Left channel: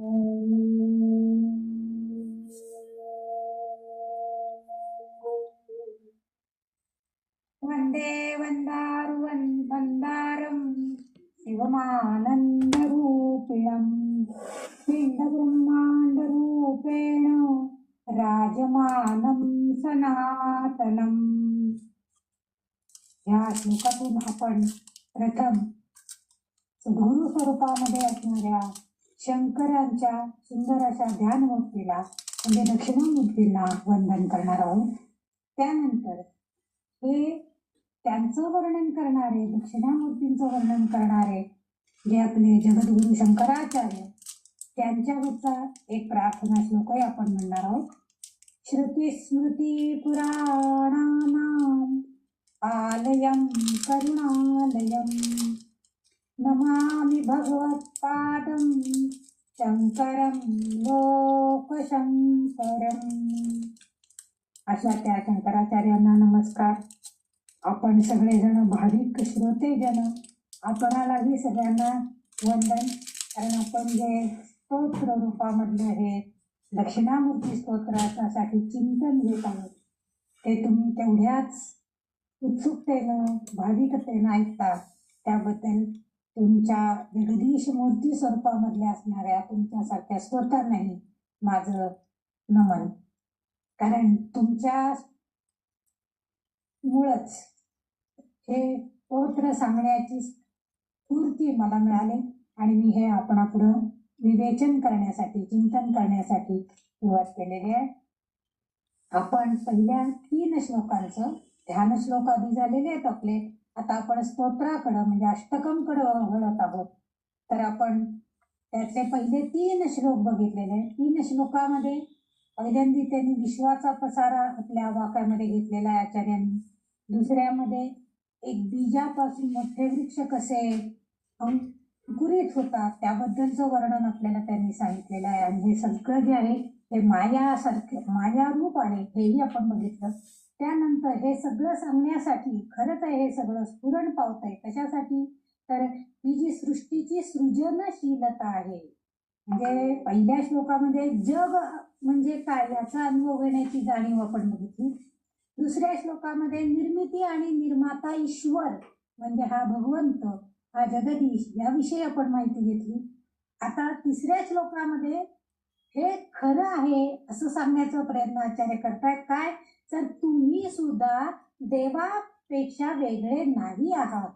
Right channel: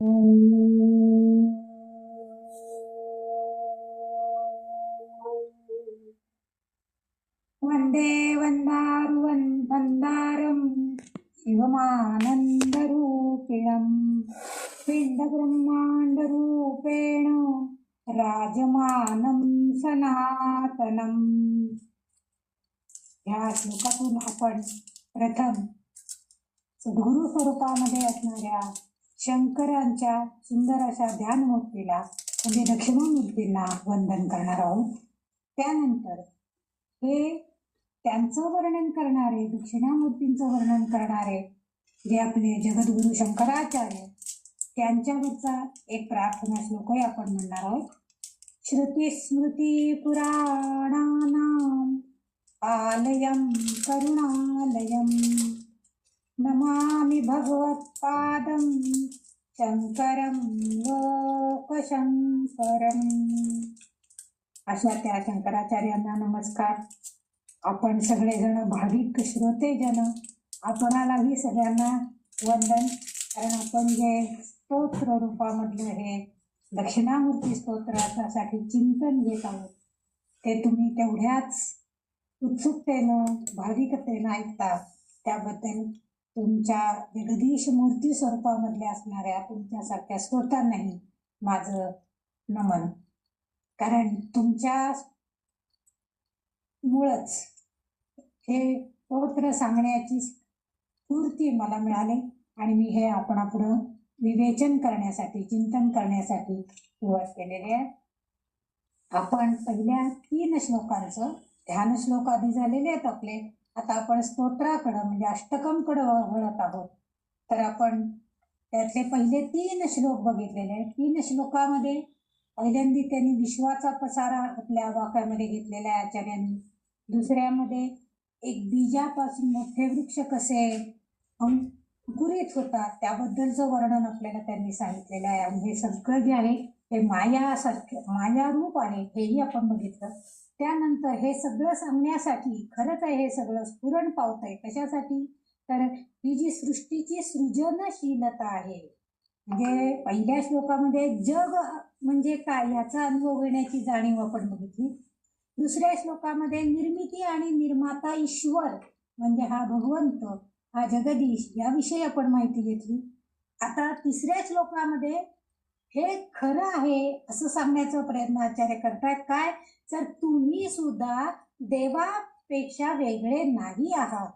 वंदे वंदारं शिवमानन्दरूपिणं पिण्डब्रह्माण्डरूपेण राजमानं सनातनम्. या श्लोकातून आपण प्रथम सद्गुरु स्वरूपामध्ये असणाऱ्या शंकरांच्या सुंदर अशा ध्यानमूर्तीला म्हणजे दक्षिणामूर्तींना वंदन करणार आहोत. त्यानंतर हे त्यांचं वर्णन करणारे, दक्षिणामूर्तींचं वर्णन करणारे जे आपले जगद्गुरु शंकराचार्य, त्यांच्यावरचा एक प्रार्थना श्लोकही आपण म्हणणार आहोत. श्रुती स्मृती पुराणानां आलयं करुणालयं नमामि भगवत्पादं शंकरं लोकशंकरम्. अशा त्या शंकराचार्यांना नमस्कार. आपण सगळेजण भाविक श्रोतेजन, आपणालाही सगळ्यांना वंदन. कारण आपण जे स्तोत्र रूपामधलं हे दक्षिणामूर्ती स्तोत्रासाठी चिंतन घेत आहोत ते तुम्ही तेवढ्याच उत्सुकतेनं भाविकतेनं ऐकता. त्याबद्दल तुमच्या जगदीश मूर्ती स्वरूपामधल्या असणाऱ्या तुमच्यासारख्या श्रोत्यांनाही माझं नमन. कारण तुमच्या मुळच हे स्तोत्र सांगण्याची स्फूर्ती मला मिळाली आणि मी हे आपणापुढं विवेचन करण्यासाठी, चिंतन करण्यासाठी सुरुवात केलेली आहे. आपण पहिल्या 3 श्लोकांचं ध्यान श्लोक आधी झालेले आहेत आपले. आता आपण स्तोत्राकडं म्हणजे अष्टकमकडं वळत आहोत. तर आपण त्यातले पहिले 3 श्लोक बघितलेले आहेत. 3 श्लोकामध्ये पहिल्यांदा त्यांनी विश्वाचा पसारा आपल्या वाक्यामध्ये घेतलेला आहे आचार्यांनी. दुसऱ्यामध्ये एक बीजापासून मोठे वृक्ष कसे अंकुरित होतात त्याबद्दलचं वर्णन आपल्याला त्यांनी सांगितलेलं आहे. आणि हे सगळं जे आहे हे मायासारखे मायारूप आहे हेही आपण बघितलं. त्यानंतर हे सगळं सांगण्यासाठी खरंच आहे हे सगळं स्फुरण पावत आहे कशासाठी, तर ही जी सृष्टीची सृजनशीलता आहे, म्हणजे पहिल्या श्लोकामध्ये जग म्हणजे काय याचा अनुभव घेण्याची जाणीव आपण बघितली. दुसऱ्या श्लोकामध्ये निर्मिती आणि निर्माता ईश्वर म्हणजे हा भगवंत, हा जगदीश याविषयी आपण माहिती घेतली. आता तिसऱ्या श्लोकामध्ये हे खरं आहे असं सांगण्याचा प्रयत्न आचार्य करतात. काय, तर तुम्ही सुद्धा देवापेक्षा वेगळे नाही आहात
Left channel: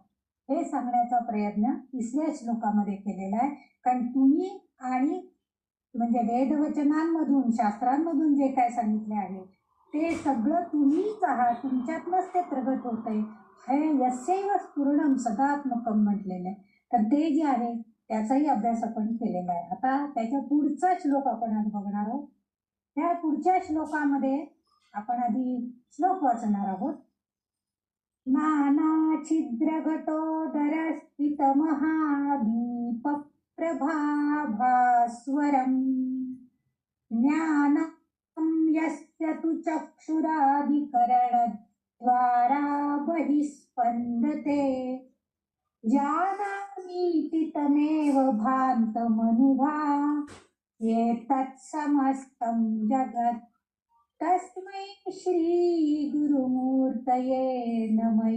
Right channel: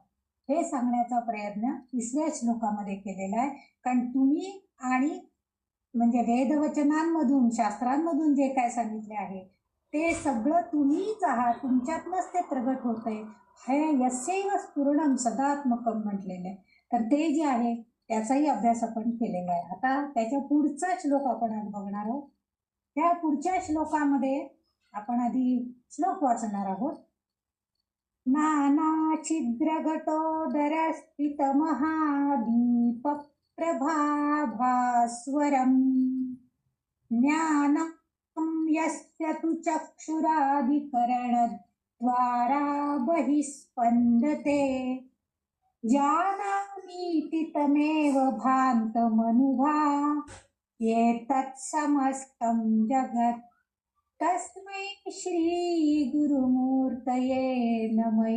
हे सांगण्याचा प्रयत्न तिसऱ्या श्लोकामध्ये केलेला आहे. कारण तुम्ही आणि म्हणजे वेदवचनांमधून शास्त्रांमधून जे काय सांगितले आहे ते सगळं तुम्हीच आहात, तुमच्यातनंच ते प्रगट होत आहे. हे यस्यैव स्फुरणं सदात्मकं म्हटलेलं आहे. तर ते जे आहे त्याचाही अभ्यास आपण केलेला आहे. आता त्याच्या पुढचा श्लोक आपण आज बघणार आहोत. त्या पुढच्या श्लोकामध्ये आपण आधी श्लोक वाचणार आहोत. नाना छिद्र घटोदर स्थित महादीप प्रभाभास्वरं ज्ञानं यस्य तु चक्षुराधिकरणद्वारा बहिस्पन्दते जानामीति तमेव भान्तमनुभा एतत्समस्तं जगत् तस्मै श्रीगुरुमूर्तये नमः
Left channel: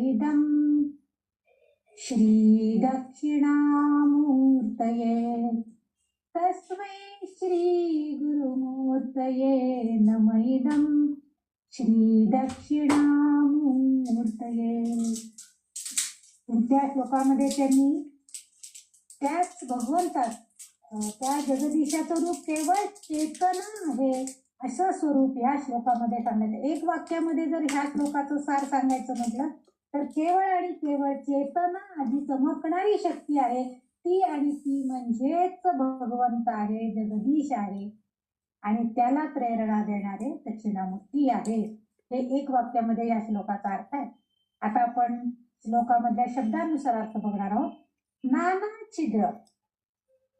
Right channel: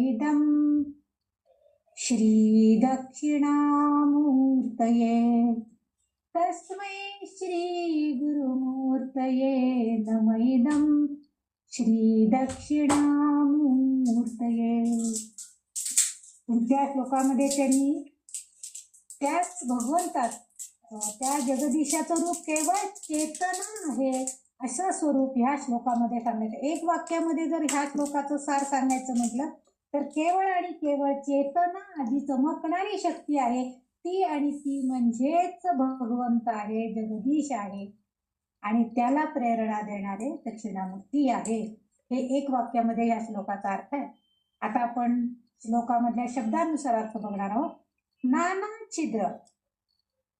श्रीदक्षिणामूर्तये तस्मै श्रीगुरुमूर्तये नमः श्रीदक्षिणामूर्तये. पुढच्या श्लोकामध्ये त्यांनी त्याच भगवंतात त्या जगदीशाचं रूप केवळ चेतना आहे असं स्वरूप ह्या श्लोकामध्ये सांगण्यात. एक वाक्यामध्ये जर ह्या श्लोकाचं सार सांगायचं म्हटलं तर केवळ आणि केवळ चेतना आधी चमकणारी शक्ती आहे ती, आणि ती म्हणजेच भगवंत आहे, जगदीश आहे आणि त्याला प्रेरणा देणारे दक्षिणामूर्ती आहे. हे एक वाक्यामध्ये या श्लोकाचा अर्थ आहे. आता आपण श्लोकामधल्या शब्दानुसार अर्थ बघणार आहोत. नाना छिद्र,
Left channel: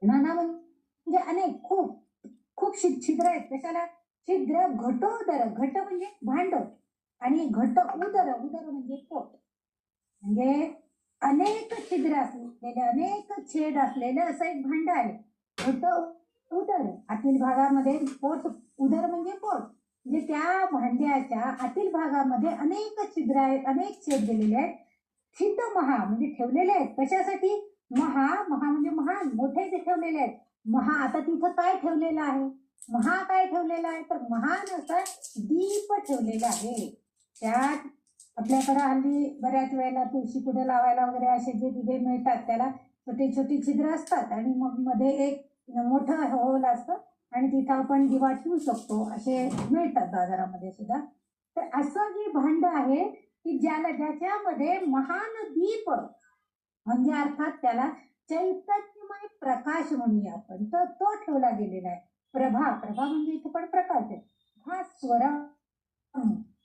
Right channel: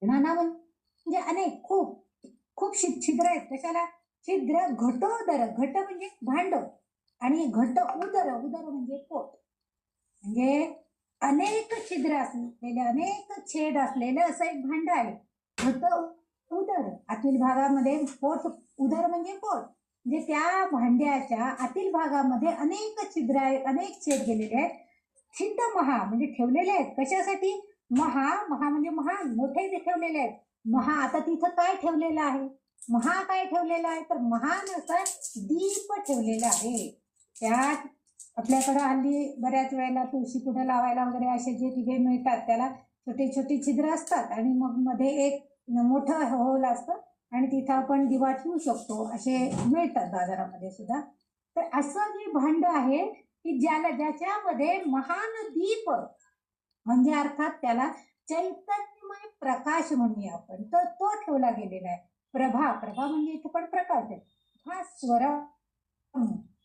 नाना म्हणजे अनेक, खूप खूप छिद्र आहेत. कशाला छिद्र, घटोदर, घट म्हणजे भांड आणि घट उदर, उदर म्हणजे पोट, म्हणजे अनेक छिद्र असलेले, अनेक छेद असलेले असं एक भांड आहे. घट उदर आतील भागामध्ये पोट, उदर म्हणजे पोट, म्हणजे त्या भांड्याच्या आतील भागामध्ये अनेक छिद्र आहेत, अनेक छेद गेलेले आहेत. स्थित महा म्हणजे ठेवलेले आहेत. कशासाठी? महा, महा म्हणजे महान, मोठे ते ठेवलेले आहेत. महा, आता तिथं काय ठेवलेलं आहे? महा काय ठेवलेलं आहे? तर महान असा दीप ठेवलेला आहे. त्यात आपल्याकडे हल्ली बऱ्याच वेळेला तुळशी कुठे लावायला वगैरे असे जे दिवे मिळतात त्याला छोटे छोटे छिद्र असतात आणि मग मध्ये एक मोठं होल असतं आणि तिथं आपण दिवा ठेवू शकतो, असे मिळतात बाजारामध्ये सुद्धा. तर असं जे भांड आहे की ज्याच्यामध्ये महान दीप म्हणजे अर्थात त्याला चैतन्यमय प्रकाश म्हणूया आपण, तर तो ठेवला गेलेला आहे. प्रभा, प्रभा म्हणजे इथं पण प्रकाश आहे. भास्वर.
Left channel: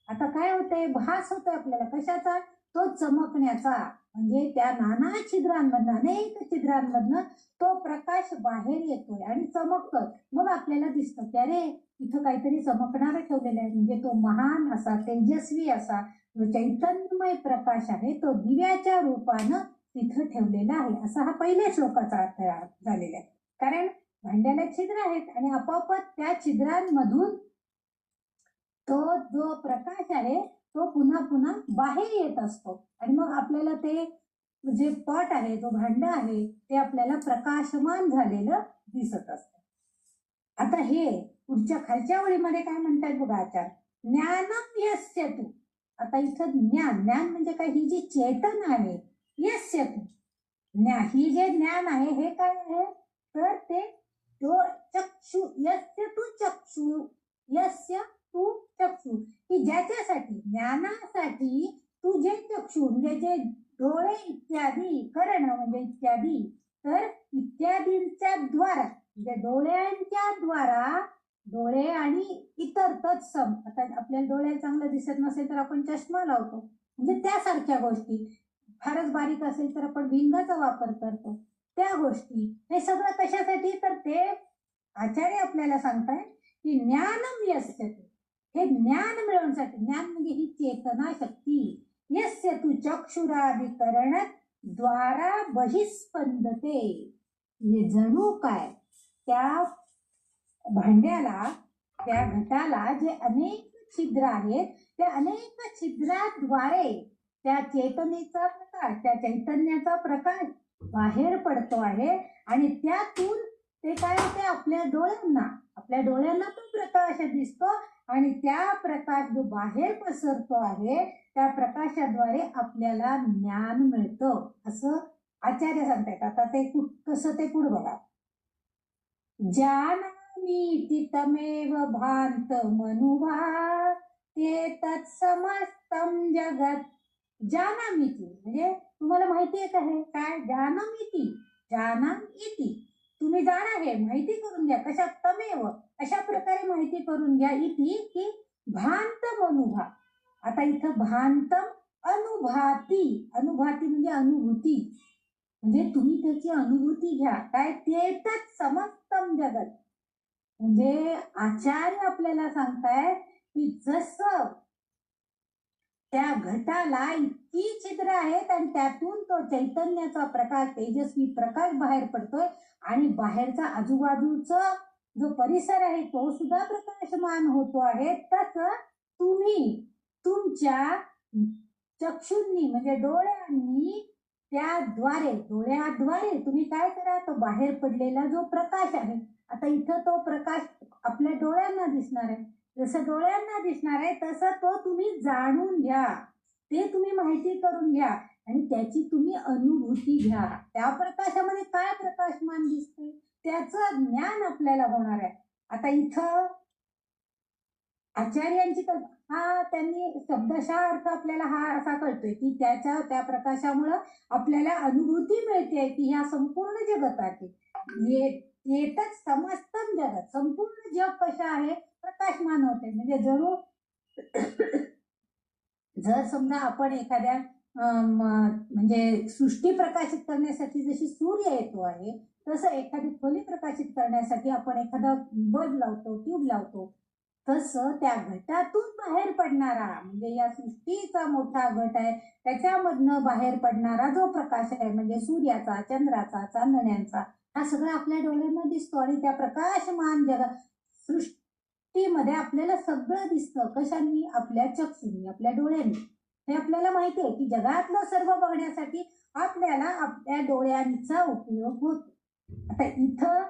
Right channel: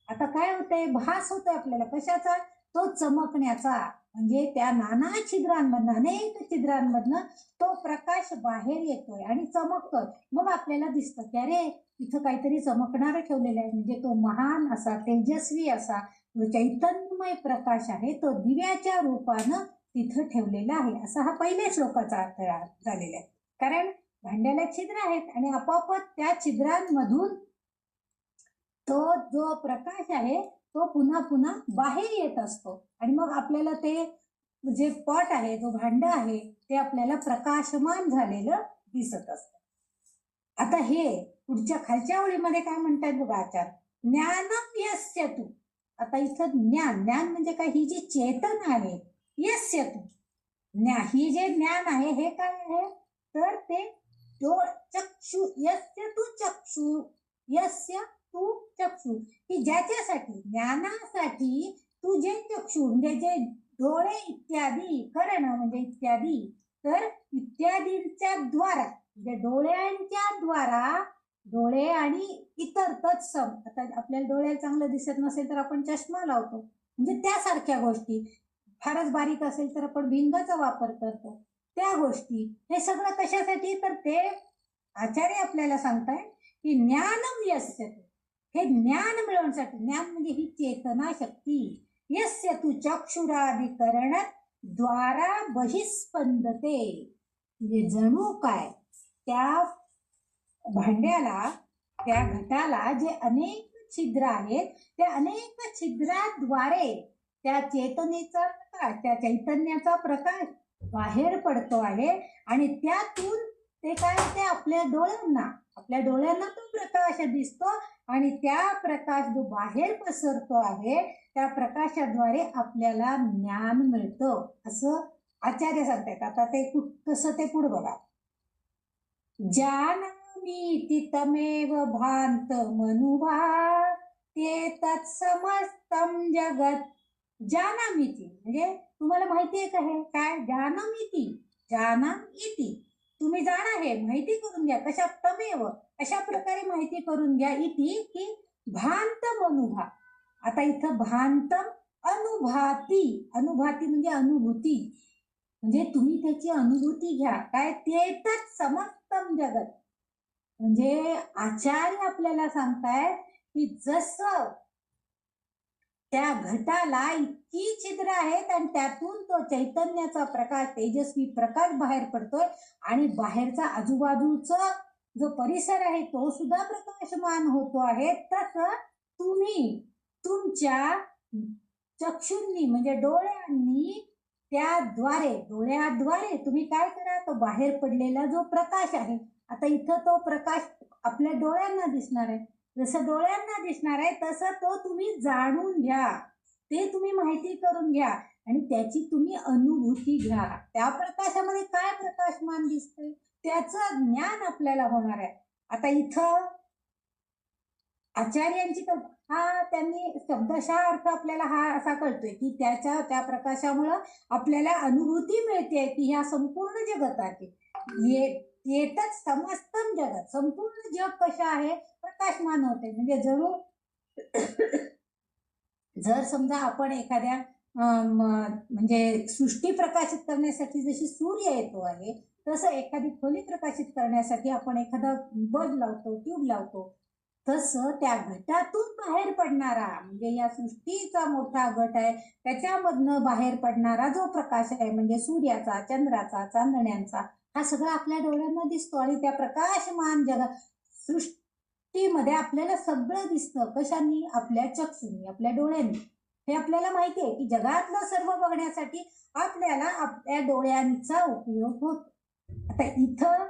आता काय होतंय? भास होतोय आपल्याला कशाचा? तो चमकण्याचा, म्हणजे त्या नाना छिद्रांमधनं, अनेक छिद्रांमधनं तो प्रकाश बाहेर येतोय आणि चमकतोय. मग आपल्याला दिसतं की अरे इथं काहीतरी चमकणारं ठेवलेलं आहे. म्हणजे तो महान असा, तेजस्वी असा चैतन्यमय प्रकाश आहे, तो दिव्याच्या रूपानं तिथं ठेवलेला आहे, असा हा पहिल्या श्लोकाचा अर्थ झालेला आहे. कारण भांड्याला छिद्र आहेत आणि आपोआपच त्या छिद्रांमधून तो जो प्रकाश आहे तो पुन्हा पुन्हा बाहेर येत असतो आणि मग आपल्याला ते जे पट आहे, जो भांड आहे, ते आपल्याला प्रकाशमान झालेलं दिसत असतं. आता हे पुढच्या खालच्या ओळीमध्ये काय म्हणतात बघा आचार्य, ज्ञानम यस्य तू. आता इथं ज्ञान, ज्ञान म्हणजे काय? ही जी चेतन आहे, यस्य तू, ही जे ज्ञान आहे हे काय आहे? तर ते चक्षु, यस्य तू चक्षु, यस्य तू चक्षु, की ज्याच्यासाठी, ज्ञानासाठी तू जे चक्षु म्हणजे जे डोळे इत्यादी, कर्ण म्हणजे इत्यादी, तर इत्यादींच्या द्वारा, म्हणजे डोळ्यांच्या द्वारा, डोळे आणि इतर तत्सम. आता आपल्याला डोळ्याला चांगलं दिसत नसेल तर आपण चष्मा लावतो, म्हणजे त्यासारख्या गोष्टी. फारच बारीक असेल तर आपण भिंगाचा वापर करतो, त्या गोष्टी. हे सगळं कशासाठी? तर ते आचार्य आपल्याला सांगताय की ज्ञानम यस्य तू, हे ज्ञान मिळवण्यासाठी. ज्ञान म्हणजे ही चेतना शक्ती. यस्य तू चक्षुराधिकरण द्वारा बहिस्पंदते, म्हणजे जणू काय त्या भांड्याला, त्या घटाला जे अनेक छिद्र आहेत, त्या अनेक छिद्राद्वारे त्या चेतनेचा प्रकाश, त्या चैतन्याचा प्रकाश बाहेर पडतो आहे आणि त्यातून ते काय होते? आपल्या डोळ्यांना तो प्रकाश दिसतो आणि त्या प्रकाश जो बाहेर पसरतो आहे त्या प्रकाशाद्वारे आपल्याला ज्ञान मिळतं, असं आचार्य सांगतात. आता ते कसं, ते पुढे बघा. जानामीति तमेव भांत मनुभा ते तत्समस्तं जगत. जानामीति म्हणजे तुम्हाला माहिती आहे का? हे काय? जानामीति, जानामीति, तुम्ही जाणा, हे माहिती करून घ्या. कशा? तमेव, अशा प्रकारे माहिती करून घ्या. इति की भांत मनुभा. आता इथं भांत अनुभूती, अनुभूती म्हणजे अनुभूती, म्हणजे तुम्ही त्याची अनुभूती घ्या. काय? तेतच समस्तम जगत, म्हणजे आचार्य आपल्याला सांगताय की जसं त्या घटाला इतकी छिद्र आहेत आणि त्यातून तो चैतन्याचा प्रकाश, तेजस्वी प्रकाश बाहेर पडतोय आणि बाहेरचा आजूबाजूचा जो परिसर आहे तो सुद्धा प्रकाशमान होतो आहे, तसं तुम्ही तुमच्या चक्षुंनी म्हणजे डोळ्यांनी, त्याद्वारे, डोळ्याद्वारे तुम्ही काय करा? तो बाहेर पडलेला जो प्रकाश आहे, आता इथं तो प्रकाश आपल्या डोळ्यांना दिसणार आहे, जसं डोळ्यांना दिसणार आहे तसं तो तुम्ही जाणून घ्या, ते तुम्ही माहिती करून घ्या आणि त्याची तुम्ही अनुभूती घ्या. त्या प्रकाशामध्ये काय प्रकाशमान दिसतंय त्याचं ज्ञान आपल्याला होणार आहे. आता इथं आचार्यांची हा त्यांनी शब्दशः अर्थ आपल्याला हा असा कळतोय की त्या प्रकाशामुळं आपल्याला अनुभूती मिळते की ह्या संपूर्ण जगताची येतच समस्तम जगत, संपूर्ण जग कसं आहे? प्रकाशमान होते. म्हणजे जणू जर समजा आपण एखाद्या म्हणजे सृष्टी प्रकाशित करण्यासाठी जशी सूर्य येतो आहे, तसं एखादी खोली प्रकाशित करण्यासाठी आपण एखादा बल्ब लावतो, ट्यूब लावतो, तसं त्या घटातून बाहेर पडणारा, म्हणजे या सृष्टीचा मोठा घट आहे त्याच्यामधनं बाहेर पडणारा जो प्रकाश आहे, म्हणजे सूर्याचा, चंद्राचा, चांदण्यांचा, हा सगळं आपल्या डोळ्यांना दिसतो आणि त्या प्रकाशमान जगात सृष्टीमध्ये आपल्याला सगळं दिसतं. कशाने? आपल्या चक्षुनी, आपल्या डोळ्यांनी. हे आपल्याला माहिती आहे की जगातलं सर्व बघण्यासाठी आपल्याला आपल्या डोळ्यांचा उपयोग होतो. आता इथं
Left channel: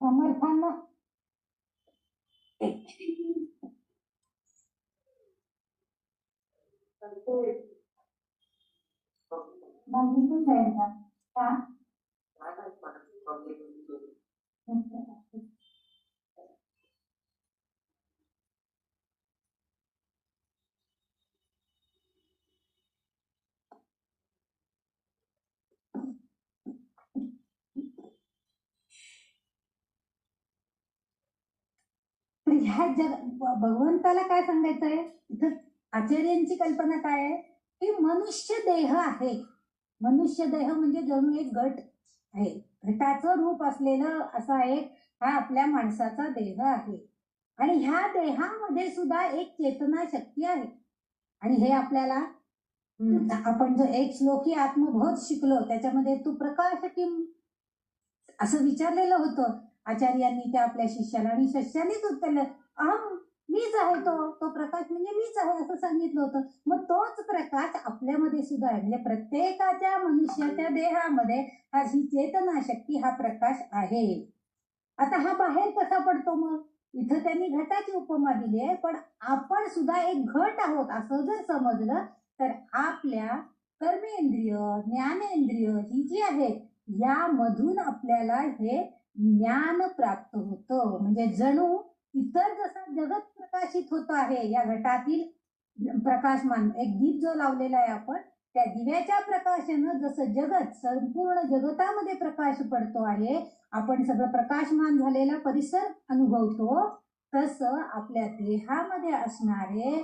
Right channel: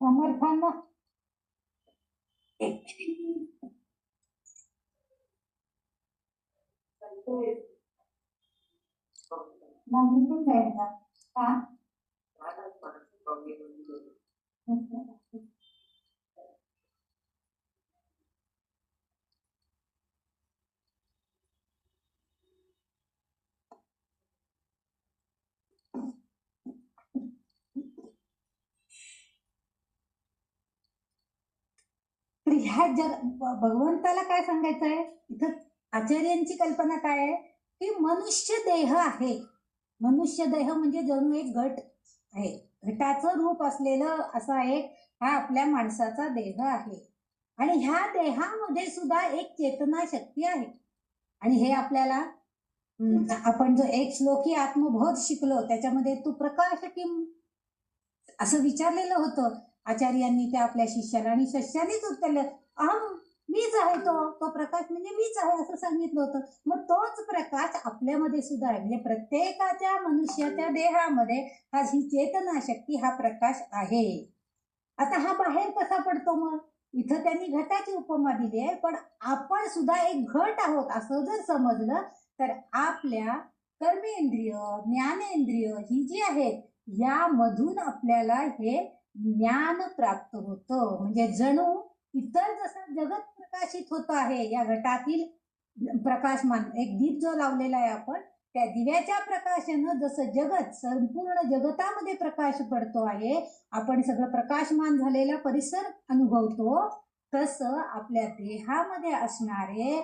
समर्थांना एक तर ह्या भगवंताला काय सांगायचंय इथं? आचार्यांची कल्पना काय आहे की मनुष्य देह आहे. मनुष्य देह म्हणजे जणू एक घट आहे. घटाचं रूप असलेलं असा एक हा आपल्या माणसाचा देह आहे आणि ह्या देहामध्ये सुद्धा एक चेतना शक्ती आहे. आणि हे आपल्याला आपण जो एक श्लोकी आत्मबोध शिकलो त्याच्यामध्ये तो प्रकाश किम असं विचारलेलं होतं आचार्यांनी त्या आपल्या शिष्याला आणि शिष्यानेच उत्तरलं अहम मीच आहे. तो प्रकाश म्हणजे मीच आहे असं सांगितलं होतं. मग तोच प्रकाश आपल्यामध्ये सुद्धा आहे. म्हणजे प्रत्येकाच्या मनुष्याच्या देहामध्ये ही चेतना शक्ती हा प्रकाश आहे. आता हा बाहेर कसा पडतो? मग इथं त्यांनी घटाची उपमा दिली आहे, पण आपण सुद्धा एक घट आहोत असं जर समजलं तर आपल्या कर्मेंद्रिय ज्ञानेंद्रिय ही जी आहेत यामधून आपल्याला हे ज्ञान प्राप्त होतं. म्हणजे जणू इतर जसं जगत प्रकाशित होत आहे या घटातील प्रकाशमान एक दीप जो लावलेला आहे आपण त्या दिव्याच्या प्रकाशानं जसं जगत संपूर्ण जगतामध्ये प्रकाश पडतो आहे, आपण सगळं प्रकाशमान झालेला परिसर अनुभवतो, तसं आपल्या देहामध्ये असणारे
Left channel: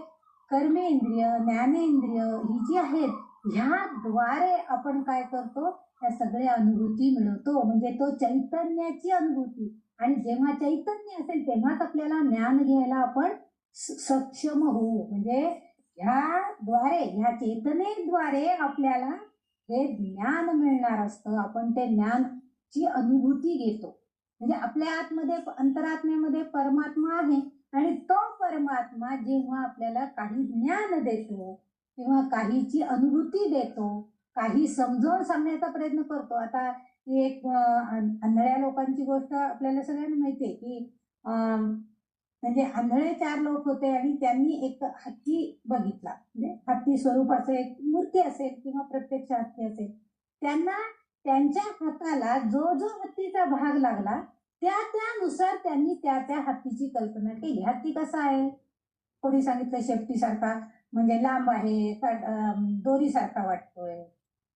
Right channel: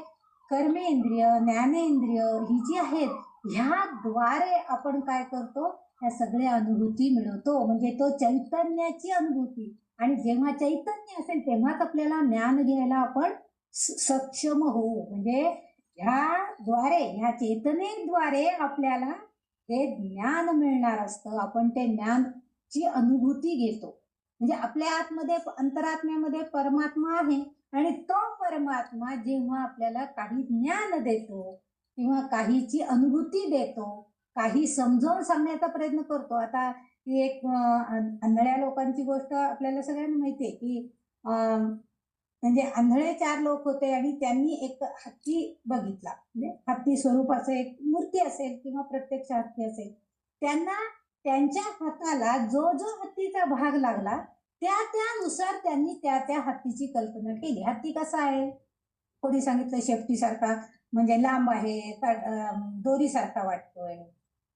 कर्मेंद्रिय ज्ञानेंद्रिय ही जी आहेत ह्याद्वारे आपण काय करतो? ह्या सगळ्या अनुभूती मिळवतो. म्हणजे तो चैतन्याची अनुभूती. आणि जेव्हा चैतन्य असेल तेव्हाच आपल्याला ज्ञान घ्यायला आपण सक्षम होऊ. म्हणजे ह्याद्वारे ह्या चेतनेद्वारे आपल्याला हे ज्ञान मिळणार असतं. आपण ते ज्ञानची अनुभूती घेतो. म्हणजे आपल्या आतमध्ये अंतरात्म्यामध्ये परमात्मा आहे आणि तो परमात्मा जेव्हा आपल्याला काही ज्ञान देतो किंवा काहीची अनुभूती देतो, काही समजावून सांगण्याचा प्रयत्न करतो. आता ही एक आंधळ्या लोकांची गोष्ट आपल्याला सगळ्यांना माहिती आहे की म्हणजे आंधळे 4 लोक होते आणि त्यांनी एक हत्ती बघितला. म्हणजे हत्ती स्वरूपाचं एक मूर्ती असेल किंवा प्रत्यक्ष हत्ती असेल. त्यांना त्यांच्या हाताला जो जो हत्तीचा भाग लागला त्यानुसार त्यांनी त्या हत्तीची कल्पना केली. हत्ती कसा आहे? कोणी सांगितलं शेपटीसारखा, म्हणजे लांब आहे, दोरीसारखा वाटतोय.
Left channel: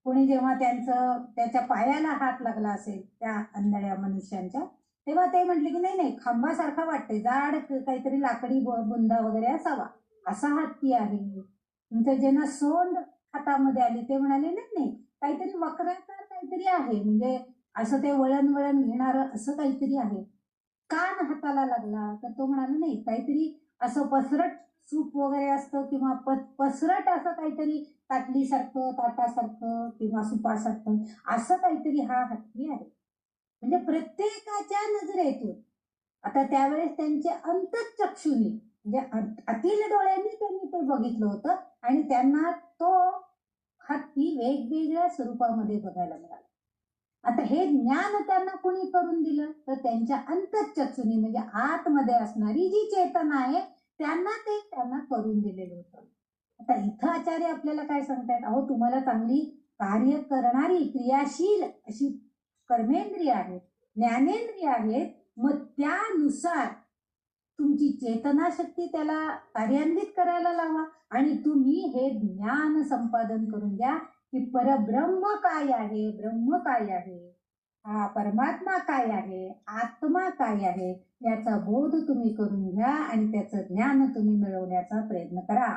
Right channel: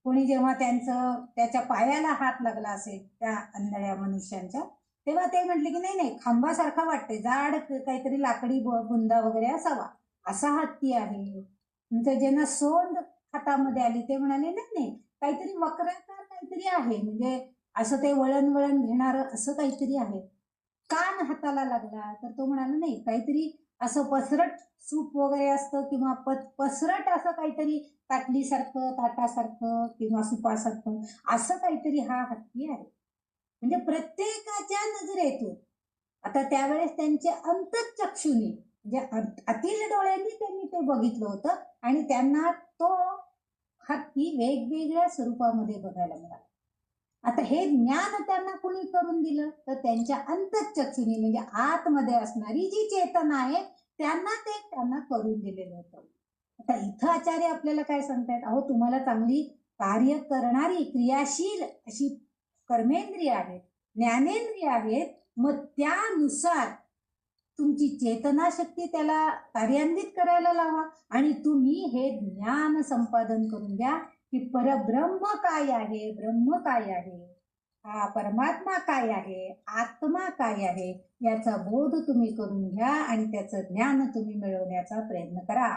कोणी जेव्हा त्याच्या पायाला हात लागला असेल त्या आंधळ्या मनुष्यांच्या, तेव्हा ते म्हटले की नाही खांबासारखा वाटतोय, जाड काहीतरी लाकडी बुंदा वगैरे असावा असा हत्ती आहे. नंतर ज्यांना सोंड हातामध्ये आली ते म्हणाले नाही काहीतरी वक्राकार काहीतरी आहे, म्हणजे असं ते वळण घेणार असं काहीतरी आहे. कान हाताला लागला तर तो म्हणाला नाही काहीतरी असं पसरट सूप वगैरे असतं किंवा पसरट असं काहीतरी ताटलीसारखं ताटासारखं किंवा सुपासारखं असं काहीतरी हा हत्ती आहे. म्हणजे प्रत्येकाच्या नजरेतून आता त्यावेळेस त्यांच्या अंतःचक्षुनी म्हणजे अतिल डोळ्यांनी त्यांनी ते बघितलं होतं आणि त्यांना तो हत्ती वेगवेगळ्या स्वरूपामध्ये बघायला मिळाला. आता हे ज्ञान त्यांना कोणी करून दिलं? तर त्यांच्या अंतःचक्षुनी म्हणजे आतमध्ये असणारी जी चेतना आहे त्यांना करून दिलेलं होतं. आता इथं आचार्य आपल्याला काय सांगतायत? अहो तुम्हाला चांगली कार्य करणारी क्रियाशील अशी कर्मेंद्रिय आहेत, ज्ञानेंद्रिय आहेत, मग त्यानुसार तुमची चेतना शक्ती त्याला कार्यान्वित करायला लावा आणि तुम्ही हे ज्ञान संपादन करून घ्या की परब्रह्म काय आहे, ब्रह्म काय आहे, हा परमात्मा काय आहे, आत्मा काय आहे याचा बोध तुम्ही करून घ्या आणि त्याचं ज्ञान तुम्ही मिळवण्याचा प्रयत्न करा.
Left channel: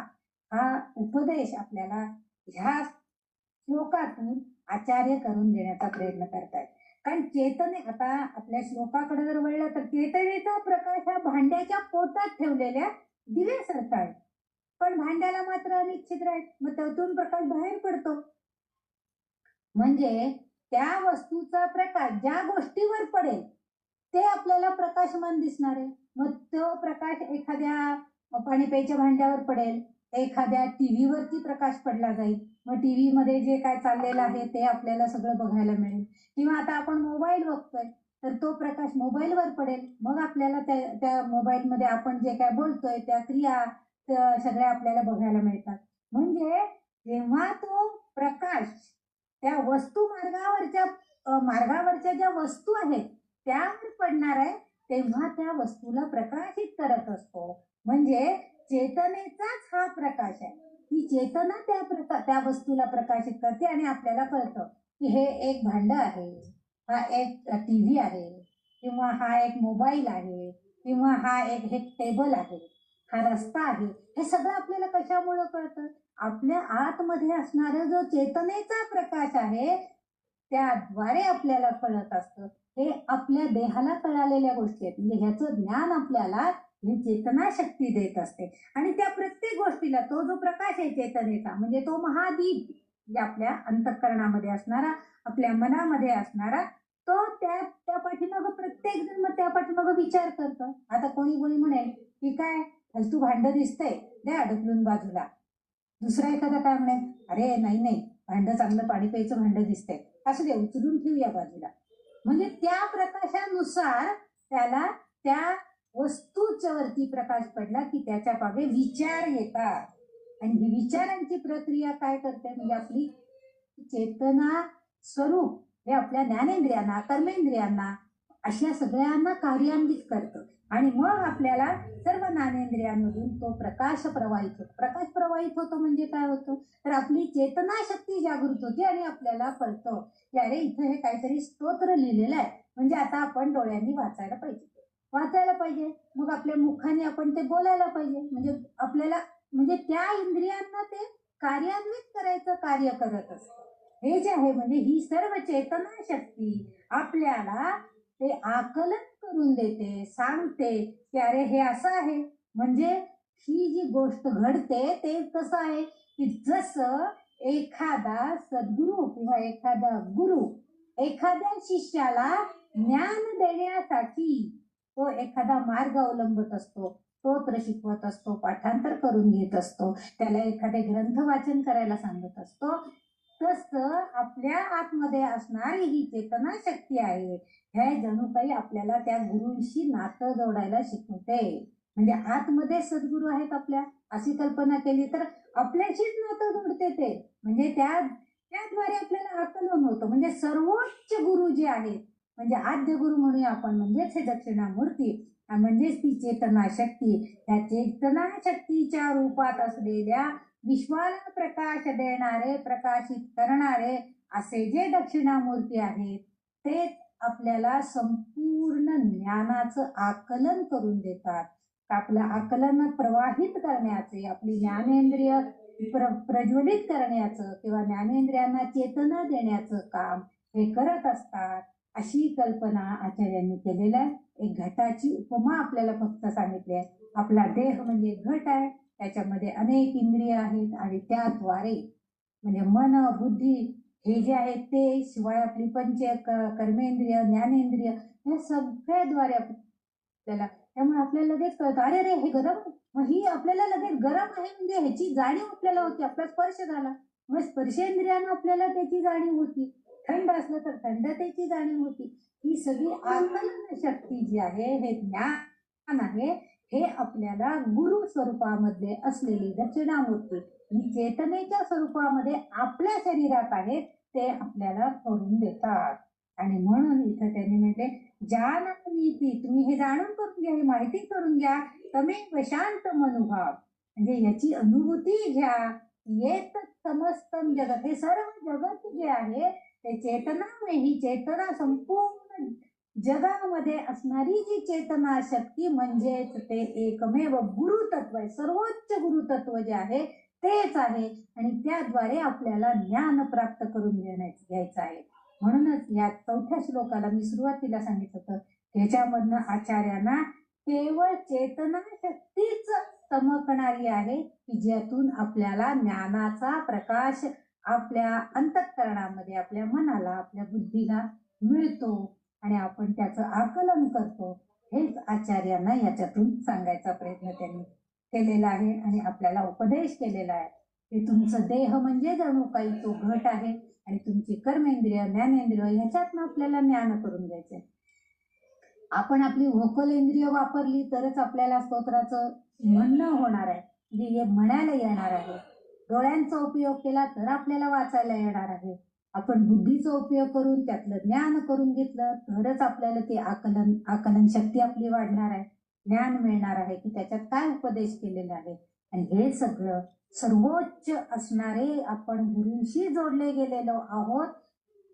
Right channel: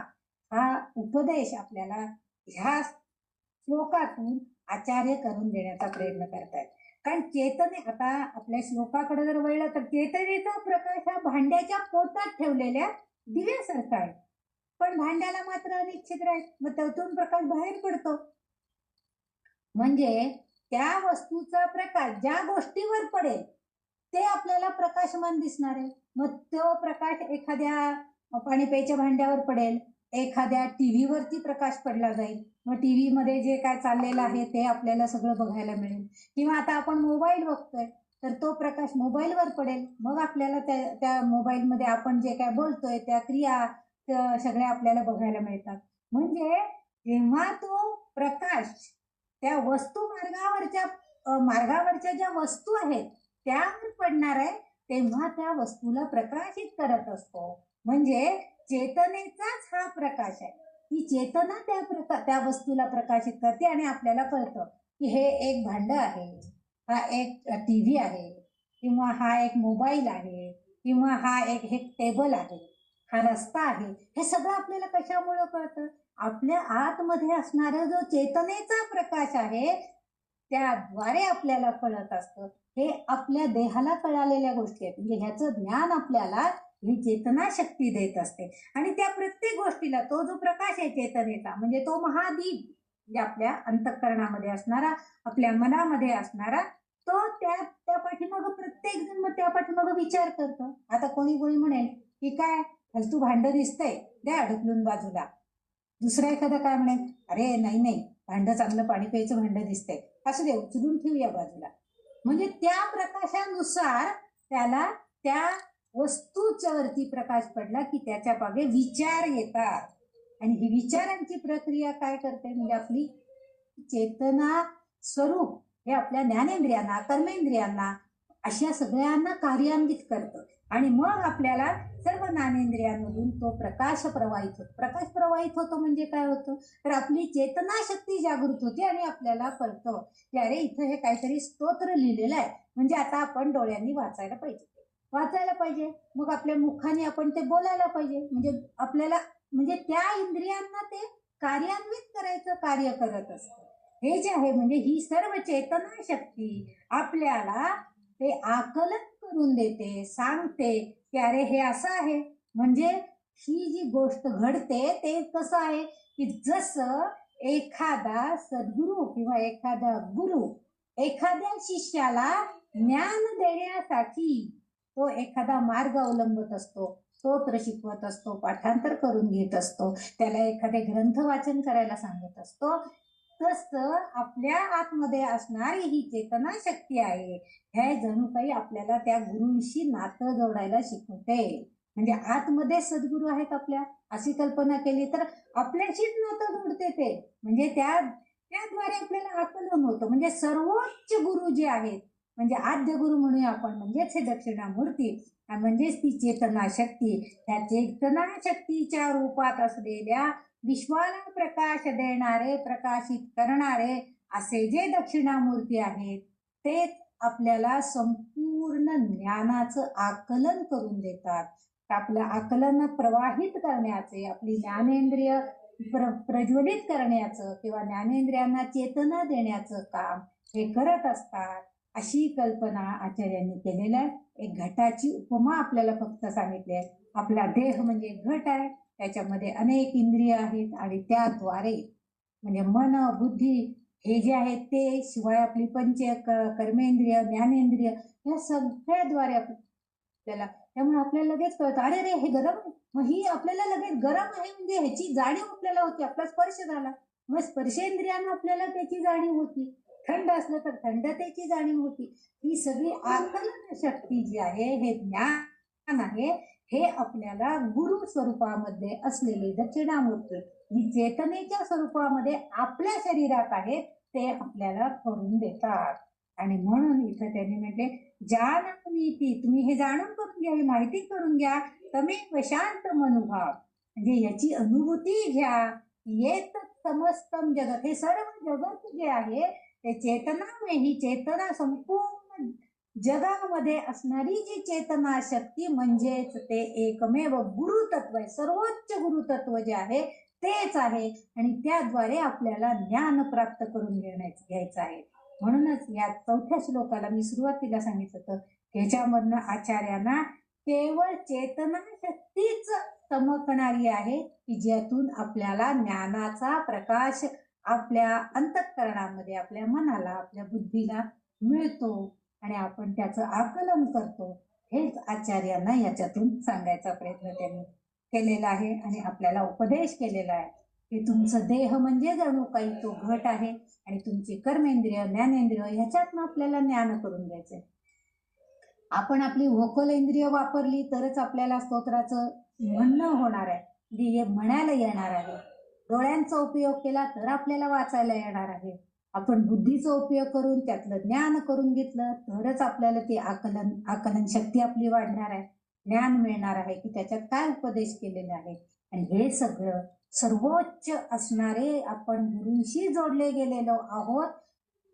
हा उपदेश आपल्याला ह्या श्लोकातून आचार्य करून देण्याचा प्रयत्न करतायत. कारण चेतने आता आपल्या श्लोकाकडे जर वळलं तर चेतनेचा प्रकाश हा भांड्याच्या पोटात ठेवलेल्या दिव्यासारखा आहे, पण भांड्याला मात्र अनेक छिद्र आहेत, मग त्यातून प्रकाश बाहेर पडतो. म्हणजे त्या वस्तूचा प्रकाश ज्या गोष्टीवर पडेल ते आपल्याला प्रकाशमान दिसणार आहे. मग तो प्रकाश एखाद्या पाणी प्यायच्या भांड्यावर पडेल, एखाद्या टीव्ही वरती प्रकाश पडला जाईल, मग टीव्ही मध्ये जे काय चाललेलं आहे ते आपल्याला सगळं बघायला मिळेल. किंवा आता आपण मोबाईल बघतोय तर तो प्रकाश मोबाईलवर पडेल, मग आपल्याला त्या मोबाईलमध्ये आपण जे काय बोलतोय त्या क्रिया सगळ्या आपल्याला बघायला मिळतात. म्हणजे जेव्हा तो प्रकाश त्या वस्तू मार्गावरच्या ज्या वस्तू आहेत त्यावर पडणार आहे तेव्हा त्या वस्तूला प्रकाशित करत असतो. म्हणजे चेतनेचाच हा प्रकाश आहे. ही चेतना त्या वस्तूला प्रकाशित करते आणि आपल्याला कळतं की हे एक भांड आहे, हा एक टीव्ही आहे, किंवा हा एक मोबाईल आहे, किंवा हा एक टेबल आहे, हा रस्ता आहे. हे सगळं आपल्याला कशामुळे कळतं? आपल्या आतमध्ये असणारा जो चेतनेचा प्रकाश आहे त्याद्वारे आपल्याला कळत असतं. हे आपल्या देहाला कळालेल्या गोष्टी आहेत. म्हणजे ह्याचं ज्ञान आपल्याला ही चेतना शक्ती देत असते. आणि त्या प्रत्येक गोष्टीला तो जो प्रकाश आहे चेतनेचा म्हणजे तो महादीप म्हणजे आपल्या अंतःकरणामध्ये असणारा, आपल्या मनामध्ये असणारा, तो त्या पाठीमागं प्रत्येक जण मग त्या पाठीमागं विचार करतो. आता कोणी म्हणेल की काय फालतू भांड दिसतंय, द्या ढकलून बाजूला. दुसरा एखादा काय म्हणेल, अरे नाही भांड चांगलं पाणी प्यायचं भांड दिसतंय, असं दे उचलून ठेवूया बाजूला. म्हणजे त्या प्रकाशानुसार त्याला त्या वस्तूच्या वरती प्रकाश पडला की त्याच्या मागे विचार येतात. आणि ही विचारांची प्रक्रिया काय करते म्हणजे आपली चेतना स्वरूप हे आपल्या ज्ञानेंद्रियांना, कर्मेंद्रियांना अशा सगळ्यांना कार्यान्वित करतं. आणि मग आपल्याला सर्व ज्ञानेंद्रियांमधून तो प्रकाश प्रवाहित होतो. म्हणजे काय होतं तर आपली चेतना शक्ती जागृत होते आणि आपल्याला कळतं की अरे इथं हे काहीतरी स्तोत्र लिहिलेलं आहे, म्हणजे आता आपण डोळ्यांनी वाचायला पाहिजे. मग आपल्या मुखाने आपण ते बोलायला पाहिजे. म्हणजे आपल्याला म्हणजे त्या इंद्रियांना ते कार्यान्वित करायचं कार्य करत असतं. हे जे आहे म्हणजे ही सर्व चेतना शक्ती आपल्याला ते आकलन करून देते, सांगते की अरे हे असं आहे. म्हणजे ही जी गोष्ट घडते ते कसं आहे की जसं एखादा सद्गुरू किंवा एखादा गुरु एखाद्या शिष्याला ज्ञान देण्यासाठी तो एखादा मार्ग अवलंबत असतो, स्तोत्र शिकवत असतो, पाठांतर करून घेत असतो, त्याला एखादे ग्रंथ वाचन करायला सांगत असतो. तसं आपल्या आतमध्ये असणारी ही चेतना शक्ती आहे हे जणू काही आपल्याला त्या गुरूंशी नातं जोडायला शिकवते. म्हणजे आतमध्ये सद्गुरू आहेत आपल्या अशी कल्पना केली तर आपल्याशीच नातं जोडते ते. म्हणजे त्याद्वारे आपल्याला आकलन होतं. म्हणजे सर्वोच्च गुरु जे आहेत म्हणजे आद्य गुरु म्हणूया आपण, म्हणजेच हे दक्षिणामूर्ती, म्हणजेच ती चेतना शक्ती, त्या चेतना शक्तीच्या रूपात असलेल्या विश्वाला प्रकाश देणारे, प्रकाशित करणारे असे जे दक्षिणामूर्ती आहेत ते आपल्याला संपूर्ण ज्ञानाचं आकलन करून देतात. आपल्या आकलन प्रवाहित करण्याचे, आपली ज्ञानेंद्रिय प्रज्वलित करण्याचं किंवा ज्ञानेंद्रियांना चेतना देण्याचं काम हे करत असतात. अशी कल्पना आचार्यांनी केलेल्या आहे. एक घटाची उपमा आपल्याला फक्त सांगितली आहे. आपला देह म्हणजे घट आहे, त्याच्यामध्ये अनेक इंद्रिय आहेत आणि त्याद्वारे म्हणजे मन, बुद्धी हे जे आहेत ते, शिवाय आपली कर्मेंद्रिय, ज्ञानेंद्रिय या सगळ्याद्वारे आपल्याला, त्यामुळे आपल्याला लगेच कळतं अरे रे हे गरम, मग ही आपल्याला लगेच गरम आहे म्हणजे ह्याची जाणीव आपल्याला होती. आपला स्पर्श झाला मग स्पर्शेंद्रियानं आपल्याला त्याची जाणीव होती. थंड असलं तर थंडतेची जाणीव होती. ही सगळी आकलन शक्ती जी आहे, हे ज्ञान आहे, हे आपल्याला गुरु स्वरूपामध्ये असलेले दक्षिणामूर्ती ही चेतनेच्या स्वरूपामध्ये आपल्या शरीरात आहेत ते आपल्याला करून देतात. आणि म्हणून इथं त्यांनी म्हटले जाणनीती, तुम्ही हे जाणून करून घ्या, ही माहिती करून घ्या. तमेव शांत मनोभाव म्हणजे याची अनुभूती घ्या. येत समस्तम जगत, हे सर्व जगत जे आहे ते चेतना, ही चेतना संपूर्ण जगामध्ये असणारी जी चेतना शक्ती म्हणजेच ते एकमेव गुरुतत्व आहे. सर्वोच्च गुरुतत्व जे आहे तेच आहे आणि त्याद्वारे आपल्याला ज्ञान प्राप्त करून घ्यायचं आहे. म्हणूनच या 4थ्या श्लोकाला मी सुरुवातीला सांगितलं होतं त्याच्यामधनं आचार्यांना केवळ चेतना शक्तीच चमकणारी आहे की ज्यातून आपल्याला ज्ञानाचा प्रकाश आपल्या अंतःकरणामध्ये, आपल्या मनाला, आपल्या बुद्धीला मिळतो आणि आपण त्याचं आकलन करतो. हेच आचार्यांना याच्यातून सांगायचा प्रयत्न त्यांनी केलेला आहे आणि आपल्याला उपदेश केलेला आहे की तुमचं देह म्हणजे जणू काही तो घट आहे आणि तुमची कर्मेंद्रिय, ज्ञानेंद्रिय ह्याच्यातनं आपल्याला ज्ञान करून घ्यायचंय. आपण आपली व्होकल इंद्रिय वापरली तरच आपल्याला स्तोत्राचं म्हणणं होणार आहे, म्हणजे म्हणायला येणार आहे. डोळ्यांचा उपयोग केला तर आपल्याला वाचायला येणार आहे. आपण बुद्धीचा उपयोग करून त्यातलं ज्ञान करून घेतलं तरच आपल्याला ते आकलन शक्ती आपली वाढणार आहे, ज्ञान मिळणार आहे की त्याच्यात काय उपदेश केलेला आहे. आणि हे सगळं सर्वोच्च असणारे आपण गुरूंशी जोडले गेलेलो आहोत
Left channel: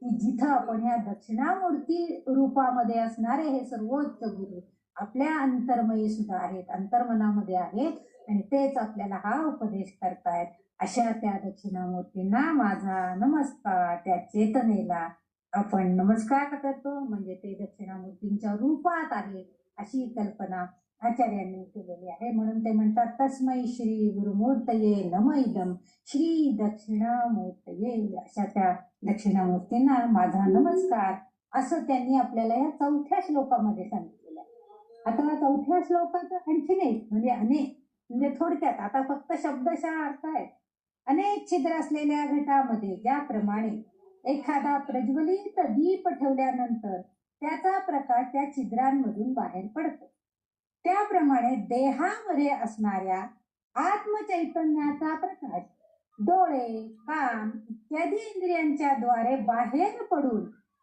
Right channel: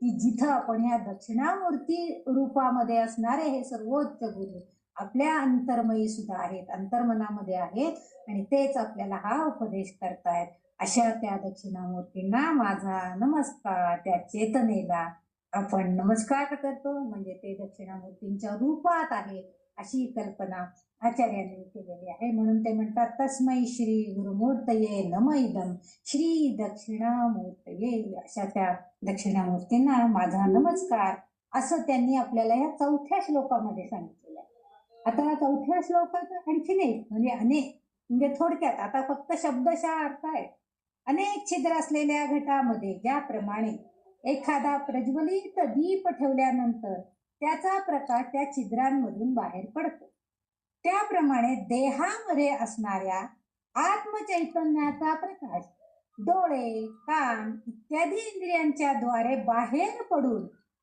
की जिथं आपण ह्या दक्षिणामूर्ती रूपामध्ये असणारे हे सर्वोच्च गुरु आपल्या अंतर्मयी सुद्धा आहेत, अंतर्मनामध्ये आहेत आणि तेच आपल्याला हा उपदेश करतायत. अशा त्या दक्षिणामूर्तींना माझा नमस्कार. त्या चेतनेला आपण नमस्कार करतो, म्हणजे ते दक्षिणामूर्तींच्या रूपात आहे अशी कल्पना आचार्यांनी केलेली आहे. म्हणून ते म्हणतात तस्मै श्री गुरुमूर्तये नम इदं श्री दक्षिणामूर्तये. अशा त्या दक्षिणामूर्तींना माझा नमस्कार असं त्यांनी आपल्याला या 4थ्या श्लोकामध्ये सांगितलेलं आहे. आता 4थ्या श्लोकात आणखीन एक म्हणजे अनेक, म्हणजे थोडक्यात आता फक्त शब्दशः अर्थ आहे. अनेक छिद्र असलेल्या घटामध्ये ज्याप्रमाणे एखादा प्रज्वलित दीप ठेवल्यानंतर त्याचा प्रकाश त्या छिद्रांमधून बाहेर पडतो, त्याप्रमाणे देहामध्ये असणाऱ्या आत्मचैतन्याचा प्रकाश डोळे, कान इत्यादी इंद्रियांच्या द्वारे बाहेर पडून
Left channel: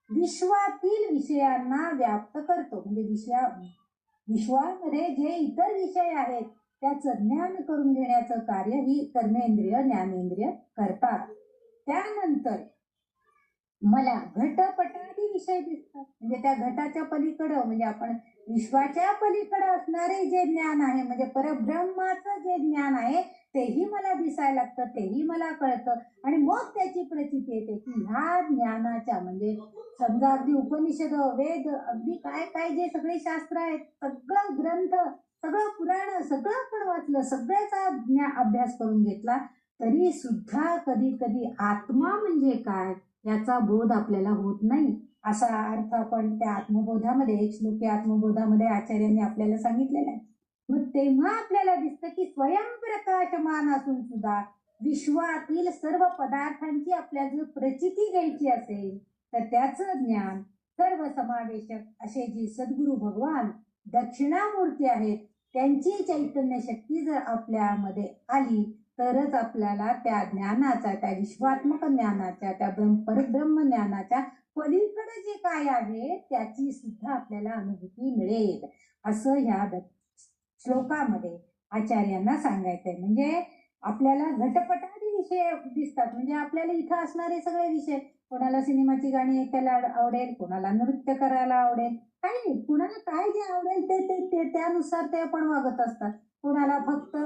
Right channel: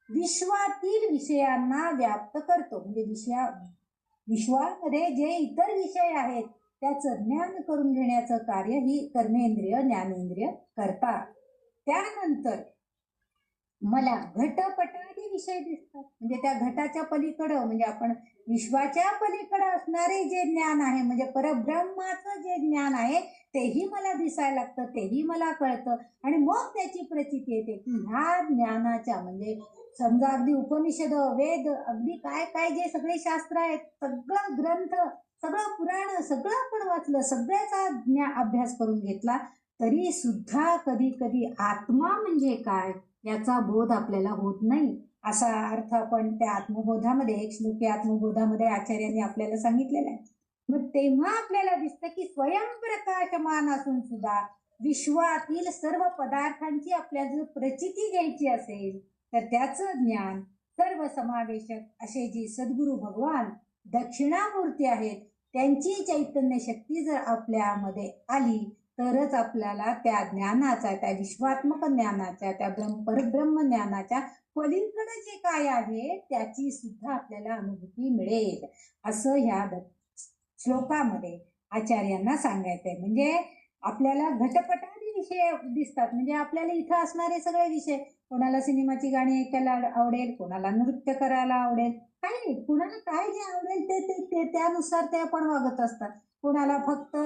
विश्वातील विषयांना व्याप्त करतो. म्हणजे विश्वामध्ये जे इतर विषय आहेत त्याचं ज्ञान करून घेण्याचं कार्य ही कर्मेंद्रिय, ज्ञानेंद्रिय करतात. त्यानंतर मला घटपटादी विषय दिसतात, म्हणजे त्या घटाच्या पलीकडं, म्हणजे आपण विश्वाच्या पलीकडं असणारे जे ज्ञान आहे, म्हणजे परब्रह्माचं जे ज्ञान आहे तेही मला दिसायला लागतं, तेही मला कळतं. आणि मग त्याची प्रचिती येते की ह्या ज्ञानाच्या, म्हणजे समजा अगदी उपनिषद, वेद, अगदी काय काय जे सगळे शास्त्र आहेत, सगळं ग्रंथ, सगळं पुराण, सगळं आपण वाचलं, सगळ्याचा अभ्यास करून घेतला, तरी सुद्धा कधी कधी आत्मा म्हणजे काय याचा बोध आपल्याला होत नाही. असा अर्थ आपण त्या आत्मबोधामध्ये, एक श्लोकी आत्मबोधामध्ये आचार्यांनी आपल्याला सांगितलेला आहे. मग तेव्हा आपल्याला दिसतं की स्वयंप्रकाशमान असून सुद्धा विश्वातील सर्व पदार्थांची आपल्याला जर प्रचिती घ्यायची असेल तर त्याचं ज्ञान सर्व समावेशक असे जे सद्गुरु भगवान दक्षिणामूर्ती आहेत त्यांची चैतन्य शक्ती जर आपल्यामध्ये आली तरच आपल्याला त्या ज्ञानाचा, त्या विश्वात्मक ज्ञानाच्या, त्या परब्रह्म ज्ञानाच्या पलीकडे जे काय आहे त्याची सुद्धा आपल्याला अनुभूती मिळेल असं ह्या श्लोकामध्ये आचार्यांना सांगायचंय. म्हणजे आपल्याला घटपटादी विषय दिसतात, म्हणजे आपल्याला इथं असणारे सगळे विषय, कोणाला सिनेमाची गाणी ऐकायला आवडेल, कोणाला नृत्य करायला आवडेल, काही नाही, कोणाला काय जे आवडेल ते त्यानुसार ते आपण वागत असतात. कोणाला फक्त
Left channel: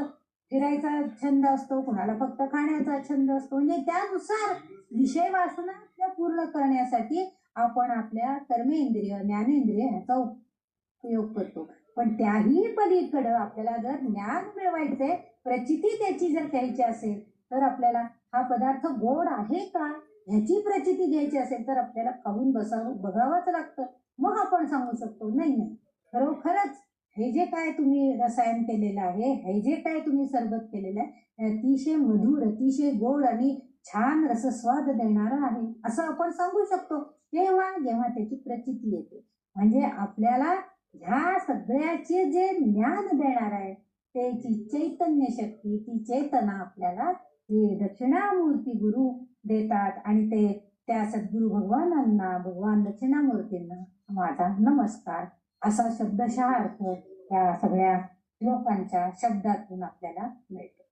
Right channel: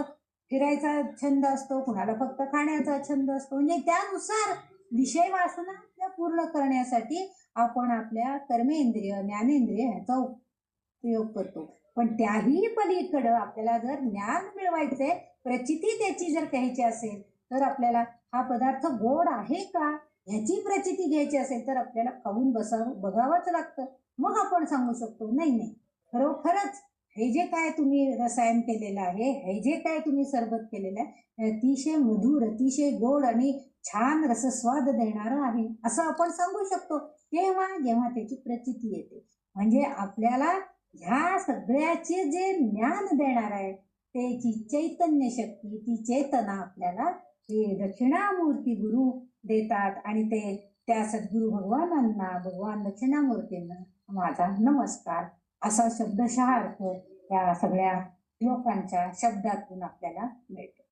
फिरायचा छंद असतो, कोणाला फक्त खाण्याचा छंद असतो, म्हणजे त्यानुसार विषय वासना पूर्ण करण्यासाठी आपण आपल्या कर्मेंद्रिय, ज्ञानेंद्रिय ह्याचा उपयोग करतो. पण त्याही पलीकडं आपल्याला जर ज्ञान मिळवायचे, प्रचिती त्याची जर घ्यायची असेल तर आपल्याला हा पदार्थ गोड आहे का ह्याची प्रचिती घ्यायची असेल तर आपल्याला खाऊन बघावंच लागतं. मग आपण सांगू शकतो नाही नाही खरोखरच हे जे काय तुम्ही रसायन केलेलं आहे, हे जे काय तुम्ही सरबत केलेलं आहे अतिशय मधुर, अतिशय गोड आणि छान रसस्वाद देणारं आहे असं आपण सांगू शकतो तेव्हा जेव्हा त्याची प्रचिती येते. म्हणजे आपल्याला ह्या सगळ्याचे जे ज्ञान देणार आहे त्याची चैतन्य शक्ती, ती चेतना आपल्याला हे दक्षिणामूर्ती गुरु देतात आणि ते त्या सद्गुरु भगवानांना, भगवान दक्षिणामूर्तींना माझा नमस्कार असा शब्दशः अर्थ त्या सगळ्या श्लोकांच्या शब्दातून आपल्याला मिळतो.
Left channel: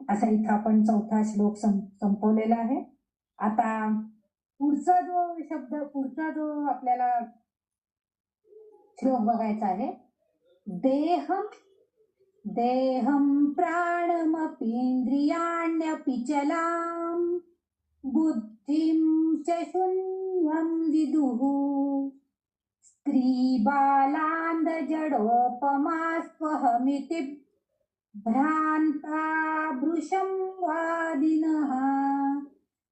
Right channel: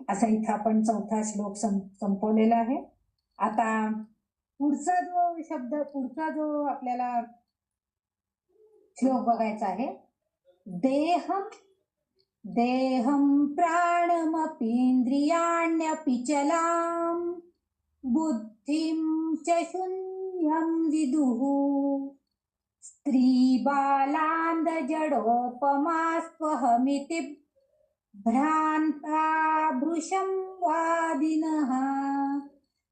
असा इथं आपण 4था श्लोक संपवलेला आहे. आता पुढचा जो आपल्याला श्लोक बघायचा आहे, देहं प्राणमपीन्द्रियाण्यपि चलाम बुद्धिं च शून्यं विदुः स्त्री बालांद जडोपमास्त्वहमिति भ्रांता भृशं वादिनः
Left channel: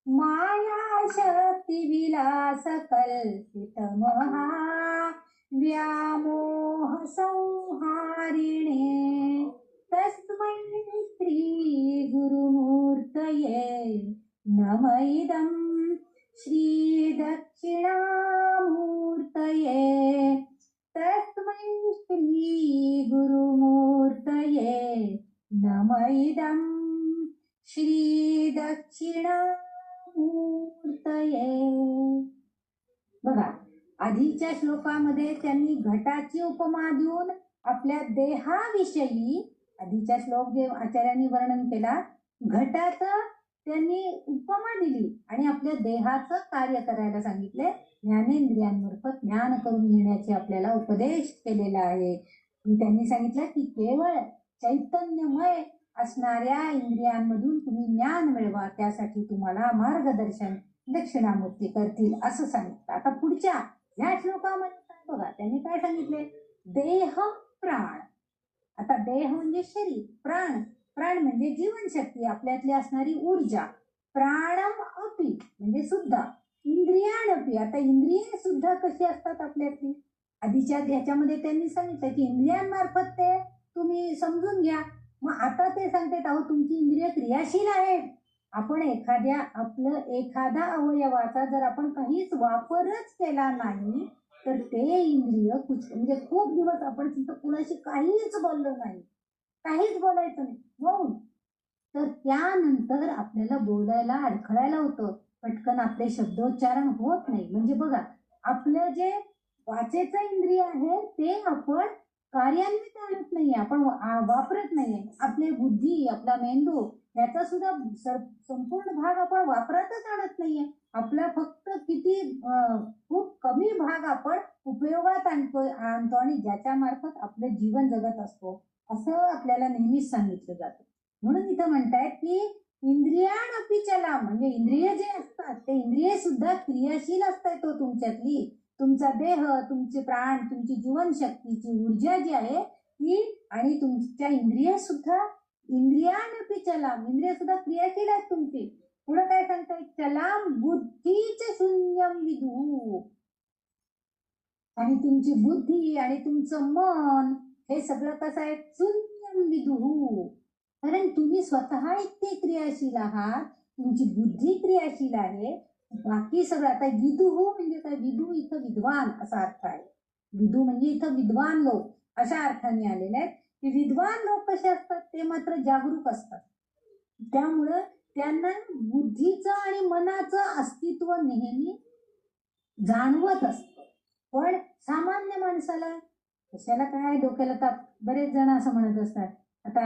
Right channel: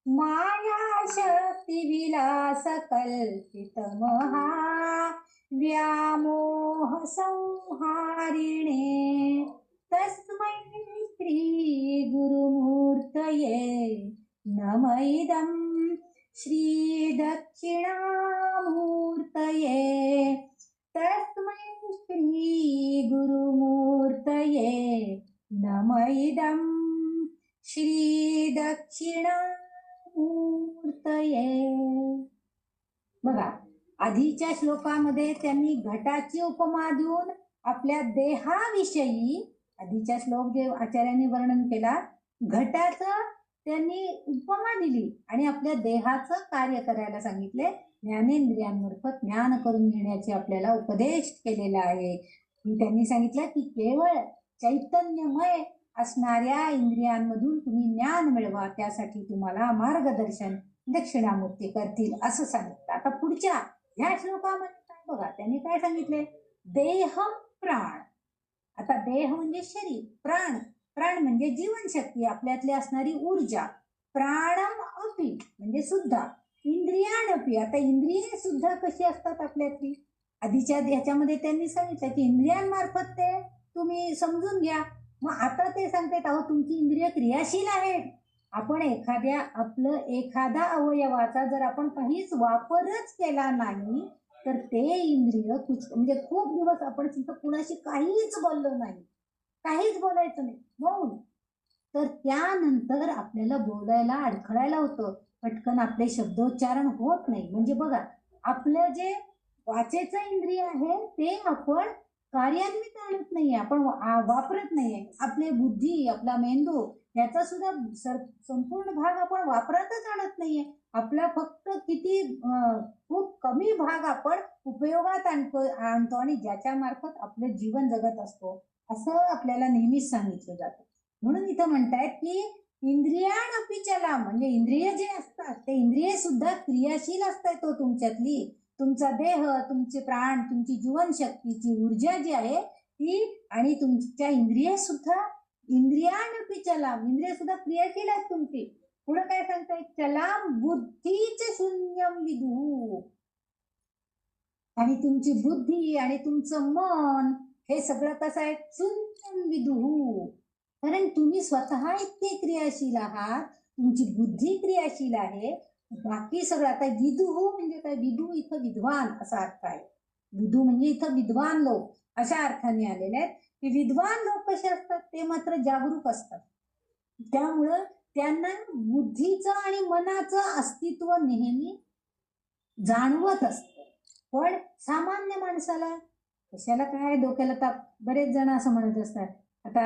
माया शक्ती विलास कल्पित महा व्यामोह संहारिणे तस्मै श्री गुरुमूर्तये नम इदं श्री दक्षिणामूर्तये तस्मै श्री गुरुमूर्तये नम इदं श्री दक्षिणामूर्तये. बघा, आधीच्या श्लोकामध्ये त्यांनी घटाची उपमा देऊन आपल्या देहाविषयी, आधीच्या श्लोक जे आचार्यांनी वर्णन केला, घटाचं त्यांनी उपमा दिली आणि आपल्या देहाचं कार्य करायला सांगितले. ज्ञानेंद्रियांमार्फत ज्ञान करून घेण्याचे आपल्याला उपदेश केलेला आहे. त्यांनी सांगितलं की केवळ चैतन्यमय असणाऱ्या इंद्रियांमधून तुम्ही ज्ञान मिळवा, त्यासाठी तुम्हाला मार्गदर्शन दक्षिणामूर्ती करतील असं सांगितलं. आता पुढच्या ह्या श्लोकामध्ये बघा, त्यांनी काय सांगितले, देह प्राण. आता देह म्हणजे शरीर, प्राण, प्राण म्हणजे जीवनशक्ती, आपल्यातली असणारी ऊर्जा. प्राणम अपि म्हणजे सुद्धा, इंद्रियाणपि. आता इंद्रिये सुद्धा कशी असतात आपल्यातली, आधीच्या ह्याच्यामध्ये त्यांनी सांगितलं की इंद्रियांमार्फत ते तुम्ही समजून घ्या. मग आता ते सांगतात, अहो तुमची इंद्रिय क्रियाशील आहेत. आपण एखादा अवयवाचा जर आपण काहीच वापरच केला नाही तर ते इंद्रिय म्हणजे खूप दिवस आपण कुणाशी काहीच बोललो नाही, काहीच बोलायचं नाही, म्हणून तर त्यानंतर आपल्याला बोलायला अडखळायला होतं, पटकन आपले शब्दोच्चारण होत नाही. म्हणजे बघा, आपलं जे वाचेचं इंद्रिय आहे ते आपण कार्यान्वित आणत नाहीये, आपण वापरत नाहीये. आपली बुद्धी, आपला मेंदू याचा सुद्धा संपूर्ण भाग आपण वापरातच आणत नाहीये. आपला फक्त खूप कमी भाग आपण उपयोगात आणतो आणि ज्याच्या मार्फत आपलं जीवन जगत असतो असं आपल्याला नेहमीच सांगितलं जातं. म्हणून इथं म्हणतायत की इंद्रियाणपि चला, म्हणजे इंद्रिय जे असतात ते इंद्रिय सुद्धा क्रियाशील असतात. तो तुमच्यातली तुमचा देह, तुमचे प्राण, तुमची जीवनशक्तीची ऊर्जा जी आहे ती, आणि तुमच्या इंद्रिय सुद्धा, इंद्रियाणपि चलाम, इंद्रिय सुद्धा क्रियाशील आहेत तुमची. पुढे काय सांगताय, चलाम बुद्धीचे शून्यम विदु. आणि तुमची बुद्धी आणि तुमचं मन हे सगळं कसं आहे, शून्यम विदु. कारण तुम्ही स्वतः इतके क्रियाशील आहात, तुमची बुद्धी क्रियाशील आहे, बाकी सगळं. आता विदु म्हणजे काय, विदु इथं विद्वान असा अर्थ आहे. विदु म्हणजे इथं विद्वान लोक अशा अर्थाने आलेले आहेत. की विद्वान लोक कसे असतात, ते मात्र जागरूक असतात. त्यामुळं त्यांना बुद्धीचं आणि मनाचं अस्तित्व नेहमी जाणवत असतं. पण सामान्य माणसाला कशाला काय डोक्याला ताप. बरेच जण असं म्हणत असतात, आता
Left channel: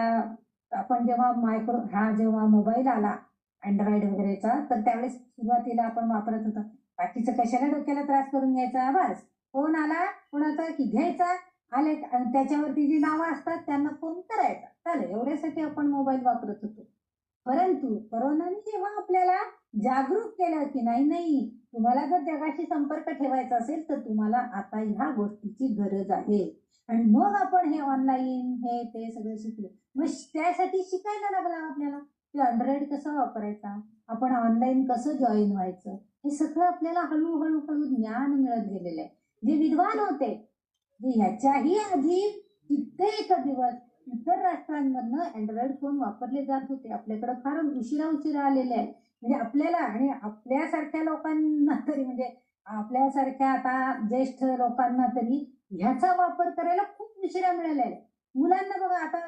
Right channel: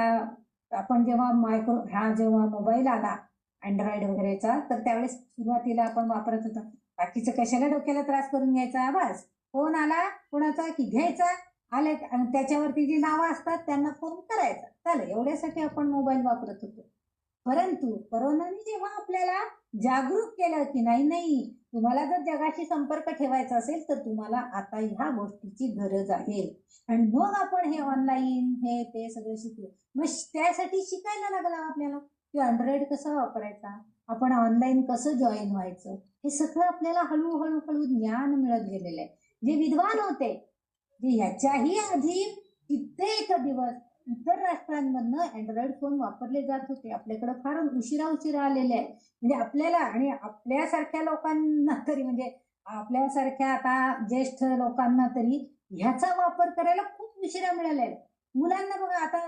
आपण जेव्हा मोबाईल आला अँड्रॉइड वगैरेचा, तर त्यावेळेस सुरुवातीला आपण वापरत होतो, बाकीचं कशाला डोक्याला त्रास करून घ्यायचा, बस फोन आला कोणाचा की घ्यायचा, आले त्याच्यावरती जी नावं असतात त्यांना फोन करायचा, चालेल, एवढ्यासाठी आपण मोबाईल वापरत होतो. परंतु कोरोनाने जेव्हा आपल्याला जागरूक केलं की नाही, तुम्हाला जर जगाशी संपर्क ठेवायचा असेल तर तुम्हाला आता ह्या गोष्टीची गरज आहे. आणि मग आपण हे ऑनलाईन हे ते सगळं शिकलो. मग त्यासाठी शिकायला लागला आपल्याला की अँड्रॉइड कसा वापरायचा, आपण ऑनलाईन कसं जॉईन व्हायचं, हे सगळं आपल्याला हळूहळू ज्ञान मिळत गेलेलं आहे. जे विद्वान होते, जे याच्याही आधी कित्येक दिवस इतर राष्ट्रांमधनं अँड्रॉइड फोन वापरले जात होते, आपल्याकडे फार उशिरा आलेले आहे. म्हणजे आपल्याला आणि आपल्यासारख्या लोकांना तरी, म्हणजे आपल्यासारख्या आता ज्येष्ठ लोकांना तरी ह्याचा वापर करायला खूप उशिरा मिळालेला आहे. मुलांना बघा, आता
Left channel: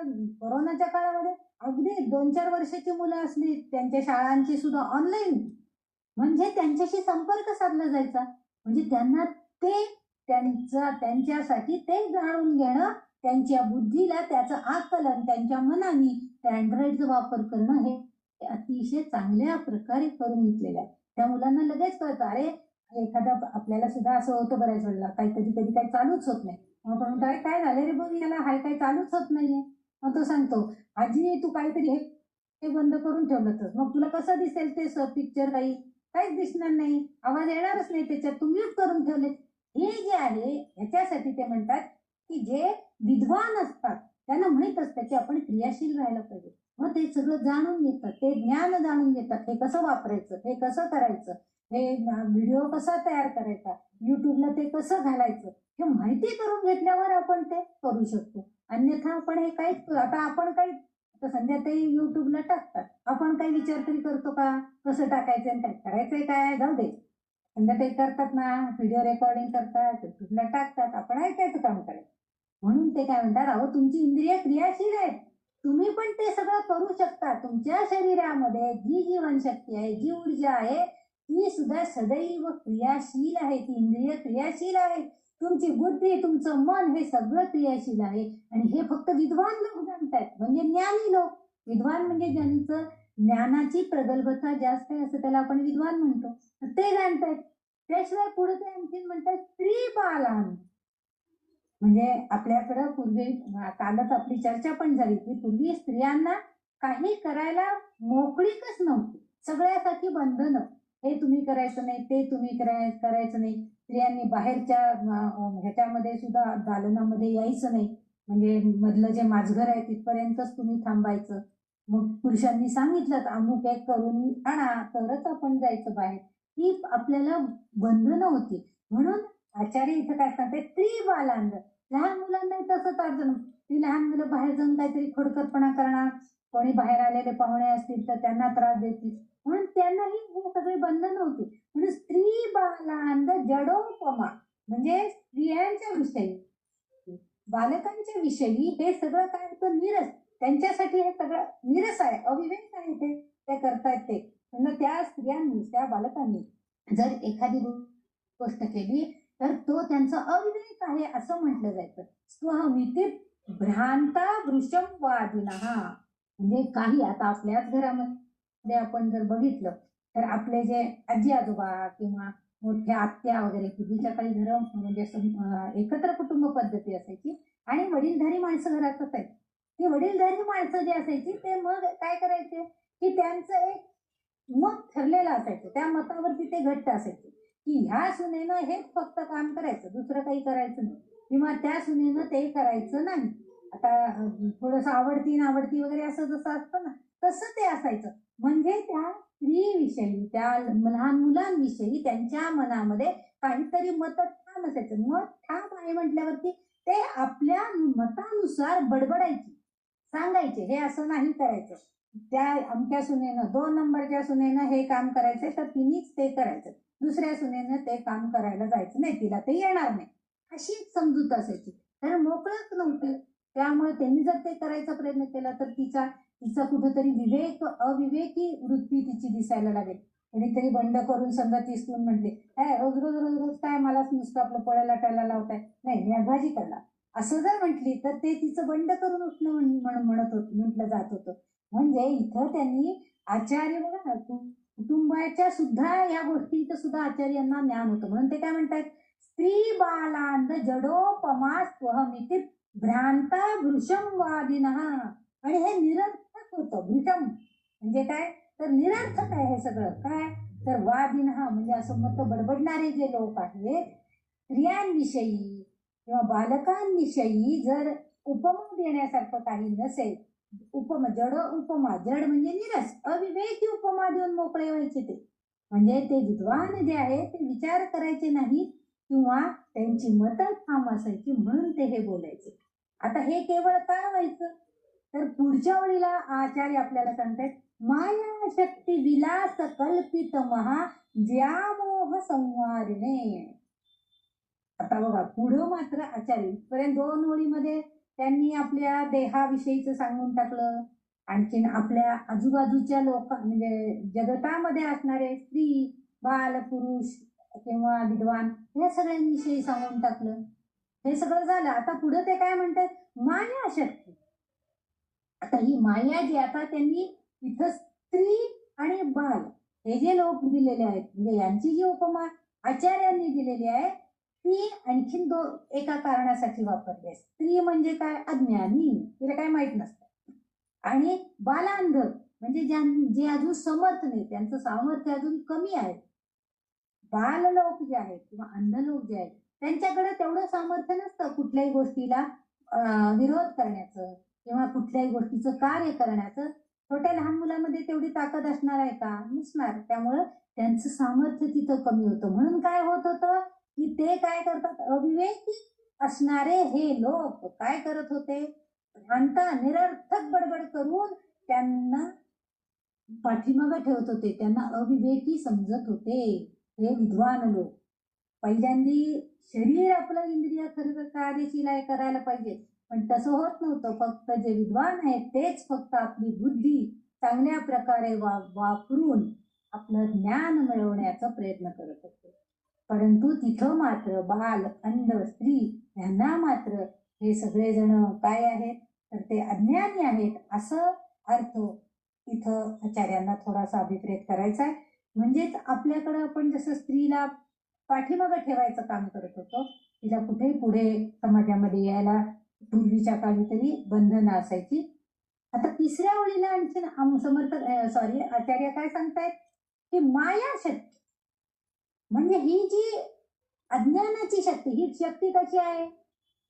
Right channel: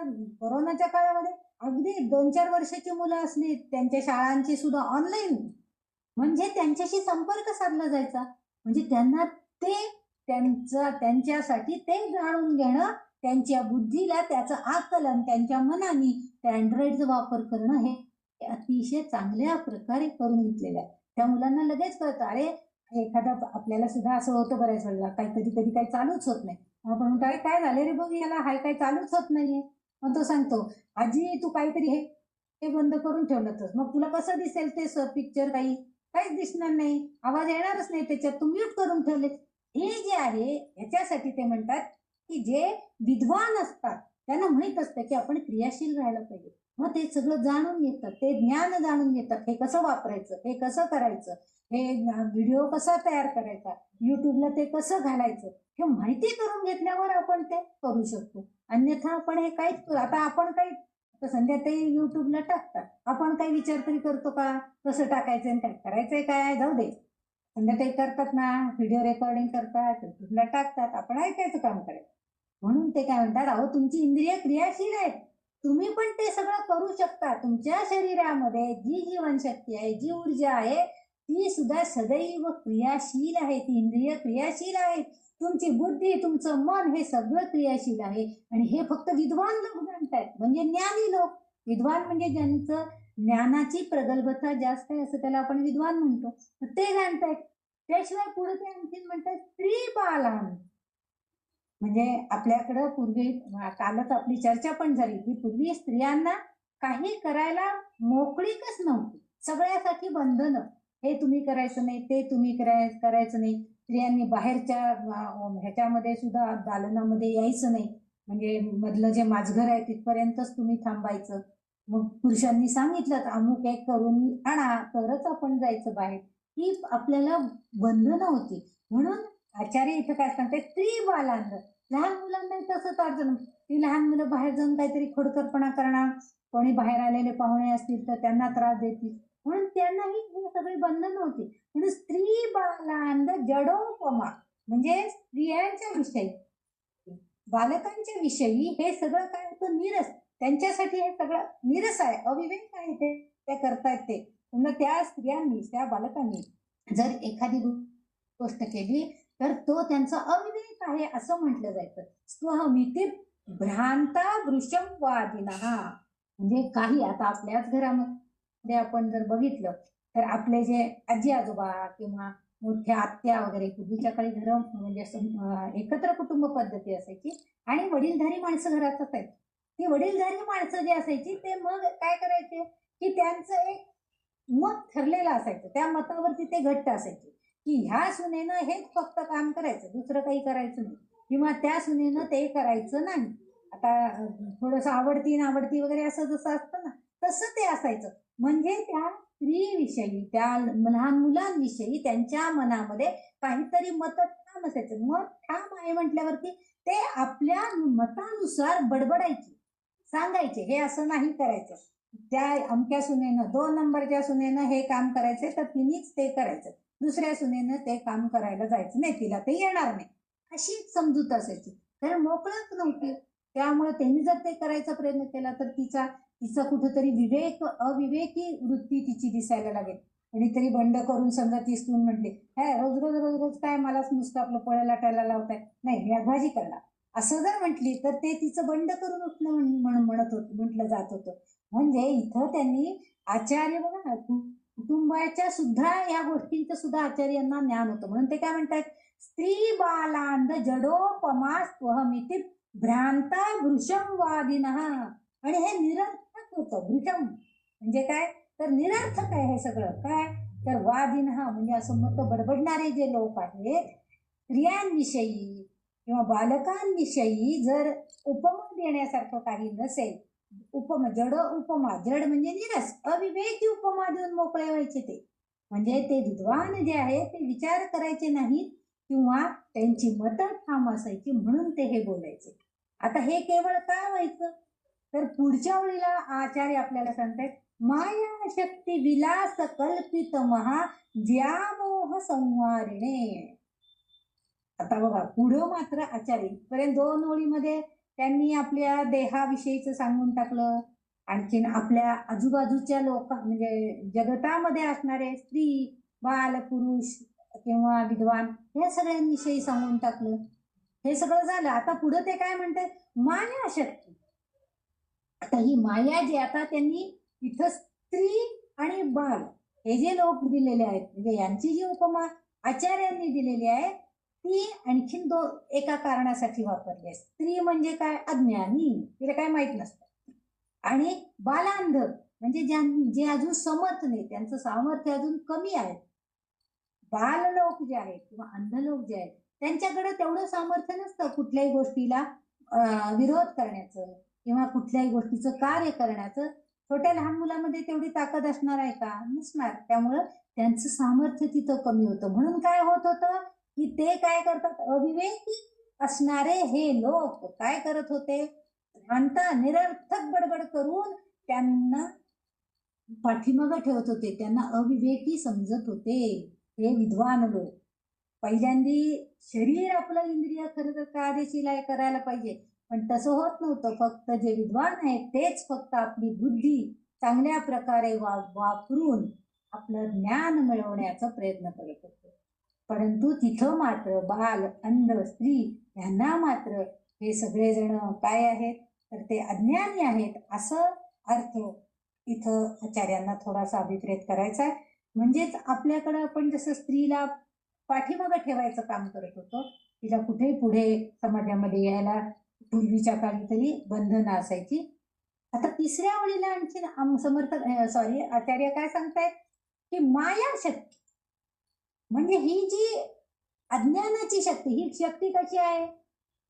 कोरोनाच्या काळामध्ये अगदी 2-4 वर्षाची मुलं असली, त्यांच्या शाळांची सुद्धा ऑनलाईन, म्हणजे त्यांच्याशी संपर्क साधला जायचा. म्हणजे त्यांना ते त्यांच्यासाठी ते जाणून घेणं, त्यांच्या बुद्धीला त्याचं आकलन, त्यांच्या मनाने त्या अँड्रॉइडचा वापर करणं हे अतिशय चांगल्या प्रकारे करून घेतलेलं आहे. त्या मुलांना लगेच कळतं, अरे एखादा, आपल्याला सुद्धा असं होतं बऱ्याच वेळेला, कधी काही चालूच होत नाही, आपण काय झालं रे बघ याला, काही चालूच होत नाहीये. मग तो सांगतो, आजी तू काहीतरी हे बंद करून ठेवलं तर मग तुला कसं दिसेल ते पिक्चर, काहीच दिसणार नाही, आवाज येणारच नाही त्याच्यात, तू म्यूट करून ठेवले. हे जे आहे ह्याच्यासाठी ते म्हणतात की जे विद्वान असतात त्यांना माहित असतं की आपण क्रियाशील राहायला पाहिजे. मग ते सगळं जाणून घेतात, ते ज्ञान जाणून घेतात, हे कसं वापरायचं, हे कसं करायचं, हे व्हिडिओ कसा तयार करायचा, युट्यूबला ते कसं घालायचं, हे माहिती करून घेतल्यावर आपण ते करू शकतो. अन्यथा आपण हे काहीच आता आपण काही संध्याताई युट्यूबला टाकतात, आपण काही विचार तरी करतो का कसं टाकायचं आणि काय करायचंय, काय जाऊ दे. संध्याताई करतात ना, व्हिडिओ रेकॉर्डिंग करतात, युट्यूबला टाकतात, आपण ऐकायचं काम करायचं. म्हणून ते काय म्हणतात, अहो तुमची इंद्रिय क्रियाशील आहेत, तुम्ही पण ते सगळं करू शकता. तुमच्या शरीरामध्ये जी जीवनशक्ती आहे, जी ऊर्जा आहे, ती सुद्धा सदैव क्रियाशील आहे, ती इंद्रिय क्रियाशील आहे. तुमची बुद्धी, तुमचं मन हे सगळं क्रियाशील आहे. आणि हे फक्त विद्वान लोक जाणतायत, म्हणजे ज्ञानी लोक. विद्वान म्हणजे ज्यांचं ज्ञानाची प्रगल्भता जास्त आहे, असं त्याला आपण विद्वान म्हणतो, ते जाणतायत. त्याशिवाय पुढे ते आणखीन म्हणतात स्त्री बालान, म्हणजे आपल्याकडं पूर्वी कालच आपली चर्चा पण झाली की पूर्वी स्त्रियांना काही करायला मोकळीकच नव्हती, सगळ्यासाठी बंधन, हे तुम्ही करायचं नाही, ते तुम्ही करायचं नाही. स्त्रियांनी बाहेरच्या ह्याच्यामध्ये सुद्धा दालनामध्ये यायचं नाही, म्हणजे मधलं जे माझघर आहे तिथपर्यंतच तुम्ही थांबायचं. मग पुरुषांनी सांगितलं अमुक एक करून आणा तरच आपण जायचं बाहेर, ही आपल्याला बंधनं होती. म्हणून आचार्य इथं काय सांगते, स्त्री बालांद, लहान मुलांना तसंच अडचण, ती लहान मुलं बाहेर जाऊन काहीतरी खोडकरपणा करणार, कोणी बाहेर आलेले पाहुणे असतील तर त्यांना त्रास देतील, म्हणून त्यांनाही हे सगळे बंधन होते. म्हणून स्त्री बालांद जडोपमा, म्हणजे स्त्रियांच्या विषयी, बालकांच्या विषयी हे सगळं काय होतं, निरस. त्यांच्यासाठी हे सगळं निरस आहे, अविवेक आहे, ते करतायत ते. म्हणजे त्या स्त्रियांनी, त्या बालकांनी जर एखादी गोष्ट केली तर तो त्यांचा अविवेक आहे असं म्हटलं जायचं. स्वमिती भ्रांता दृश्यम वादिनः, म्हणजे काही आता आपल्याच घरामध्ये आपण जर बघितलं तर आपले जे आजी आजोबा किंवा मोठ्या आत्या वगैरे, पूर्वीच्या काळी घर म्हणजे एकत्र कुटुंब पद्धती असायची आणि वडीलधारी माणसं घरात असायची. ती वडीलधारी माणसं जी असायची ते मग काय करायचे की त्यांचं एक मत ठरलेलं असायचं, त्या मतावरती ते घट्ट असायचे की ह्या सुनेनं हेच फक्त काम करायचं, दुसरं काही करायचं नाही, किंवा त्या सुनेनं ते करायचं नाही. आता थोडस आवडती नावडती वगैरे असं जसं असतं ना, तसं ते असायचं. म्हणजे त्या स्त्रीविषयी, त्या लहान मुलांविषयी त्यांच्या मनामध्ये काहीतरी मत ठाम असायचं. मत ठाम आहे म्हटल्यावरती ते आपल्या मतानुसार बडबडायचे, सांगायचे हे असं नाही करायचं, त्या अमक्या सुनेनं 2 नंबरच्या सुनेनं हे काम करायचंय तर तिनेच ते करायचं, दुसऱ्या सुनेनं ते काम करायला जायचं नाही, तिला ते येणार नाही, अशी समजूत असायची. कारण मोकळत नव्हते, त्यामुळे त्यांनी जर ते करायचा प्रयत्न केला तर तिचा कुठेतरी अविवेकी वृत्ती तिची दिसायला लागेल. कोणीतरी बंड करून समजा ती सून म्हटली, काय रोज रोज रोज रोज काय मलाच नुसतं आपलं पळायला लाटायला लावताय, नाही मी आज भाजी करणार, असं जर म्हटली तर ते तिचं बंड करून उठणं म्हटलं जात होतं. म्हणजे इथं त्यांनी आचार्य बघा ना, कुटुंबाच्या सुद्धा या गोष्टींचं सुद्धा आचार्यांना ज्ञान होतं. म्हणून ते काय म्हणतात, स्त्री बालांद जडोपमा स्वहमिती भ्रांता वृषम वादिनः, आणि हे निरर्थक होतं. वृषम म्हणजे काय तर निरर्थक आहे हे सगळं. काय तर वादिनः म्हणजे असं मत बडबडणारे जे लोक आहेत, स्त्रियांविषयी किंवा बालकांविषयी जर उपमा देण्यासारखं काही नसेल, उपमा जड, उपमा जड म्हणजे निरस, अविवेकी उपमा देऊन मोकळे व्हायचे ते. म्हणजे ते विद्वान जे आहे ते विचार करायचे नाहीत किंवा त्यांची मतं ठाम असायची म्हणून ते हे बोलायचे. आता हे केवळ काय व्हायचं तर पुढच्या वेळेला आचार्य आपल्याला सांगतात, माया शक्ती विलास कल्पित महा व्यामोह संवारिणे. आता बघा पुढं मात्र आचार्य पर्यंत 2 ओळीमध्ये त्यांनी आपल्या देहाविषयीच सांगून टाकलं, आणखीन आपल्या आजूबाजूच्या लोक म्हणजे जगतामध्ये असणारे स्त्री बाल पुरुष किंवा विद्वान या सगळ्यांविषयी सांगून टाकलं. हे सगळं झालं. आता पुढे ते काय म्हणतात, माया शक्ती. आता ही माया जी, आता त्यांनी इथं स्त्री आणि बाल हे जे लोक दिलेले आहेत, म्हणजे यांची जी उपमा आचार्यांनी दिलेली आहे ती आणखीन एका कारणासाठी वापरली आहे. स्त्री म्हणजे काय, अज्ञानी, तिला काय माहित नसतं, आणि बालांध म्हणजे जे अजून समर्थ नाही, त्यांचं सामर्थ्य अजून कमी आहे. बाल लोक जे आहेत किंवा अंध लोक जे आहेत त्यांच्याकडे तेवढं सामर्थ्य नसतं कुठल्याही गोष्टीला विरोध करण्याचं किंवा कुठल्याही गोष्टीचं कार्य करण्याचं छोट्या लहान मुलामध्ये तेवढी ताकद असणार आहे का? नसणार. त्यामुळं त्यांचं सामर्थ्य तिथं कमी होतं. म्हणून काय होत होतं की ते काय करतात, अविवेकी असणारे हे लोक काय करत होते, भ्रांता निरर्थक बडबड करून त्यांना पाठीमागं ठेवत होते, त्यांना अविवेकी समजत होते हे विद्वान लोक. पहिल्यांदी शरीर आपलं इंद्रिय खरं तर कार्यशील आहे, करायला पाहिजे, पण तसं होत नव्हतं. फक्त जे विद्वान आहेत तेच फक्त आपली बुद्धी चांगल्या प्रकारे वापरून आपलं ज्ञान मिळवण्याचा प्रयत्न करत होते. परंतु तिथं मात्र बाल, अंध, स्त्री यांना मात्र हे सगळेजण काय आहेत तर ते अज्ञानी आहेत असं अर्थ इथं आचार्यांना थोडासा अभिप्रेत करायचा आहे. म्हणजेच आपल्याकडं आपण जसं स्त्रीला पाठीमागं ठेवायचं काम करत होतो, तिला कुठे पुढे समाजामध्ये यायला पूर्वीच्या काळी तरी बंधनं असायची. आता तिसऱ्या ओळीला आणखी समर्थ आचार्य काय सांगतायत की माया शक्ती म्हणजे ही जी अज्ञानाची शक्ती, ही शक्ती कशी आहे?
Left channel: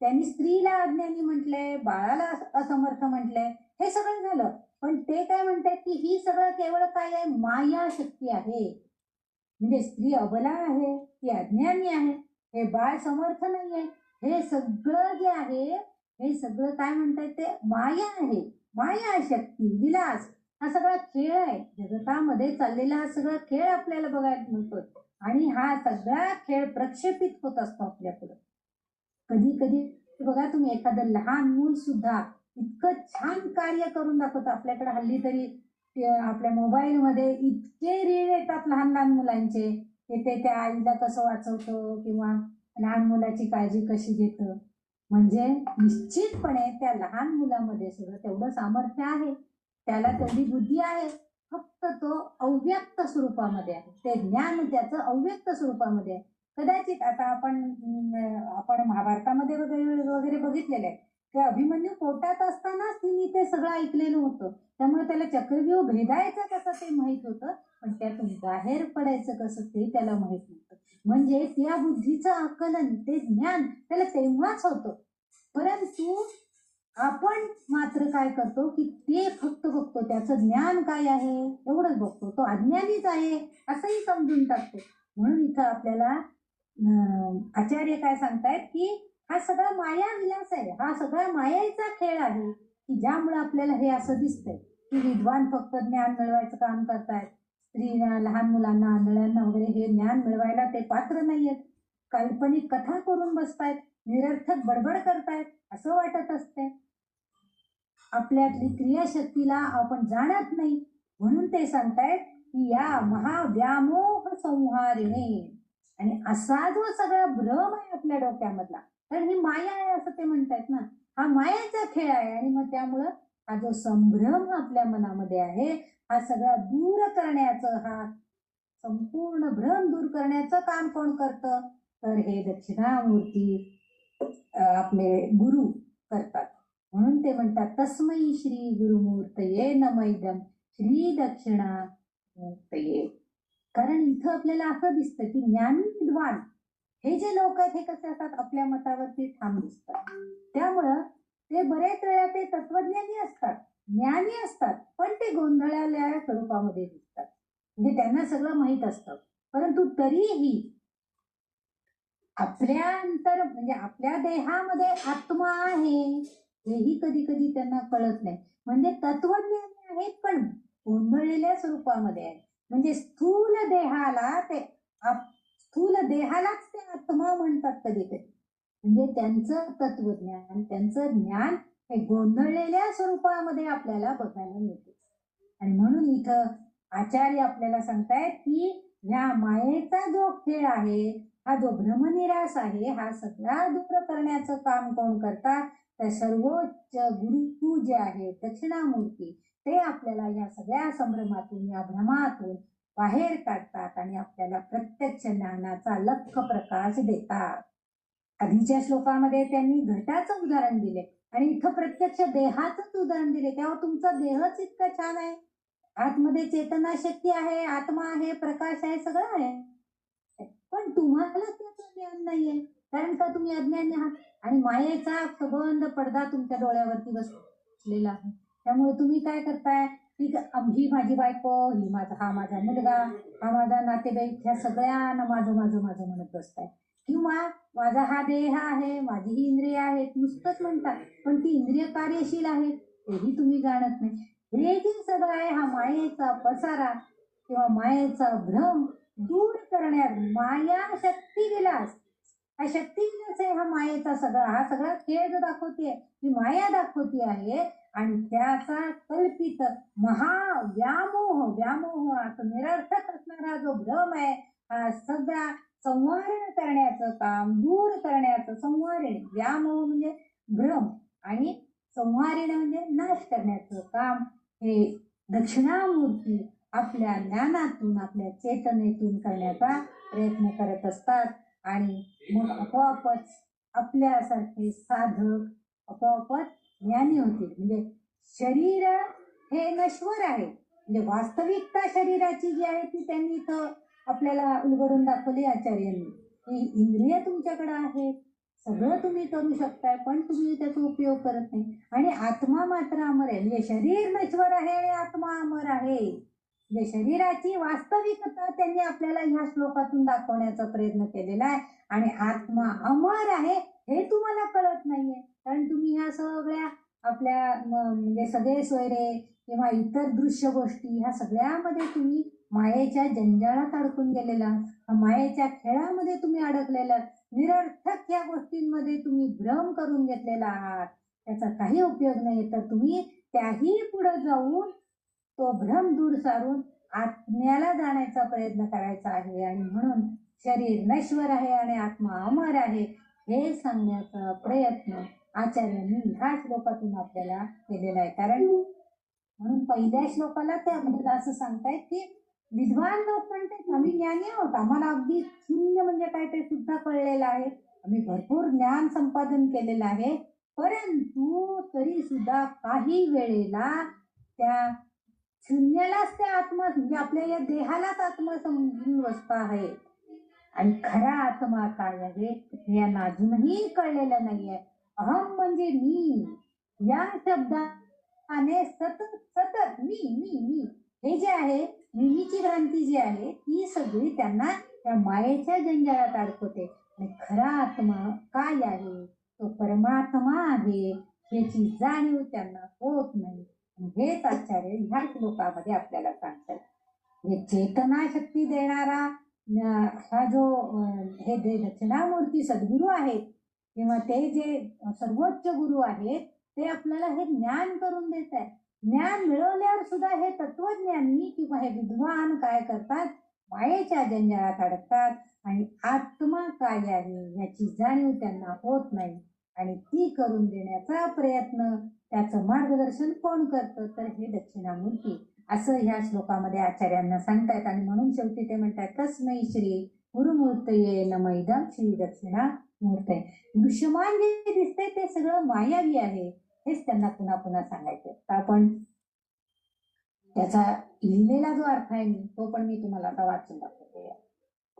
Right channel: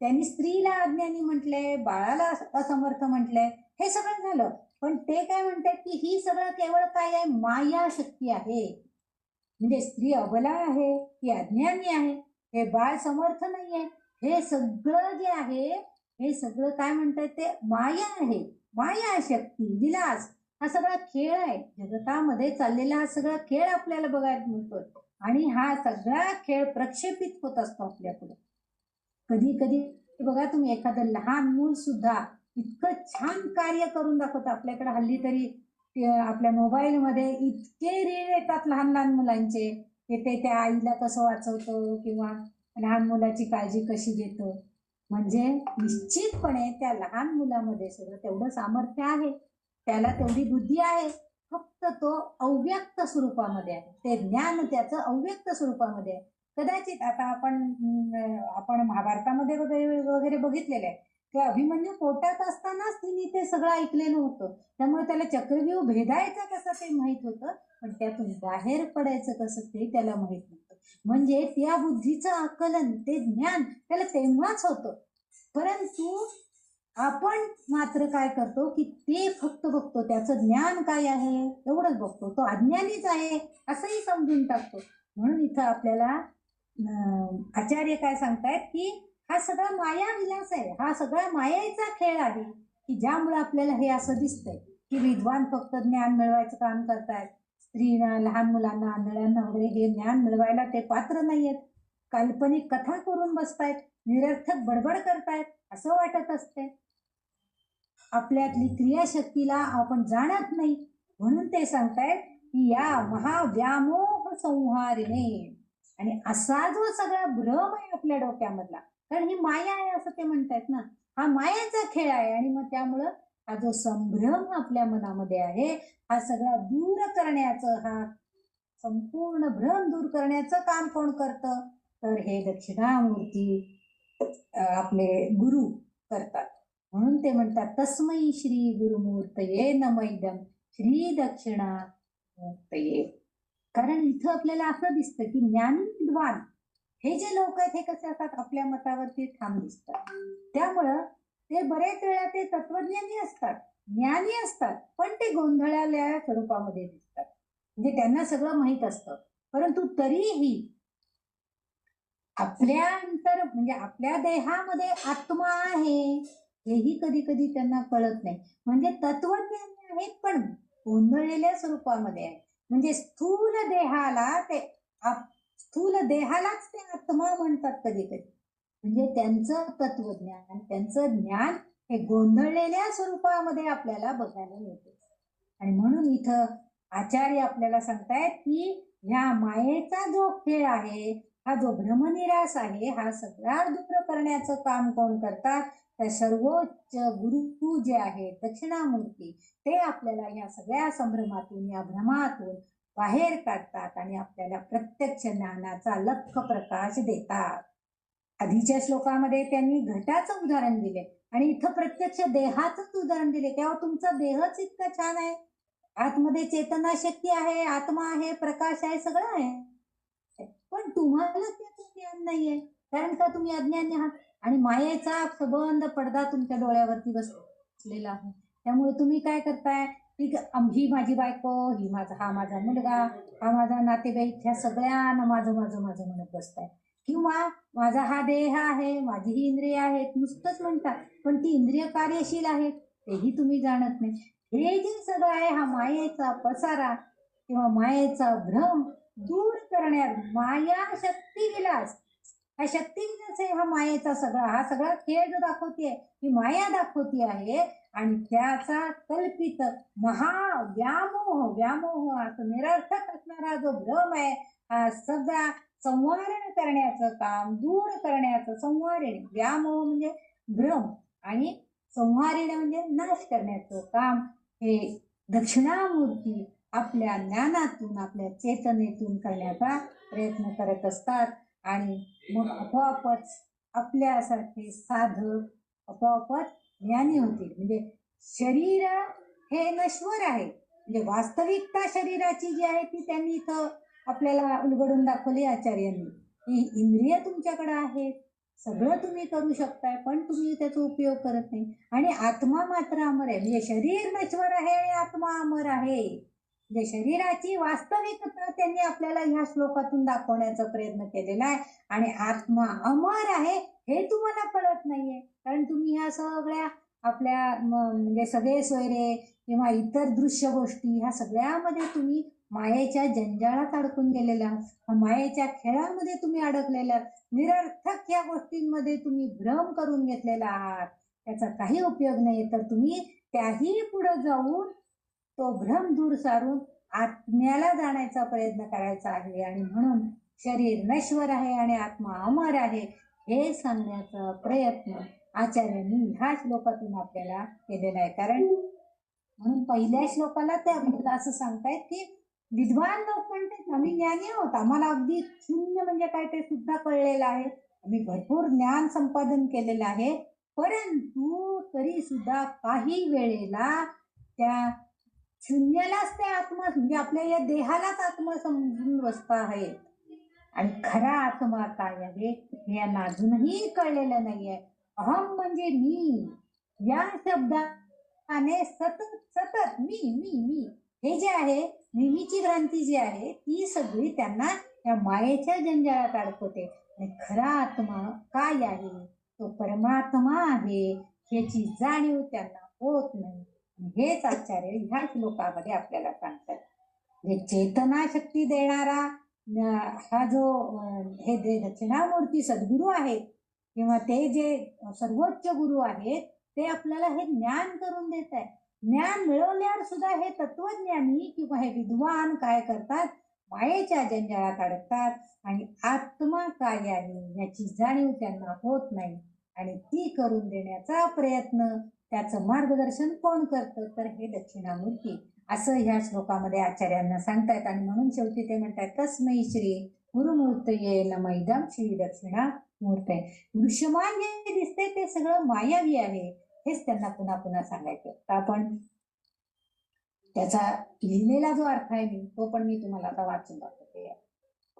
त्यांनी स्त्रीला अज्ञानी म्हटलंय, बाळाला असमर्थ म्हटलंय, हे सगळं झालं. पण ते काय म्हणतात की ही सगळं केवळ काय आहे, माया शक्ती आहे. म्हणजे स्त्री अबला आहे, ती अज्ञानी आहे, हे बाळ समर्थ नाहीये, हे सगळं जे आहे हे सगळं काय म्हणतात ते माया आहे. माया शक्ती, विलास हा सगळा खेळ आहे. जगतामध्ये चाललेला हा सगळा खेळ आपल्याला बघायला मिळतोय आणि हा सगळा खेळ प्रक्षेपित होत असतो आपल्यापुढे. कधी कधी बघा तुम्ही एखादं लहान मूल सुद्धा इतकं छान कार्य करून दाखवतं. आपल्याकडे हल्ली तरी आपल्या मोबाईलमध्ये इतके रील येतात लहान लहान मुलांचे, ते त्या आईला कसं वाचवतो किंवा लहान मुलाची काळजी कशी घेतं. म्हणजे निश्चितपणे त्या लहान मुलामध्ये सुद्धा तेवढं सामर्थ्य आहे, त्याला तेवढी बुद्धी आहे, फक्त तो अव्यक्त स्वरूपामध्ये आहे. ते ज्ञान त्याचं अव्यक्त स्वरूपामध्ये आहे. कदाचित आता आपण महाभारतामध्ये वगैरे बघितलेलं आहे की अभिमन्यू पोटात असतानाच तिने ते सगळं ऐकलेलं होतं. त्यामुळे त्याला चक्रव्यूह भेदायचं कसं ते माहित होतं, पण त्यातून बाहेर पडायचं कसं ते त्याला माहित नव्हतं. म्हणजे त्या बुद्धीचं आकलन, ते ज्ञान त्याला तेव्हाच होतं. परंतु आपण मात्र काय करतो की ते फक्त बघतो, त्याचं ज्ञान काय आहे एवढंच बघतो, तो अज्ञानीच आहे असंही समजून टाकतो. म्हणून इथं आपल्याला आचार्य काय सांगतायत की हा सगळा माया विलास आहे, हा सगळा मायेचा खेळ आहे की ज्यामुळे आपल्याला हे असं दिसतंय की विद्वान फक्त ज्ञान मिळवायचं काम करतायत, स्त्रीला, लहान मुलांना, आंधळ्यांना वगैरे हे ज्ञान मिळवायला ते पात्र नाहीयेत, काल्पनिक कथा करून बसतायत, निरर्थक बडबड करतायत असं वाटत असते. आपल्यातली क्रियाशक्तीला आपण जाणत नाही. म्हणून ते सांगतायत की या महाव्यामोह संहारिणे, आणि असा जो सगळा भ्रम आहे आपल्या डोक्यामधला, कारण ही माया आहे असं ते म्हणतायत ना, हा मायेचा खेळ आहे. आणि मग त्यामुळं हा जो संभ्रम आपल्या मनामध्ये आहे हा सगळा दूर करण्याचं, हा संपूर्ण भ्रम दूर करण्याचं काम कोण करतं तर हे दक्षिणामूर्ती आपले गुरु करतात. म्हणून ते म्हणतात तस्मै श्री गुरुमूर्तये नमैदम श्री दक्षिणामूर्तये. कारण इथं आपल्याला असं दिसतं की ज्ञानी विद्वान हे जे लोक आहेत हे कसे असतात, आपल्या मतावरती ठाम दिसतात. त्यामुळं ते बरेच वेळा ते तत्वज्ञानी असतात, ज्ञानी असतात, पण ते गोंधळाल्या स्वरूपामध्ये दिसतात. म्हणजे त्यांना सगळं माहित असतं, परंतु तरीही आपल्या म्हणजे आपल्या देहामध्ये आत्मा आहे हेही कधी कधी त्यांना कळत नाही. म्हणजे तत्वज्ञानी आहेत पण गोंधळलेल्या स्वरूपामध्ये आहे. म्हणजे स्थूल देहालाच ते आत्मा म्हणतात कधी कधी. म्हणजे त्यांचं तत्वज्ञान, त्यांचं ज्ञान हे गोंधळलेल्या स्वरूपामध्ये आपल्याला बघायला मिळते. आणि म्हणून इथं आचार्य आपल्याला सांगतायत की ह्या मायेचा जो खेळ आहे, हा जो भ्रमनिरास आहे, हा सगळा दूर करण्याचं काम कोण करतात तर सर्वोच्च गुरु जे आहे दक्षिणामूर्ती, ते आपल्याला या सगळ्या संभ्रमातून, या भ्रमातून बाहेर काढतात आणि आपल्याला प्रत्यक्ष ज्ञानाचा लख प्रकाश देतात. आधीच्या श्लोकामध्ये त्यांनी घटाचं उदाहरण दिले आणि इथं प्रत्यक्ष देहाचंच उदाहरण दिले. तेव्हा तुमचा देहच इतका छान आहे, आतमध्ये चेतना शक्ती आहे, आत्मा आहे, प्रकाश आहे, सगळं आहे, पण तुम्हाला त्याचं ज्ञान नाहीये. कारण का तुम्ही अज्ञानी आहात आणि मायेचा सबंध पडदा तुमच्या डोळ्यावरती बसतो. असलेला आहे. त्यामुळे तुम्ही काय करताय की ही माझी बायको, हा माझा मुलगा, हा माझा नातेवाईक, ह्या सगळ्यांना माझं माझं माझं म्हणत बसताय. किंवा माझा हा देह आहे, माझी ही इंद्रिय आहेत नुसतंच म्हणतात, पण ती इंद्रिय कार्यशील आहेत तेही तुम्ही जाणत नाही. हे जे सगळं आहे हा मायेचा पसारा किंवा मायेचा भ्रम दूर करण्यात माया शक्ती विलास, हा शक्ती विलास आहे हा मायेचा हा सगळा खेळ जो दाखवते ही माया दाखवती आहे. आणि त्याचा कल्पित व्यामोह असं निरर्थक असणारा जो भ्रम आहे हा सगळा संवारण करण्याचं काम, दूर करण्याचं, संवारण व्यामोह म्हणजे भ्रम आणि संहारण म्हणजे नाश करण्याचं काम हे दक्षिणामूर्ती आपल्या ज्ञानातून आपल्या चेतनेतून करण्याचा प्रयत्न करत असतात. आणि मग आपोआपच आपल्यासारखे साधक आपोआपच ज्ञानी होते. म्हणजे शरीर हे नश्वर आहे, म्हणजे वास्तविकता शरीराची जी आहे ती त्यांनी इथं आपल्याला उलगडून दाखवली आचार्यांनी. ही इंद्रिय तुमच्याकडे आहेत, सगळं तुम्ही करू शकता, पण तुम्ही त्याचा उपयोग करत नाही. आणि आत्मा मात्र अमर आहे. म्हणजे शरीर नश्वर आहे आणि आत्मा अमर आहे. म्हणजे शरीराची वास्तविकता त्यांनी आपल्याला ह्या श्लोकातून दाखवण्याचा प्रयत्न केलेला आहे. आणि आत्मा अमर आहे हे तुम्हाला कळत नाहीये, कारण तुम्ही ह्या सगळ्या आपल्या म्हणजे सगळे सोयरे किंवा इतर दृश्य गोष्टी ह्या सगळ्यामध्ये तुम्ही मायेच्या जंजाळात अडकून गेलेला, मायेच्या खेळामध्ये तुम्ही अडकलेला, निरर्थक या गोष्टींमध्ये तुम्ही भ्रम करून घेतलेला आहात. त्याचा काही उपयोग नाही. तर तुम्ही त्याही पुढे जाऊन तो भ्रम दूर सारून आत्म्याला जाण्याचा प्रयत्न करायचा आहे. आणि म्हणून शरीर नश्वर आहे आणि आत्मा अमर आहे हे सांगण्याचा प्रयत्न आचार्यांनी ह्या श्लोकातून आपल्याला केलेला आहे. कारण म्हणून पहिल्या श्लोकाला ते असं सांगतायत की विद्वान लोक म्हणतात आम्ही ज्ञानी आहोत, आम्हाला अगदी शून्य म्हणजे काय ते सुद्धा कळलेलं आहे, आम्ही भरपूर ज्ञान संपादन केलेलं आहे, परंतु तरी सुद्धा काही वेळेला त्या शून्यालाच ते आत्मा म्हणजे आपल्या या देहालाच आत्मा समजून बसता आहे. आणि खरा आत्मा काय आहे हे यांना अजूनही कळलेलं नाहीये. अहम म्हणजे मी या शब्दाने सतत सतत मी मी मी हे जे आहे नेहमीची भ्रांती जी आहे ती सगळी त्यांना त्या मायेच्या जंजाळात अडकवते. आणि खरा आत्मा काय आहे, तो परमात्मा आहे ह्याची जाणीव त्यांना होत नाही. हेच आचार्य ह्या श्लोकामध्ये आपल्याला सांगतात. चेतना शक्ती देणारा हा जो हे दक्षिणामूर्ती सद्गुरू आहेत किंवा ते जे सर्वोच्च गुरु आहेत ते आपल्याला हे ज्ञान करून देत आहे. ज्ञान मिळवल्यावर सुद्धा हे तत्वज्ञानी किंवा हे विद्वान काय करतात, मायेच्या जंजाळात अडकतात आणि आत्मा काय आहे याची जाणीव त्यांना होत नाही. आणि ती करून देण्याचा प्रयत्न त्याचं मार्गदर्शन कोण करतं, तर हे दक्षिणामूर्ती असं ह्या श्लोकामध्ये आचार्यांना सांगतात. आणि म्हणून शेवटी ते म्हणतात तस्मै श्री गुरुमूर्तये नमः इदं श्री दक्षिणामूर्तये. दृश्यमान जे दिसते ते सगळं मायावी आहे हेच त्यांना पुन्हा पुन्हा सांगायचं. तर आपण त्याचा लिहिलेला जो अर्थ आहे तो पण मी तुम्हाला आता वाचून दाखवते.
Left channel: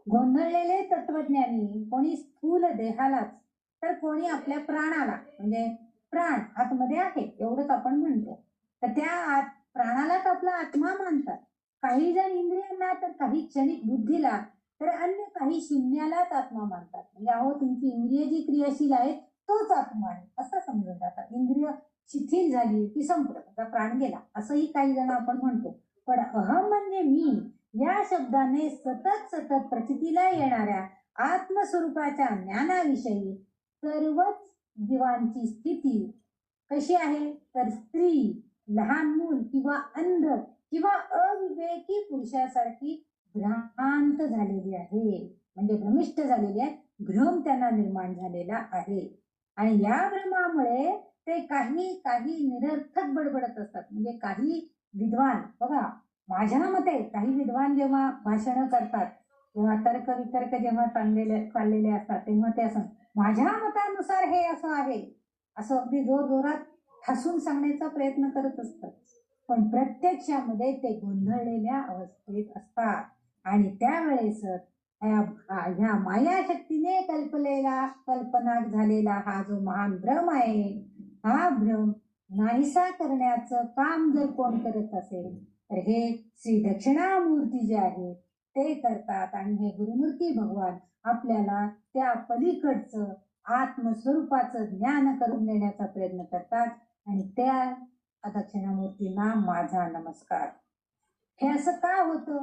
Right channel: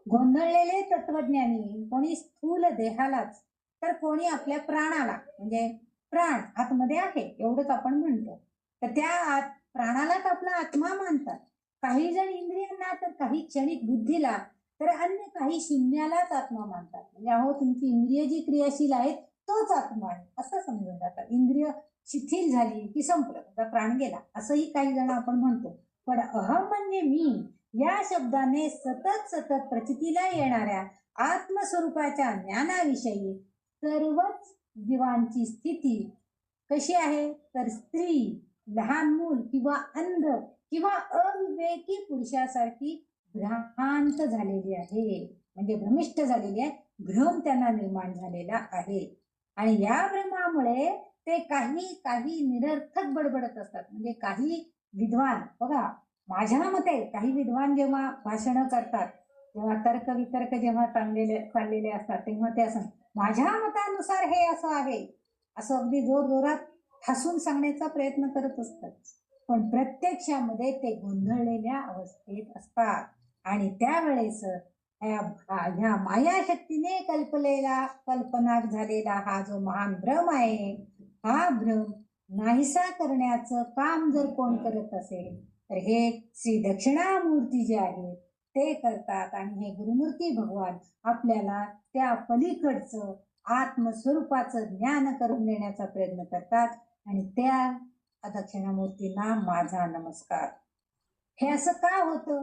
गोंधळलेले तत्वज्ञानी कोणी स्थूल देहालाच तर कोणी आपल्या प्राणाला, म्हणजे प्राण आतमध्ये आहे एवढंच आपण म्हणतो, तर त्या प्राणालाच आपला आत्मा मानतात. काही जण इंद्रियांना, तर काही क्षणिक बुद्धीला, तर अन्य काही शून्यालाच आत्मा मानतात. म्हणजे अहो तुमची इंद्रिय जी क्रियाशील आहे तोच आत्मा आहे असं समजून जातात. इंद्रिय शिथिल झाली की संपलं, त्याचा प्राण गेला असंही काही जण आपण म्हणतो. पण अहम म्हणजे मी या शब्दाने सतत सतत प्रचितीला येणाऱ्या आत्मस्वरूपाच्या ज्ञानाविषयी सर्वच जीवांची स्थिती कशी आहे, तर स्त्री, लहान मूल किंवा अंध किंवा अविवेकी पुरुषासारखी भ्रांत झालेली आहे. म्हणजे भ्रमिष्ट झालेली आहे, भ्रम त्यांना निर्माण झालेला आहे. आणि या भ्रमामुळे ते काही निरर्थक बडबडत असतात. म्हणजे काही विद्वान बघा, माझ्या मते काही विद्वान जेव्हा भाषण करतात किंवा तर्क वितर्क जेव्हा चाललेले असतात तेव्हा ते असं माझ्या मतानुसार हे असं आहे असं अगदी जोर जोरात हसून सांगण्याचा प्रयत्न करत असतात. पण प्रत्यक्षामध्ये ते गोंधळलेल्या अवस्थेत असतात. आणि त्यावेळेस ह्या मायाशक्तीने कल्पना झालेला हा जो महान भ्रम आहे, हा भ्रम नाहीसा करण्याचं काम जर कोण करत असेल तर हे श्री दक्षिणामूर्ती जे आहेत ते करतात. आणि हे गुरुमूर्ती भगवान आपल्याला त्या पलीकडचं आत्मस्वरूपाचं ज्ञान करून देण्याचा प्रयत्न करतात. आणि त्या दक्षिणामूर्तींना माझा नमस्कार. हे असं का होतं,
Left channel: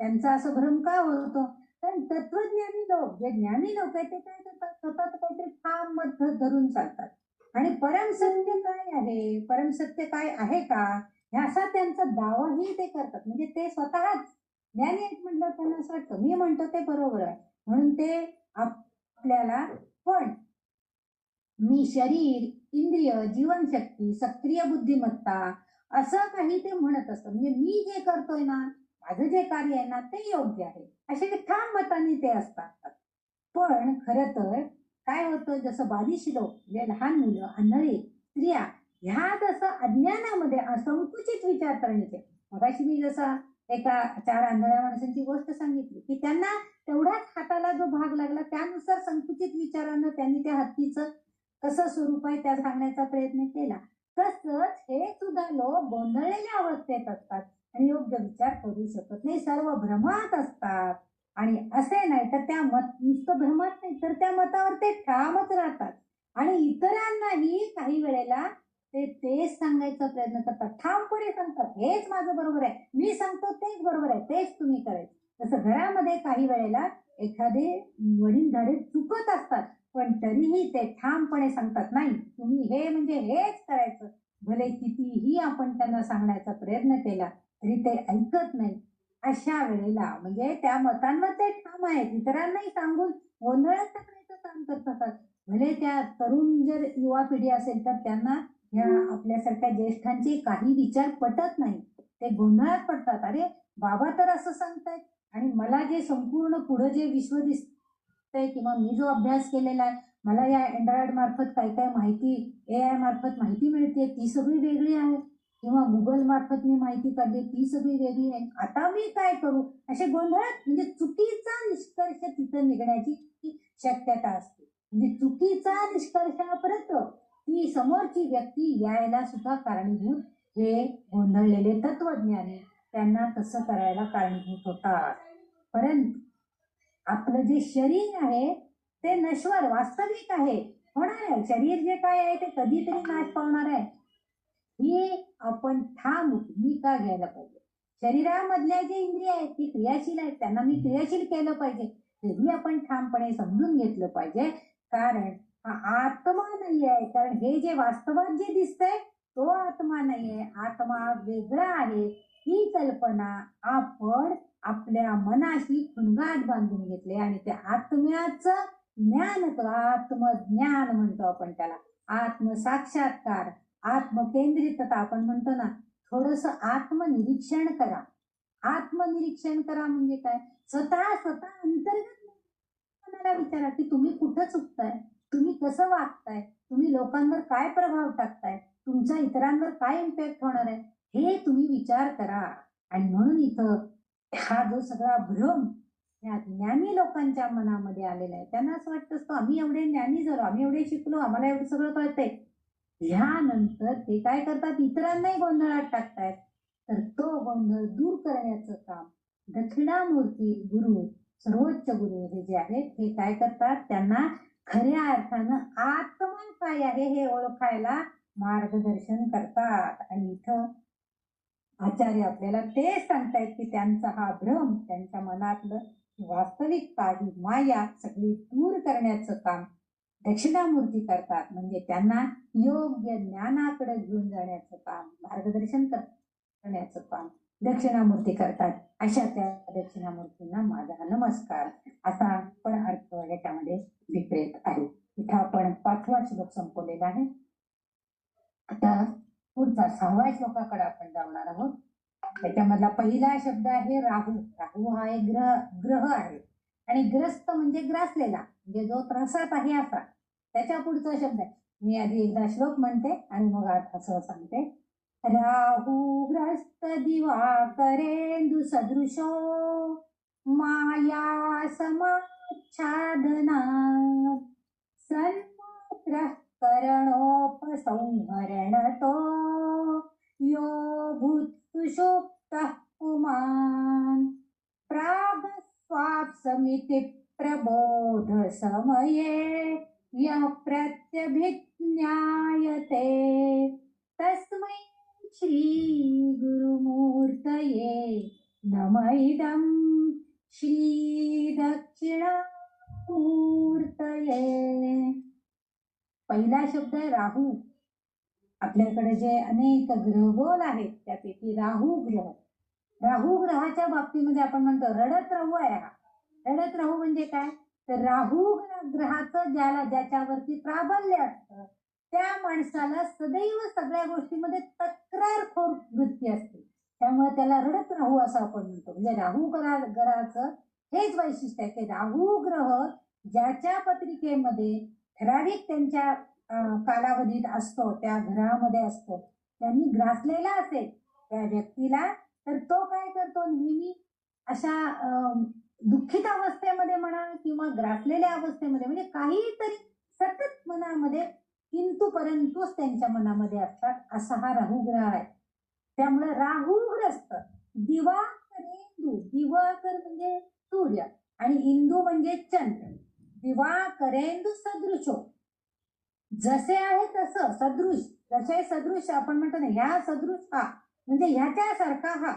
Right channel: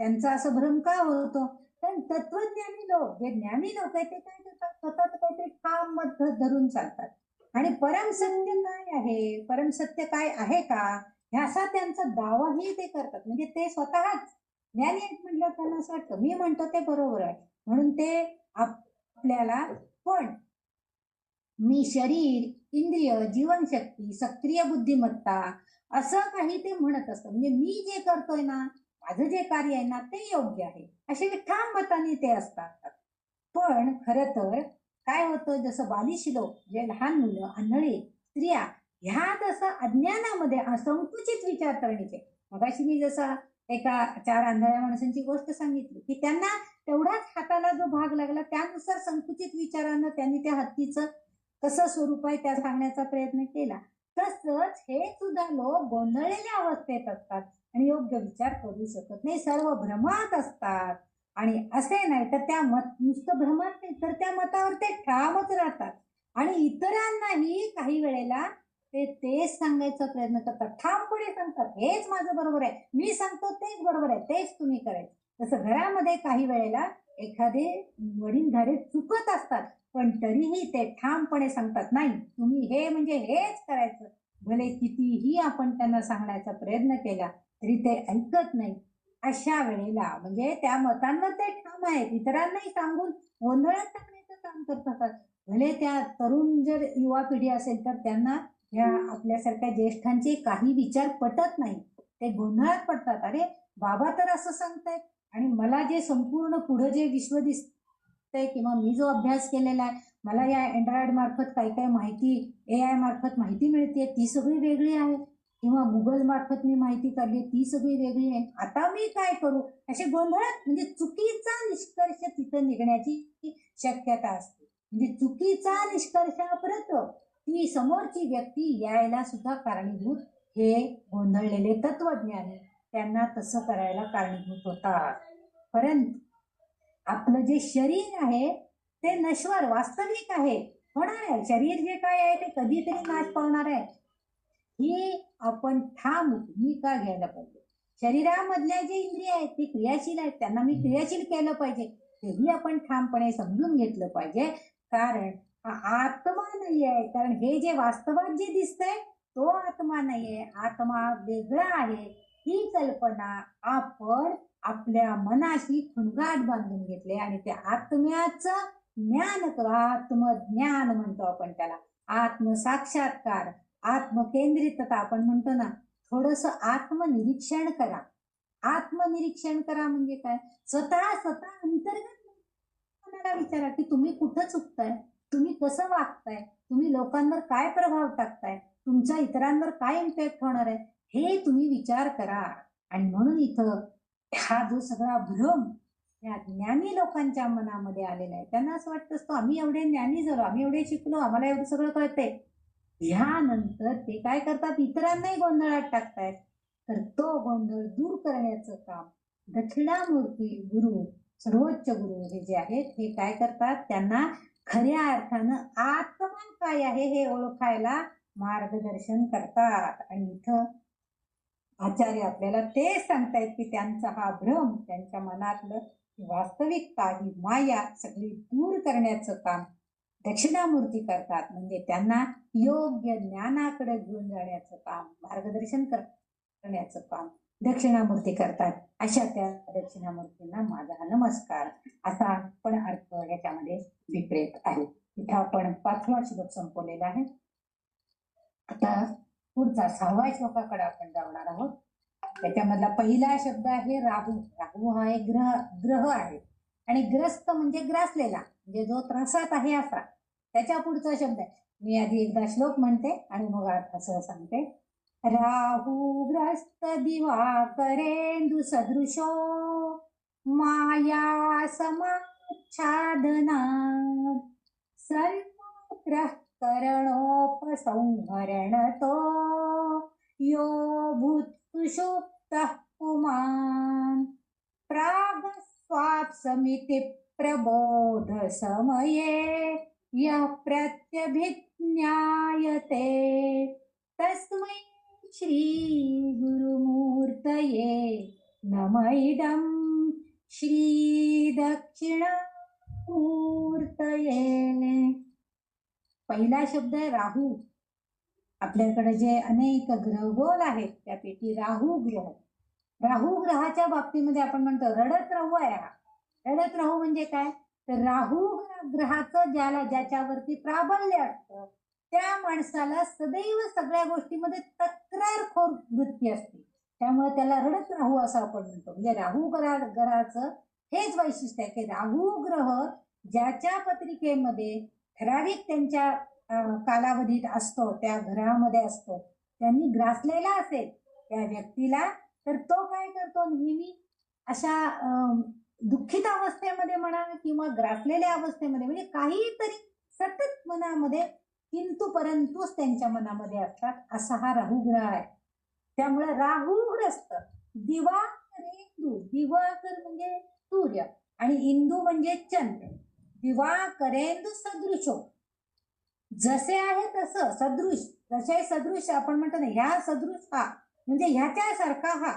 त्यांचा असं भ्रम का होतो? कारण तत्वज्ञानी लोक, जे ज्ञानी लोक आहेत ते काय करतात, स्वतःच काहीतरी ठाम मत धरून चालतात. आणि परमसत्य काय आहे, परमसत्य काय आहे का, ह्याचा त्यांचा दावाही ते करतात. म्हणजे ते स्वतःच ज्ञानी आहेत म्हटलं त्यांना असं वाटतं मी म्हणतो ते बरोबर आहे, म्हणून ते आपल्याला पण मी शरीर, इंद्रिय, जीवनशक्ती, सक्रिय बुद्धिमत्ता असं काही ते म्हणत असतं. म्हणजे मी जे करतोय ना, माझं जे कार्य आहे ना ते योग्य आहे असे ठाम मताने ते असतात. पण खरं तर काय होतं, जसं बालिश लोक, जे लहान मुलं, आंधळे, स्त्रिया, ह्या जसं अज्ञानामध्ये संकुचित विचारसरणीचे, मगाशी मी जसा एका 4 आंधळ्या माणसांची गोष्ट सांगितली की त्यांना तेवढाच हाताला जो भाग लागला त्यानुसार संकुचित विचारानं त्यांनी त्या हत्तीचं कसं स्वरूप आहे त्या सांगण्याचा प्रयत्न केला. तसंच हे सुद्धा लोक गोंधळलेल्या अवस्थेत असतात आणि योग्य विचार करू शकत नाही, सर्व भ्रमात असतात. आणि असे नाही तर त्या नुसतं भ्रमात नाही तर त्या मतावर ते ठामच राहतात. आणि इतरांनाही काही वेळेला ते तेच सांगायचा प्रयत्न करतात, ठामपणे सांगतात हेच माझं बरोबर आहे, मी सांगतो तेच बरोबर आहे, तेच तुम्ही करायचं. तसं घरामध्ये काही वेळेला एखादे वडीलधारे चुकत असतात पण तरीही ते ठामपणे सांगतात नाही तुम्ही हे म्हणजे हेच करायचं. भले कितीही आपण त्यांना सांगण्याचा प्रयत्न केला तरी ते ऐकत नाही. अशा वेळेला म्हणजे त्या मतांमध्ये ठाम आहेत, इतरांनाही सांगून गोंधळात टाकण्याचं काम करतात. भले त्या तरुण जर युवा पिढी असेल तर त्यांना ह्या आपल्यासारख्या ज्येष्ठांचे काही विचार पटत नाही, ते गोंधळात पडतात. अरे बाबा तर असं सांगतायत आणि मला जे संपूर्ण पुढे जे विश्व दिसतंय किंवा मी जो अभ्यास केलेला आहे, मला या अँड्रॉइड मार्फत काय काय माहिती, AI मार्फत माहिती मिळते ती सगळी वेगळी आहे, किंवा गुगल मार्फत मी माहिती काढली ती सगळी वेगळी आहे, आता मी काय करू, असे गोंधळात म्हणजे चुकीचा निष्कर्ष तिथं निघण्याची शक्यता असते. म्हणजे चुकीचा निष्कर्षापर्यंत ती समोरची व्यक्ती यायला सुद्धा कारणीभूत हे गोंधळलेले तत्वज्ञानी त्यांना तसं करायला कारणीभूत होतात. परंतु आपलं जे शरीर आहे ते नश्वर वास्तविक आहे, होणार आहे. शरीर जे काय आहे ते कधीतरी नाश पावणार आहे, ही आपण ठाम भूमिका घ्यायला पाहिजे. शरीरामधल्या जे इंद्रिय आहेत ते क्रियाशील आहेत, त्यांना मी क्रियाशील केलं पाहिजे तेही आपण ठामपणे समजून घेतलं पाहिजे. कारण हा आत्मा नाही आहे, कारण हे जे वास्तवात जे दिसतंय तो आत्मा नाहीये, आत्मा वेगळा आहे. ही कल्पना आपण आपल्या मनाशी खुणगाठ बांधून घेतले आणि त्या आत्म्याचं ज्ञान, आत्मज्ञान म्हणतो आपण त्याला, आत्मसाक्षात्कार, आत्मकेंद्रितता आपण म्हणतो ना, थोडस आत्मनिरीक्षण करा. आत्मनिरीक्षण करा म्हणजे काय, स्वतः अंतर्गत मनाला विचारा की तुम्ही कुठं चुकताय, तुम्ही कसं वागताय, तुम्ही लोकांवर काय प्रभाव टाकताय, तुमचा इतरांवर काय इम्पॅक्ट होणार आहे, हे तुम्ही विचार करा. आणि म्हणून इथं हा जो सगळा भ्रम या ज्ञानी लोकांच्या मनामध्ये आलेला आहे, त्यांना असं वाटत असतं आम्ही एवढे ज्ञानी झालो, आम्ही एवढे शिकलो, आम्हाला एवढं सगळं कळतंय. ह्यानंतर ते काय करतात, इतरांनाही गोंधळात टाकतायत. तर तो गोंधळ दूर करण्याचं काम दक्षिणामूर्ती गुरु, सर्वोच्च गुरु हे जे आहेत हे काय करतात, त्यांना खऱ्या अर्थानं आत्मा काय आहे हे ओळखायला मार्गदर्शन करतात. आणि इथं आचार्य आपल्याला ते सांगतायत की त्यांचा हा भ्रम, त्यांच्या मनातलं वास्तविकता ही माया सगळी दूर करण्याचं काम दक्षिणामूर्ती करतात. म्हणजे त्यांना योग्य ज्ञानाकडे घेऊन जाण्याचं काम, मार्गदर्शन करण्याचं काम दक्षिणामूर्ती करतात. अशा त्या दक्षिणामूर्तींना माझा नमस्कार असा पण अर्थ याच्यामध्ये विक्रेत आहे. इथं आपण 5वा श्लोक संपवलेला आहे. आता पुढचा 6व्या श्लोकाकडे आपण जाणार आहोत. त्याच्यामधला पहिला शब्द आहे राहू. राहू हा एक ग्रह आहे आणि ग्रस्त म्हणजे ग्रासलेला, म्हणजे जो त्रासात आहे असा. त्याच्या पुढचा शब्द आहे, मी आधी एकदा श्लोक म्हणते आणि मग असं सांगते. राहू ग्रस्त दिवाकरेंदु सदृशो माया समाच्छादना सर्वत्र करणोपसंहरणतो यो भूत्सुषुप्तः पुमान् प्रागस्वाप्समिति प्रबोध समये यः प्रत्यभिज्ञायते तस्मै श्री गुरुमूर्तये नमः इदं श्री दक्षिणामूर्तये. पहिला शब्द आहे राहू. आपल्याकडे जे अनेक ग्रहगोल आहेत त्यापैकी राहू ग्रह. राहू ग्रहाच्या बाबतीमध्ये आपण म्हणतो रडत राहू आहे हा. रडत राहू म्हणजे काय, तर राहू ग्रहाचं ज्याच्यावरती प्राबल्य असतं त्या माणसाला सदैव सगळ्या गोष्टीमध्ये तक्रारखोर वृत्ती असते, त्यामुळे त्याला रडत राहू असं आपण म्हणतो. म्हणजे राहू ग्रहाचं हेच वैशिष्ट्य आहे की राहू ग्रह ज्याच्या पत्रिकेमध्ये ठराविक त्यांच्या कालावधीत असतो, त्या ग्रहामध्ये असतो, त्यांनी ग्रासलेला असेल त्या व्यक्तीला, तर तो काय करतो, नेहमी अशा दुःखित अवस्थेमध्ये म्हणा किंवा ग्रासलेल्या अवस्थेमध्ये, म्हणजे काहीतरी सतत मनामध्ये किंतु परंतुच त्यांच्या मनामध्ये असतात, असा हा राहू ग्रह आहे. त्यामुळे राहूग्रस्त दिवाकरेंदू, दिवाकर म्हणजे सूर्य आणि इंदू म्हणजे चंद्र. दिवाकरेंदू सदृशो, जसे आहे तसं सदृश, जसे सदृश आपण म्हणतो ना, ह्या सदृश हा म्हणजे ह्याच्यासारखा हा.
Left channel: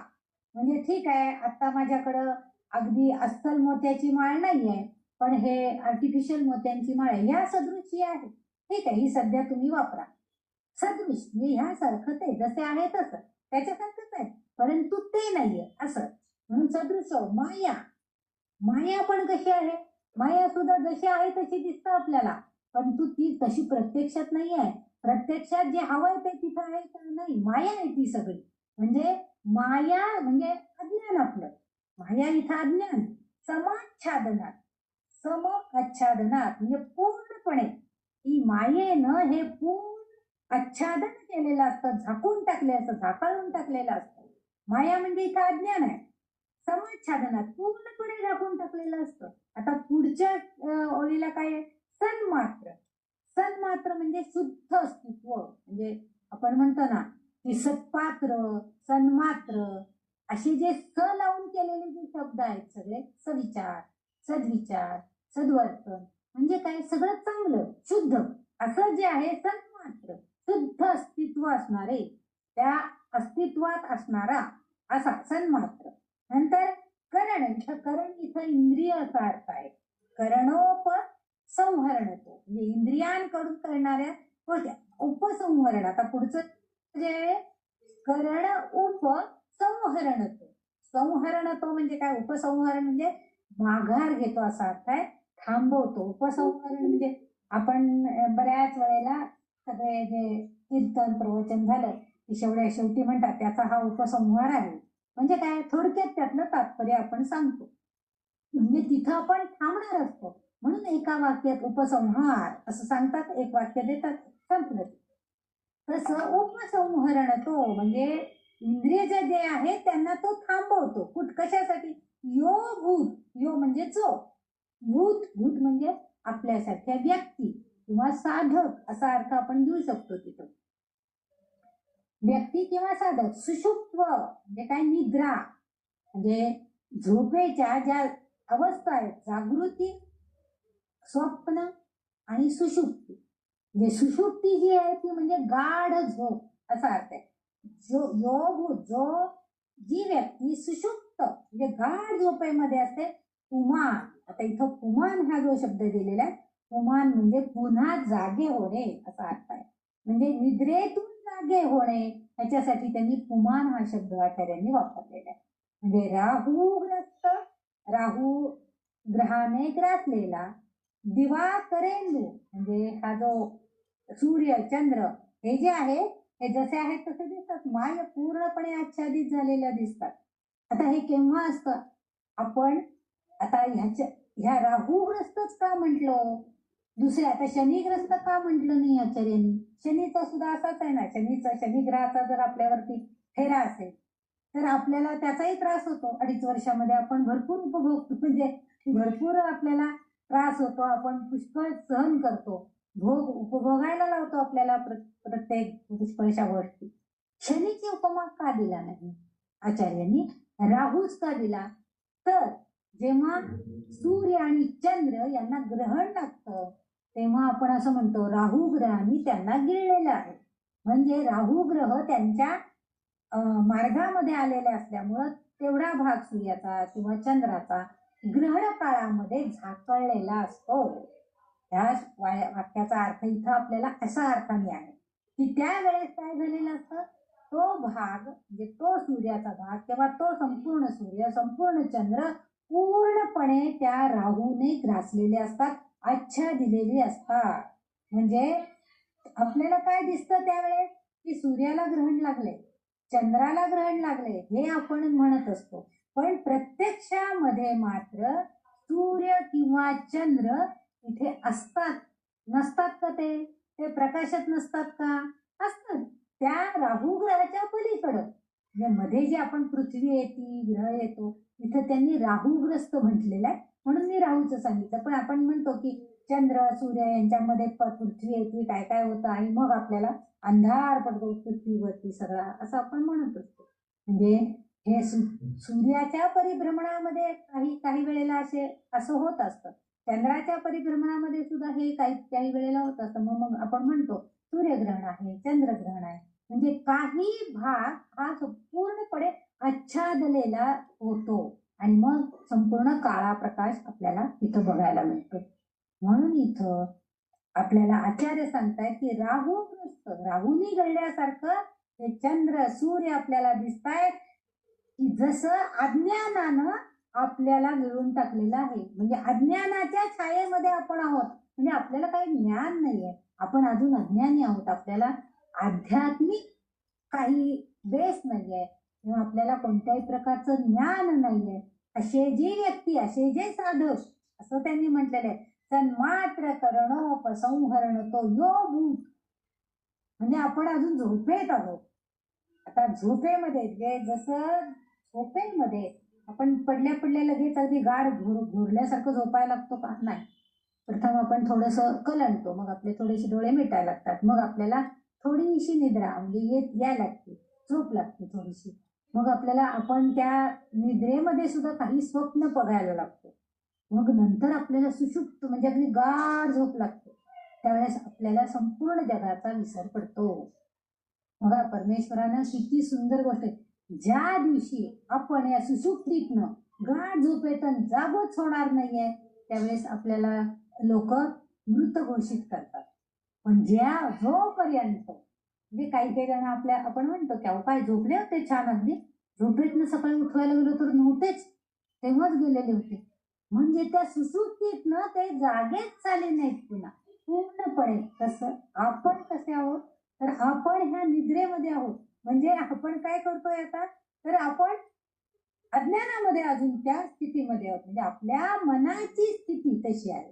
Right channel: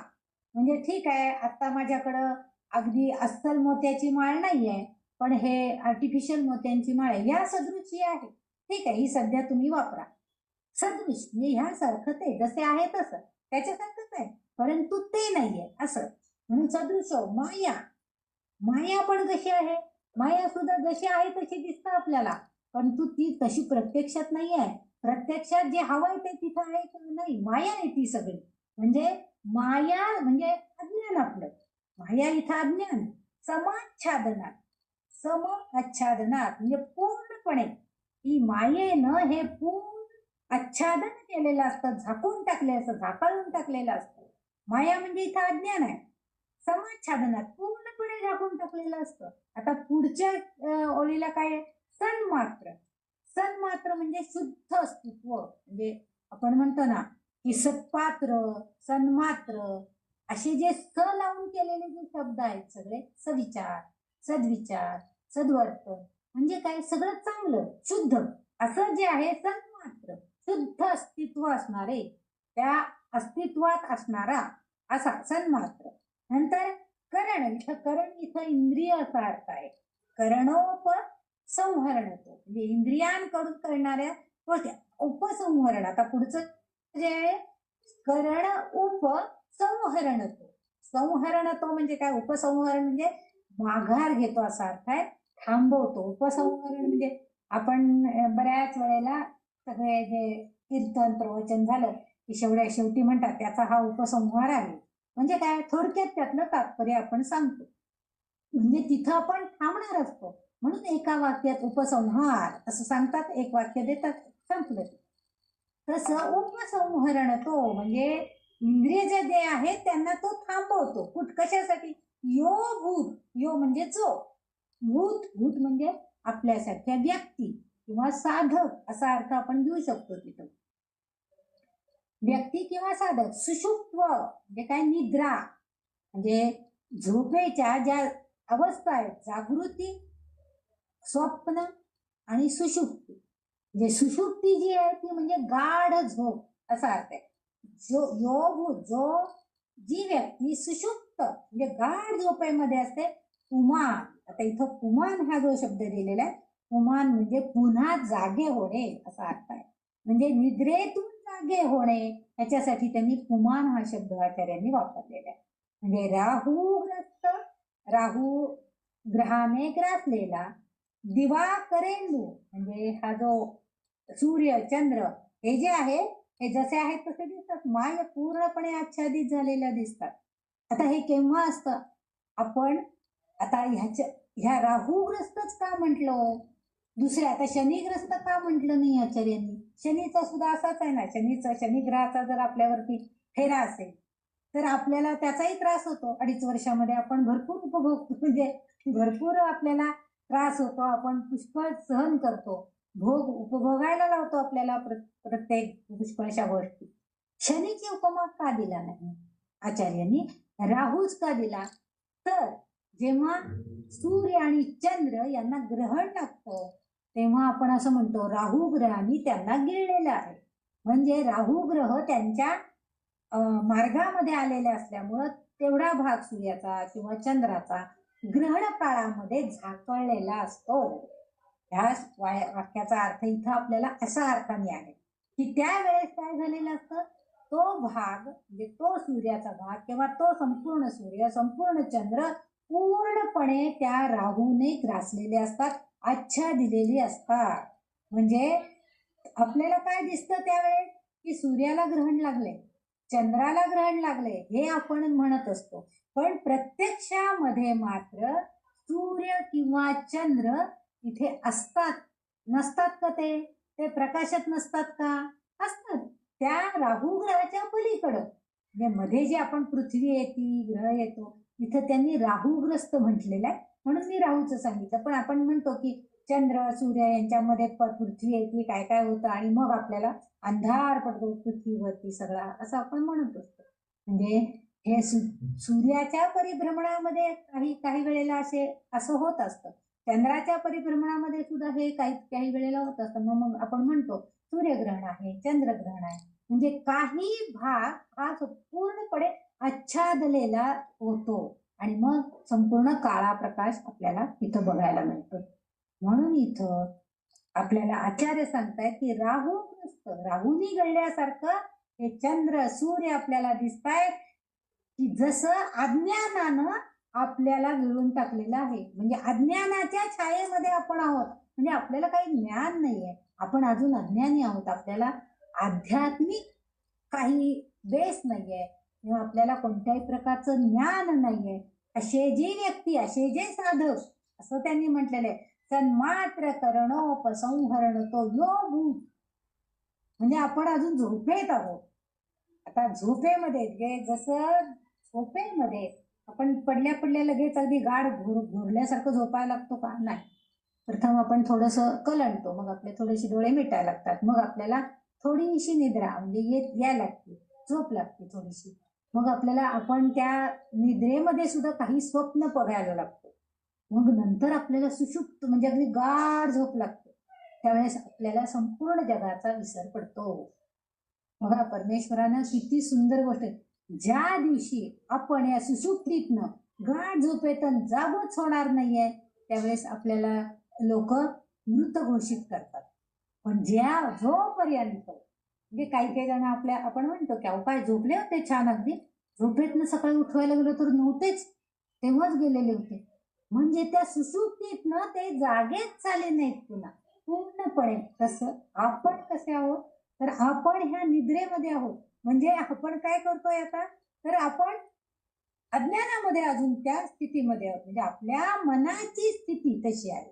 म्हणजे ठीक आहे, आता माझ्याकडं अगदी अस्सल मोत्याची माळ नाहीये, पण हे आर्टिफिशियल मोत्यांची माळ आहे, ह्या सदृश ही आहे. ठीक आहे, ही सध्या तुम्ही वापरा. सदृश म्हणजे ह्यासारखं ते जसे आहे तसं त्याच्यासारखंच आहे, परंतु ते नाहीये असं म्हणून सदृश. माया, माया पण कशी आहे, माया सुद्धा जशी आहे तशी दिसतं आपल्याला, परंतु ती तशी प्रत्यक्षात नाही आहे. प्रत्यक्षात जे हवंय ते तिथं आहे का नाही, माया आहे ती सगळी. म्हणजे माया म्हणजे अज्ञान आपलं, माया इथं अज्ञान. समाच्छादनात, सम आच्छादनात म्हणजे पूर्णपणे ही मायेनं हे पूर्ण आच्छादन केलेलं असतं, झाकून टाकले असतं, झाकळून टाकलेलं असतं. माया म्हणजे इथं अज्ञान आहे. समाच्छादनात पूर्णपणे झाकून टाकलेलं असतं. आता पुढच्या ओळीला काय, सन्मात्र. सन्मात्र म्हणजे शुद्ध अस्तित्व. म्हणजे आपण म्हणतो ना की सत्पात्र, सन्मात्र असे जे स लावून केलेले जे शब्द आहेत सगळे, सविचार, सद्विचार, सद्वर्तन म्हणजे काय, सगळं चांगलं शुद्ध असं जे आहे सन्मात्र, शुद्ध अस्तित्व असणारे, त्या अस्तित्वात असणारा असा सन्मात्र. नंतर करण, इथं करण इथं इंद्रिय असा अर्थ आहे. करणोप संहरणतो म्हणजे इंद्रियांकडून करणाऱ्या गोष्टी. उपसंहरण, आता पुढचं जे करण उप संहरणतो. संहरणतो म्हणजे काय, उपसंहरण म्हणजे माघार घेतो असा अर्थ आहे, थांबवतो. उपसंहरण म्हणजे आपण बऱ्याच वेळेला सगळे जे कीर्तन प्रवचन झालं की शेवटी म्हणतात त्याचा हा उपसंहार आहे. म्हणजे काय, थोडक्यात त्यातलं तात्पर्य आपण सांगतो. म्हणजे तिथं आपण थांबणार असतो म्हणून एका वाक्यात उपसंहार असं सांगतात, एक वाक्य देतात, संपलं. तसं उपसंहरण तो म्हणजे इंद्रिय जे आहे त्यांना तो थांबवतो. कशासाठी, यो भूत, यो म्हणजे जो, भूत, भूत म्हणजे आपल्यासारख्या व्यक्ती किंवा साधक असा अर्थ आपण घेऊ शकतो तिथं, व्यक्ती किंवा साधक. सुषुप्त म्हणजे काय, निद्रा म्हणजे झोपेच्या ज्या अवस्था आहेत, जागृती, स्वप्न आणि सुषुप्ती. म्हणजे सुषुप्ती जी आहे ती म्हणजे गाढ झोप असा अर्थ आहे. जो जी व्यक्ती सुषुप्त म्हणजे गाढ झोपेमध्ये असते, पुमान. आता इथं पुमान हा जो शब्द दिलेला आहे, पुमान म्हणजे पुन्हा जागे होणे असा अर्थ आहे. म्हणजे निद्रेतून जागे होणे याच्यासाठी त्यांनी पुमान हा शब्द आचार्यांनी वापरलेला आहे. म्हणजे राहूग्रस्त, राहू ग्रहाने ग्रासलेला, दिवाकरेंदू म्हणजे हा जो सूर्य चंद्र हे जे आहे हे जसे आहेत तसे दिसतात, माय पूर्णपणे आच्छादित झालेल्या दिसतात. आता हे केव्हा असतं, आपण आता ह्या राहूग्रस्तच का म्हटलं, दुसरे आता शनिग्रस्त का म्हटलं नाही आचार्यांनी. शनीचा सुद्धा असाच आहे ना, शनी ग्रहाचा जर आपल्यावरती फेरा असेल तर आपल्याला त्याचाही त्रास होतो. 2.5 वर्षामध्ये आपण भरपूर उपभोगतो, म्हणजे भरपूर आपल्याला त्रास होतो, आपण पुष्कळ सहन करतो. भोग उपभोगायला लावतो आपल्याला प्रत्येक पुष्कळशा गोष्टी. शनीची उपमा का दिला नाही आचार्यांनी? राहूच का दिला? तर जेव्हा सूर्य आणि चंद्र यांना ग्रहण लागतं तेव्हा आपण असं म्हणतो राहू ग्रहाने त्यांना गिळलेलं आहे. म्हणजे राहू ग्रह त्यांच्या मार्गामध्ये आलेले असल्यामुळं तेवढा भाग सूर्याचा किंवा चंद्राचा ग्रहण काळामध्ये झाकळलेला असतो. ह्या वाक्याचा अर्थ इथं आपल्याला असा अर्थ मिळाला की त्यावेळेस काय झालेलं असतं, तो भाग म्हणजे तो सूर्याचा भाग किंवा तो संपूर्ण सूर्य संपूर्ण चंद्र पूर्णपणे त्या राहूने ग्रासलेले असतात, आच्छा दिलेली असतात. म्हणजे आपल्याला काय दिसतं त्यावेळेस की सूर्याला ग्रहण लागले, चंद्राला ग्रहण लागले हे आपण म्हणत असतो. पण प्रत्यक्षामध्ये मात्र सूर्य किंवा चंद्र इथे असतात नसतात का? ते प्रकाशात नसतात का? असतात. त्या राहू ग्रहाच्या पलीकडं म्हणजे मध्ये जे आपण पृथ्वी येते ग्रह येतो इथं त्यांनी राहूग्रस्त म्हटलेलं आहे म्हणून मी राहूचं सांगितलं. पण आपण म्हणतो की चंद्र सूर्य यांच्यामध्ये पृथ्वी येते काय काय होतं आणि मग आपल्याला अंधार पडतो पृथ्वीवरती सगळा असं आपण म्हणत असतो. म्हणजे हे सूर्याच्या परिभ्रमणामध्ये काही वेळेला असं होत असतं, चंद्राच्या परिभ्रमणामध्ये सुद्धा हे काही वेळेला होत असतं. मग आपण म्हणतो सूर्यग्रहण आहे चंद्रग्रहण आहे. म्हणजे काही भाग हा पूर्णपणे आच्छादलेला होतो आणि मग संपूर्ण काळा प्रकाश आपल्याला इथं बघायला मिळतो. म्हणून इथं आपल्याला आचार्य सांगतायत की राहूनी गळल्यासारखं हे चंद्र सूर्य आपल्याला दिसतायत की जसं अज्ञानानं आपल्याला गिळून टाकलेलं आहे. म्हणजे अज्ञानाच्या छायेमध्ये आपण आहोत. म्हणजे आपल्याला काही ज्ञान नाहीये, आपण अजून अज्ञानी आहोत, आपल्याला आध्यात्मिक काही बेस नाहीये किंवा आपल्याला कोणत्याही प्रकारचं ज्ञान नाहीये. असे जे व्यक्ती असे जे साधक असं त्यांनी म्हटलेलं आहे तन्मात्र करणोपसंहरण तो यो भूत. म्हणजे आपण अजून झोपेत आहोत. आता झोपेमध्ये जसं झोपेमध्ये आपण पडल्या लगेच अगदी गाढ घोरल्यासारखं झोपायला लागतो का? नाही. प्रथम आपण थोडस कलंडतो, मग आपले थोडेसे डोळे मिटायला लागतात, मग आपल्याला थोडीशी निद्रा म्हणजे यायला लागते, झोप लागते थोडीशी. मग आपल्याला आपण त्या निद्रेमध्ये सुद्धा काही स्वप्न बघायला लागतो. मग नंतर आपल्याला सुषुप्त म्हणजे अगदी गाढ झोप लागते. त्यावेळेस आपल्याला संपूर्ण जगाचा विसर पडतो. बघा परमेश्वरानं किती सुंदर गोष्ट आहे. ज्या दिवशी आपण या सुषुप्तीतनं गाढ झोपेतून जागच होणार नाहीये त्यावेळेस आपल्याला लोक मृत घोषित करतात. पण जोपर्यंत म्हणजे काही जण आपण म्हणतो की अहो काय झोपले होते छान, अगदी झोपेतनं सकाळी उठवायला गेलो तर नव्हतेच, तेव्हाच गेलेले होते. म्हणजे त्या सुषुप्तीतनं ते जागेच झाले नाहीत पुन्हा पूर्णपणे. तसं आपण कसे आहोत तर आपण ह्या निद्रेमध्ये आहोत. म्हणजे आपण काय करतोय आता तर आपण अज्ञानामध्ये अजून त्या स्थितीमध्ये आहोत. म्हणजे आपल्या मनाची स्थिती तशी आहे,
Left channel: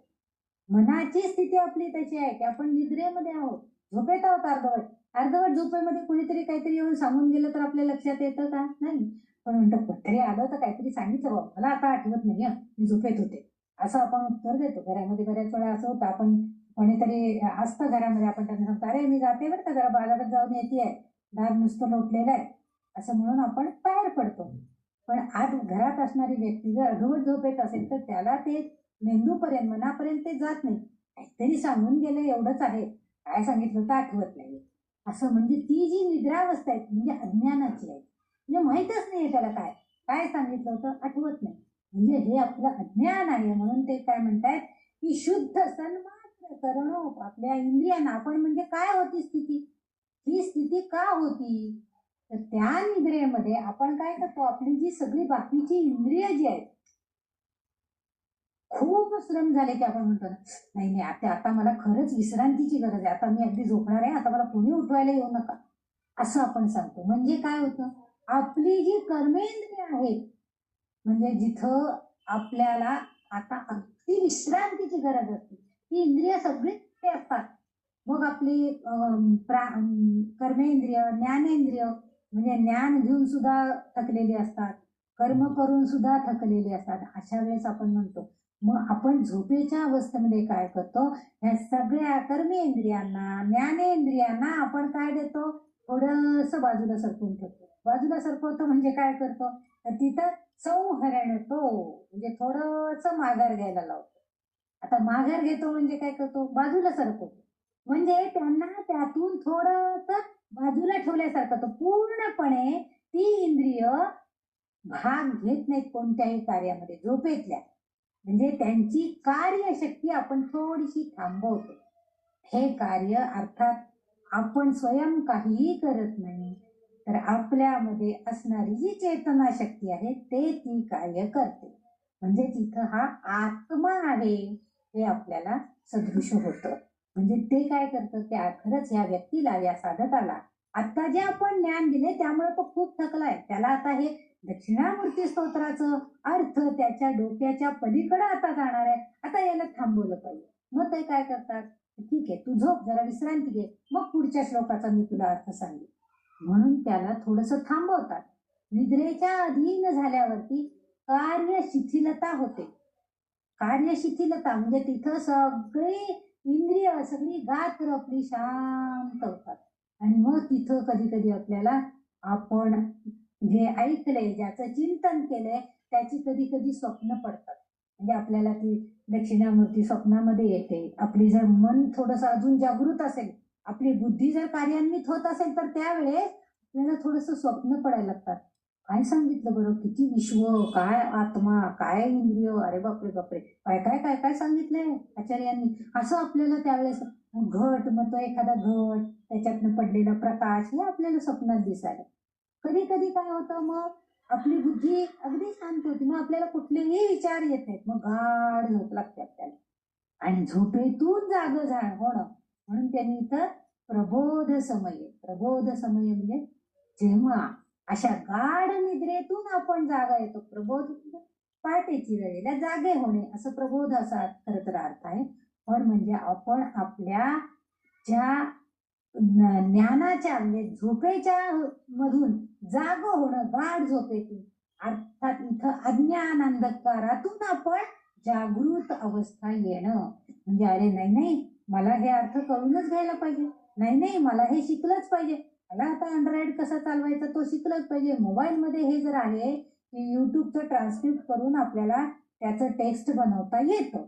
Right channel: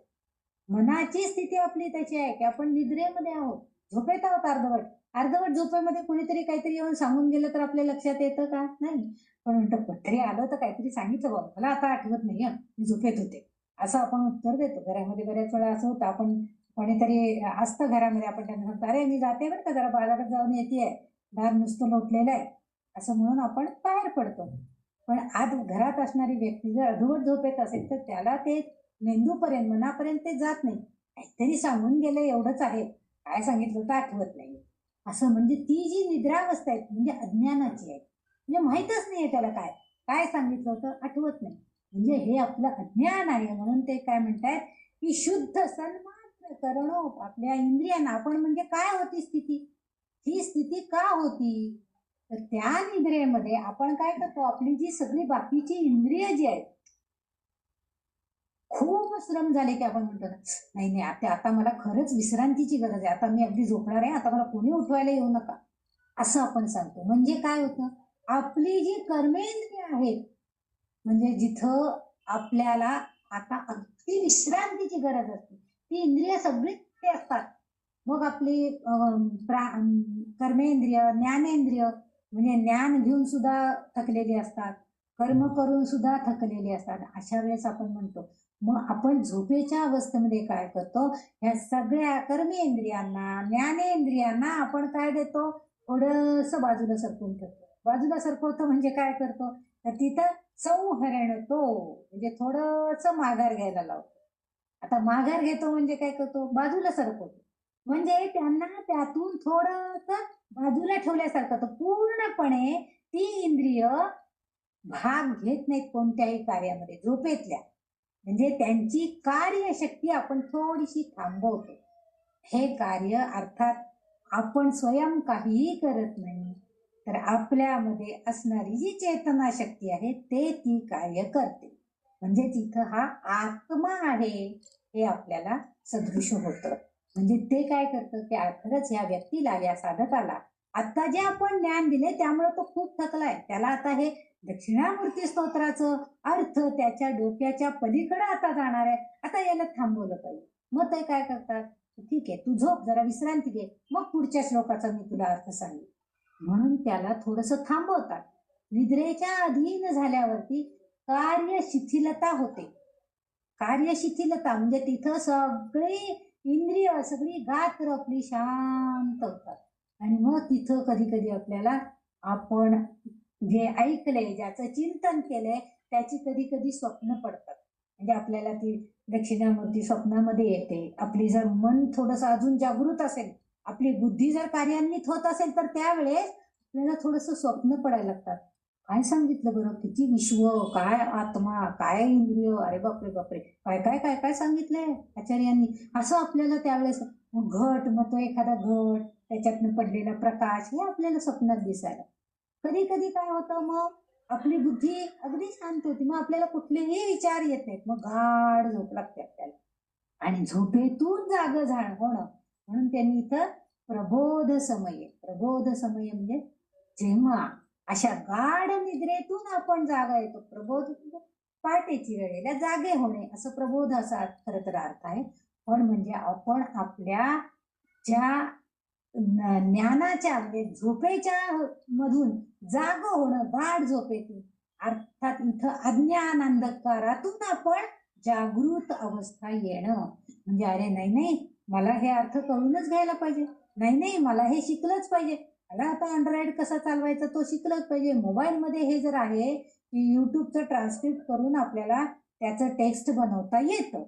मनाची स्थिती आपली तशी आहे की आपण निद्रेमध्ये आहोत, झोपेत आहोत. अर्धवट झोपेमध्ये कोणीतरी काहीतरी येऊन सांगून गेलं तर आपल्या लक्षात येतं का? नाही. पण म्हणतो कुठेतरी आलं तर काहीतरी सांगितलं बाबा, मला आता आठवत नाही, मी झोपेत होते असं आपण उत्तर देतो. घरामध्ये बऱ्याच वेळा असं होतं, आपण कोणीतरी असतं घरामध्ये, आपण त्यांना सांगतो अरे मी जाते बरं का, जरा बाजारात जाऊन येते, दार नुसतं लोटलेलं आहे असं म्हणून आपण बाहेर पडतो. पण आज घरात असणारी व्यक्ती जर अर्धवट झोपेत असेल तर त्याला ते मेंदूपर्यंत मनापर्यंत ते जात नाही. काहीतरी सांगून गेलं एवढंच आहे, काय सांगितलं तर आठवत नाही असं. म्हणजे ती जी निद्रावस्था आहे म्हणजे अज्ञानाची आहे. म्हणजे माहीतच नाहीये त्याला काय सांगितलं होतं आठवत नाही. म्हणजे हे आपलं अज्ञान आहे. म्हणून ते काय म्हणतायत की शुद्ध सन्मात्र करणं आपल्या इंद्रियांना. आपण म्हणजे काय होती स्थिती, ही स्थिती का होती तर त्या निद्रेमध्ये आपण काय करतो, आपली जी सगळी बाकीची इंद्रिय जी आहेत खूप श्रम झाले की आपण म्हणतो नाही आता मला खरंच विश्रांतीची गरज आहे, आता मी अगदी झोपणार आहे, आता मला कोणी उठवायला येऊ नका असं आपण सांगतो. म्हणजे काय होतं, आपली जी कर्मेंद्रिय आहेत म्हणजे जिथं आपल्याला आता अगदी विश्रांतीची गरज असते ती इंद्रिय सगळी ते असतात. मग आपली कर्मेंद्रिय ज्ञानेंद्रिय म्हणजे ज्ञान घेऊन सुद्धा थकलेली असतात, कर्म करून सुद्धा थकलेली असतात. अशा वेळेस आपण म्हणतो मग आपण झोपेच्या अवस्थेमध्ये काय करतो, ह्या सगळ्या कर्मेंद्रियांना, ज्ञानेंद्रियांना आपण काय देतो, थोडंसं बाजूला सरकवून ठेवतो. बाजूला सरकवतो म्हणजे काय करतो, तर तिथं संहरण तो म्हणजे थोडंसं माघार घ्यायला लावतो. आता माघार घेतो म्हणजे काय करतो, बाजूला सरकवतो, म्हणजे त्यांना त्यातून थोडंसं बाजूला ठेवल्यासारखं. तो पूर्णपणे ती इंद्रिय भाग घेत नाहीत कोणत्याही कार्यामध्ये झोपेतल्या, म्हणजे त्यांची कार्यशक्ती आपण थोडीशी थांबवतो. हे कार्य अर्थात आपण स्वयं काहीही करत नाही, तर आपल्यामध्ये असणारी जी चेतना शक्ती आहे ते ती कार्य करते. म्हणजे तिथं हा आत्मा आहे हे आपल्याला सदृश होतं. म्हणजे ते काय करतं की खरंच या व्यक्तीला, या साधकाला आता जे आपण ज्ञान दिले त्यामुळे तो खूप थकलाय, त्याला आता हे दक्षिणामूर्ती स्तोत्राचं अर्थ त्याच्या डोक्याच्या पलीकडे आता जाणार आहे, आता याला थांबवलं पाहिजे. मग ते काय करतात, ठीक आहे तू झोप, जरा विश्रांती घे, मग पुढच्या श्लोकाचा मी तुला अर्थ सांगेन. म्हणून त्याला थोडंसं थांबवतात. निद्रेच्या अधीन झाल्यावरती कार्य शिथिलता होते. कार्य शिथिलता म्हणजे तिथं सगळी इंद्रिय, सगळी गात्र आपली शांत होतात. आणि मग तिथं कधी कधी आपल्याला आपण जे ऐकले, ज्याचं चिंतन केलंय त्याची कधी कधी स्वप्न पडतात. म्हणजे आपल्याला ती दक्षिणामूर्ती स्वप्नामध्ये येते. आपली जर मन थोडंसं अजून जागृत असेल, आपली बुद्धी जर कार्यान्वित होत असेल, तर त्यावेळेस आपल्याला थोडंसं स्वप्न पडायला लागतात. काय सांगितलं बरं, किती विश्व, काय आत्मा, काय इंद्रिय, अरे बापरे बापरे, काय काय काय काय सांगितलंय आचार्यांनी, असं आपल्याला त्यावेळेस घट, मग तो एखादा घट, त्याच्यातनं पडलेला प्रकाश हे आपल्याला स्वप्नात दिसायला. कधी कधी काय होतं, मग आपली बुद्धी अगदी शांत होती, मग आपल्याला कुठलेही विचार येत नाहीत, मग गाढ झोप लागते आपल्याला आणि झोपेतून जाग होणं. म्हणून त्यांनी इथं प्रबोध समय, प्रबोध समय म्हणजे जेव्हा अशा गाढ निद्रेतून आपण जागा येतो, प्रबोध पहाटेची वेळेला जागे होणे, असं प्रबोध असा खरं तर अर्थ आहे. पण म्हणजे आपण आपल्या ज्या ज्ञानाच्या म्हणजे झोपेच्या मधून जाग होणं, गाढ झोपेतून, अर्थात इथं अज्ञान अंधकारातून आपण जागृत अवस्था येणं. म्हणजे अरे नाही नाही, मला हे अर्थ कळूनच घ्यायला पाहिजे, नाही नाही मला हे शिकलंच पाहिजे, मला आता अँड्रॉइड कसा चालवायचा तो शिकलंच पाहिजे. मोबाईलमध्ये हे जर आहे की युट्यूबचं ट्रान्सक्रिप्ट करून आपल्याला त्याचं टेक्स्ट बनवता येतं,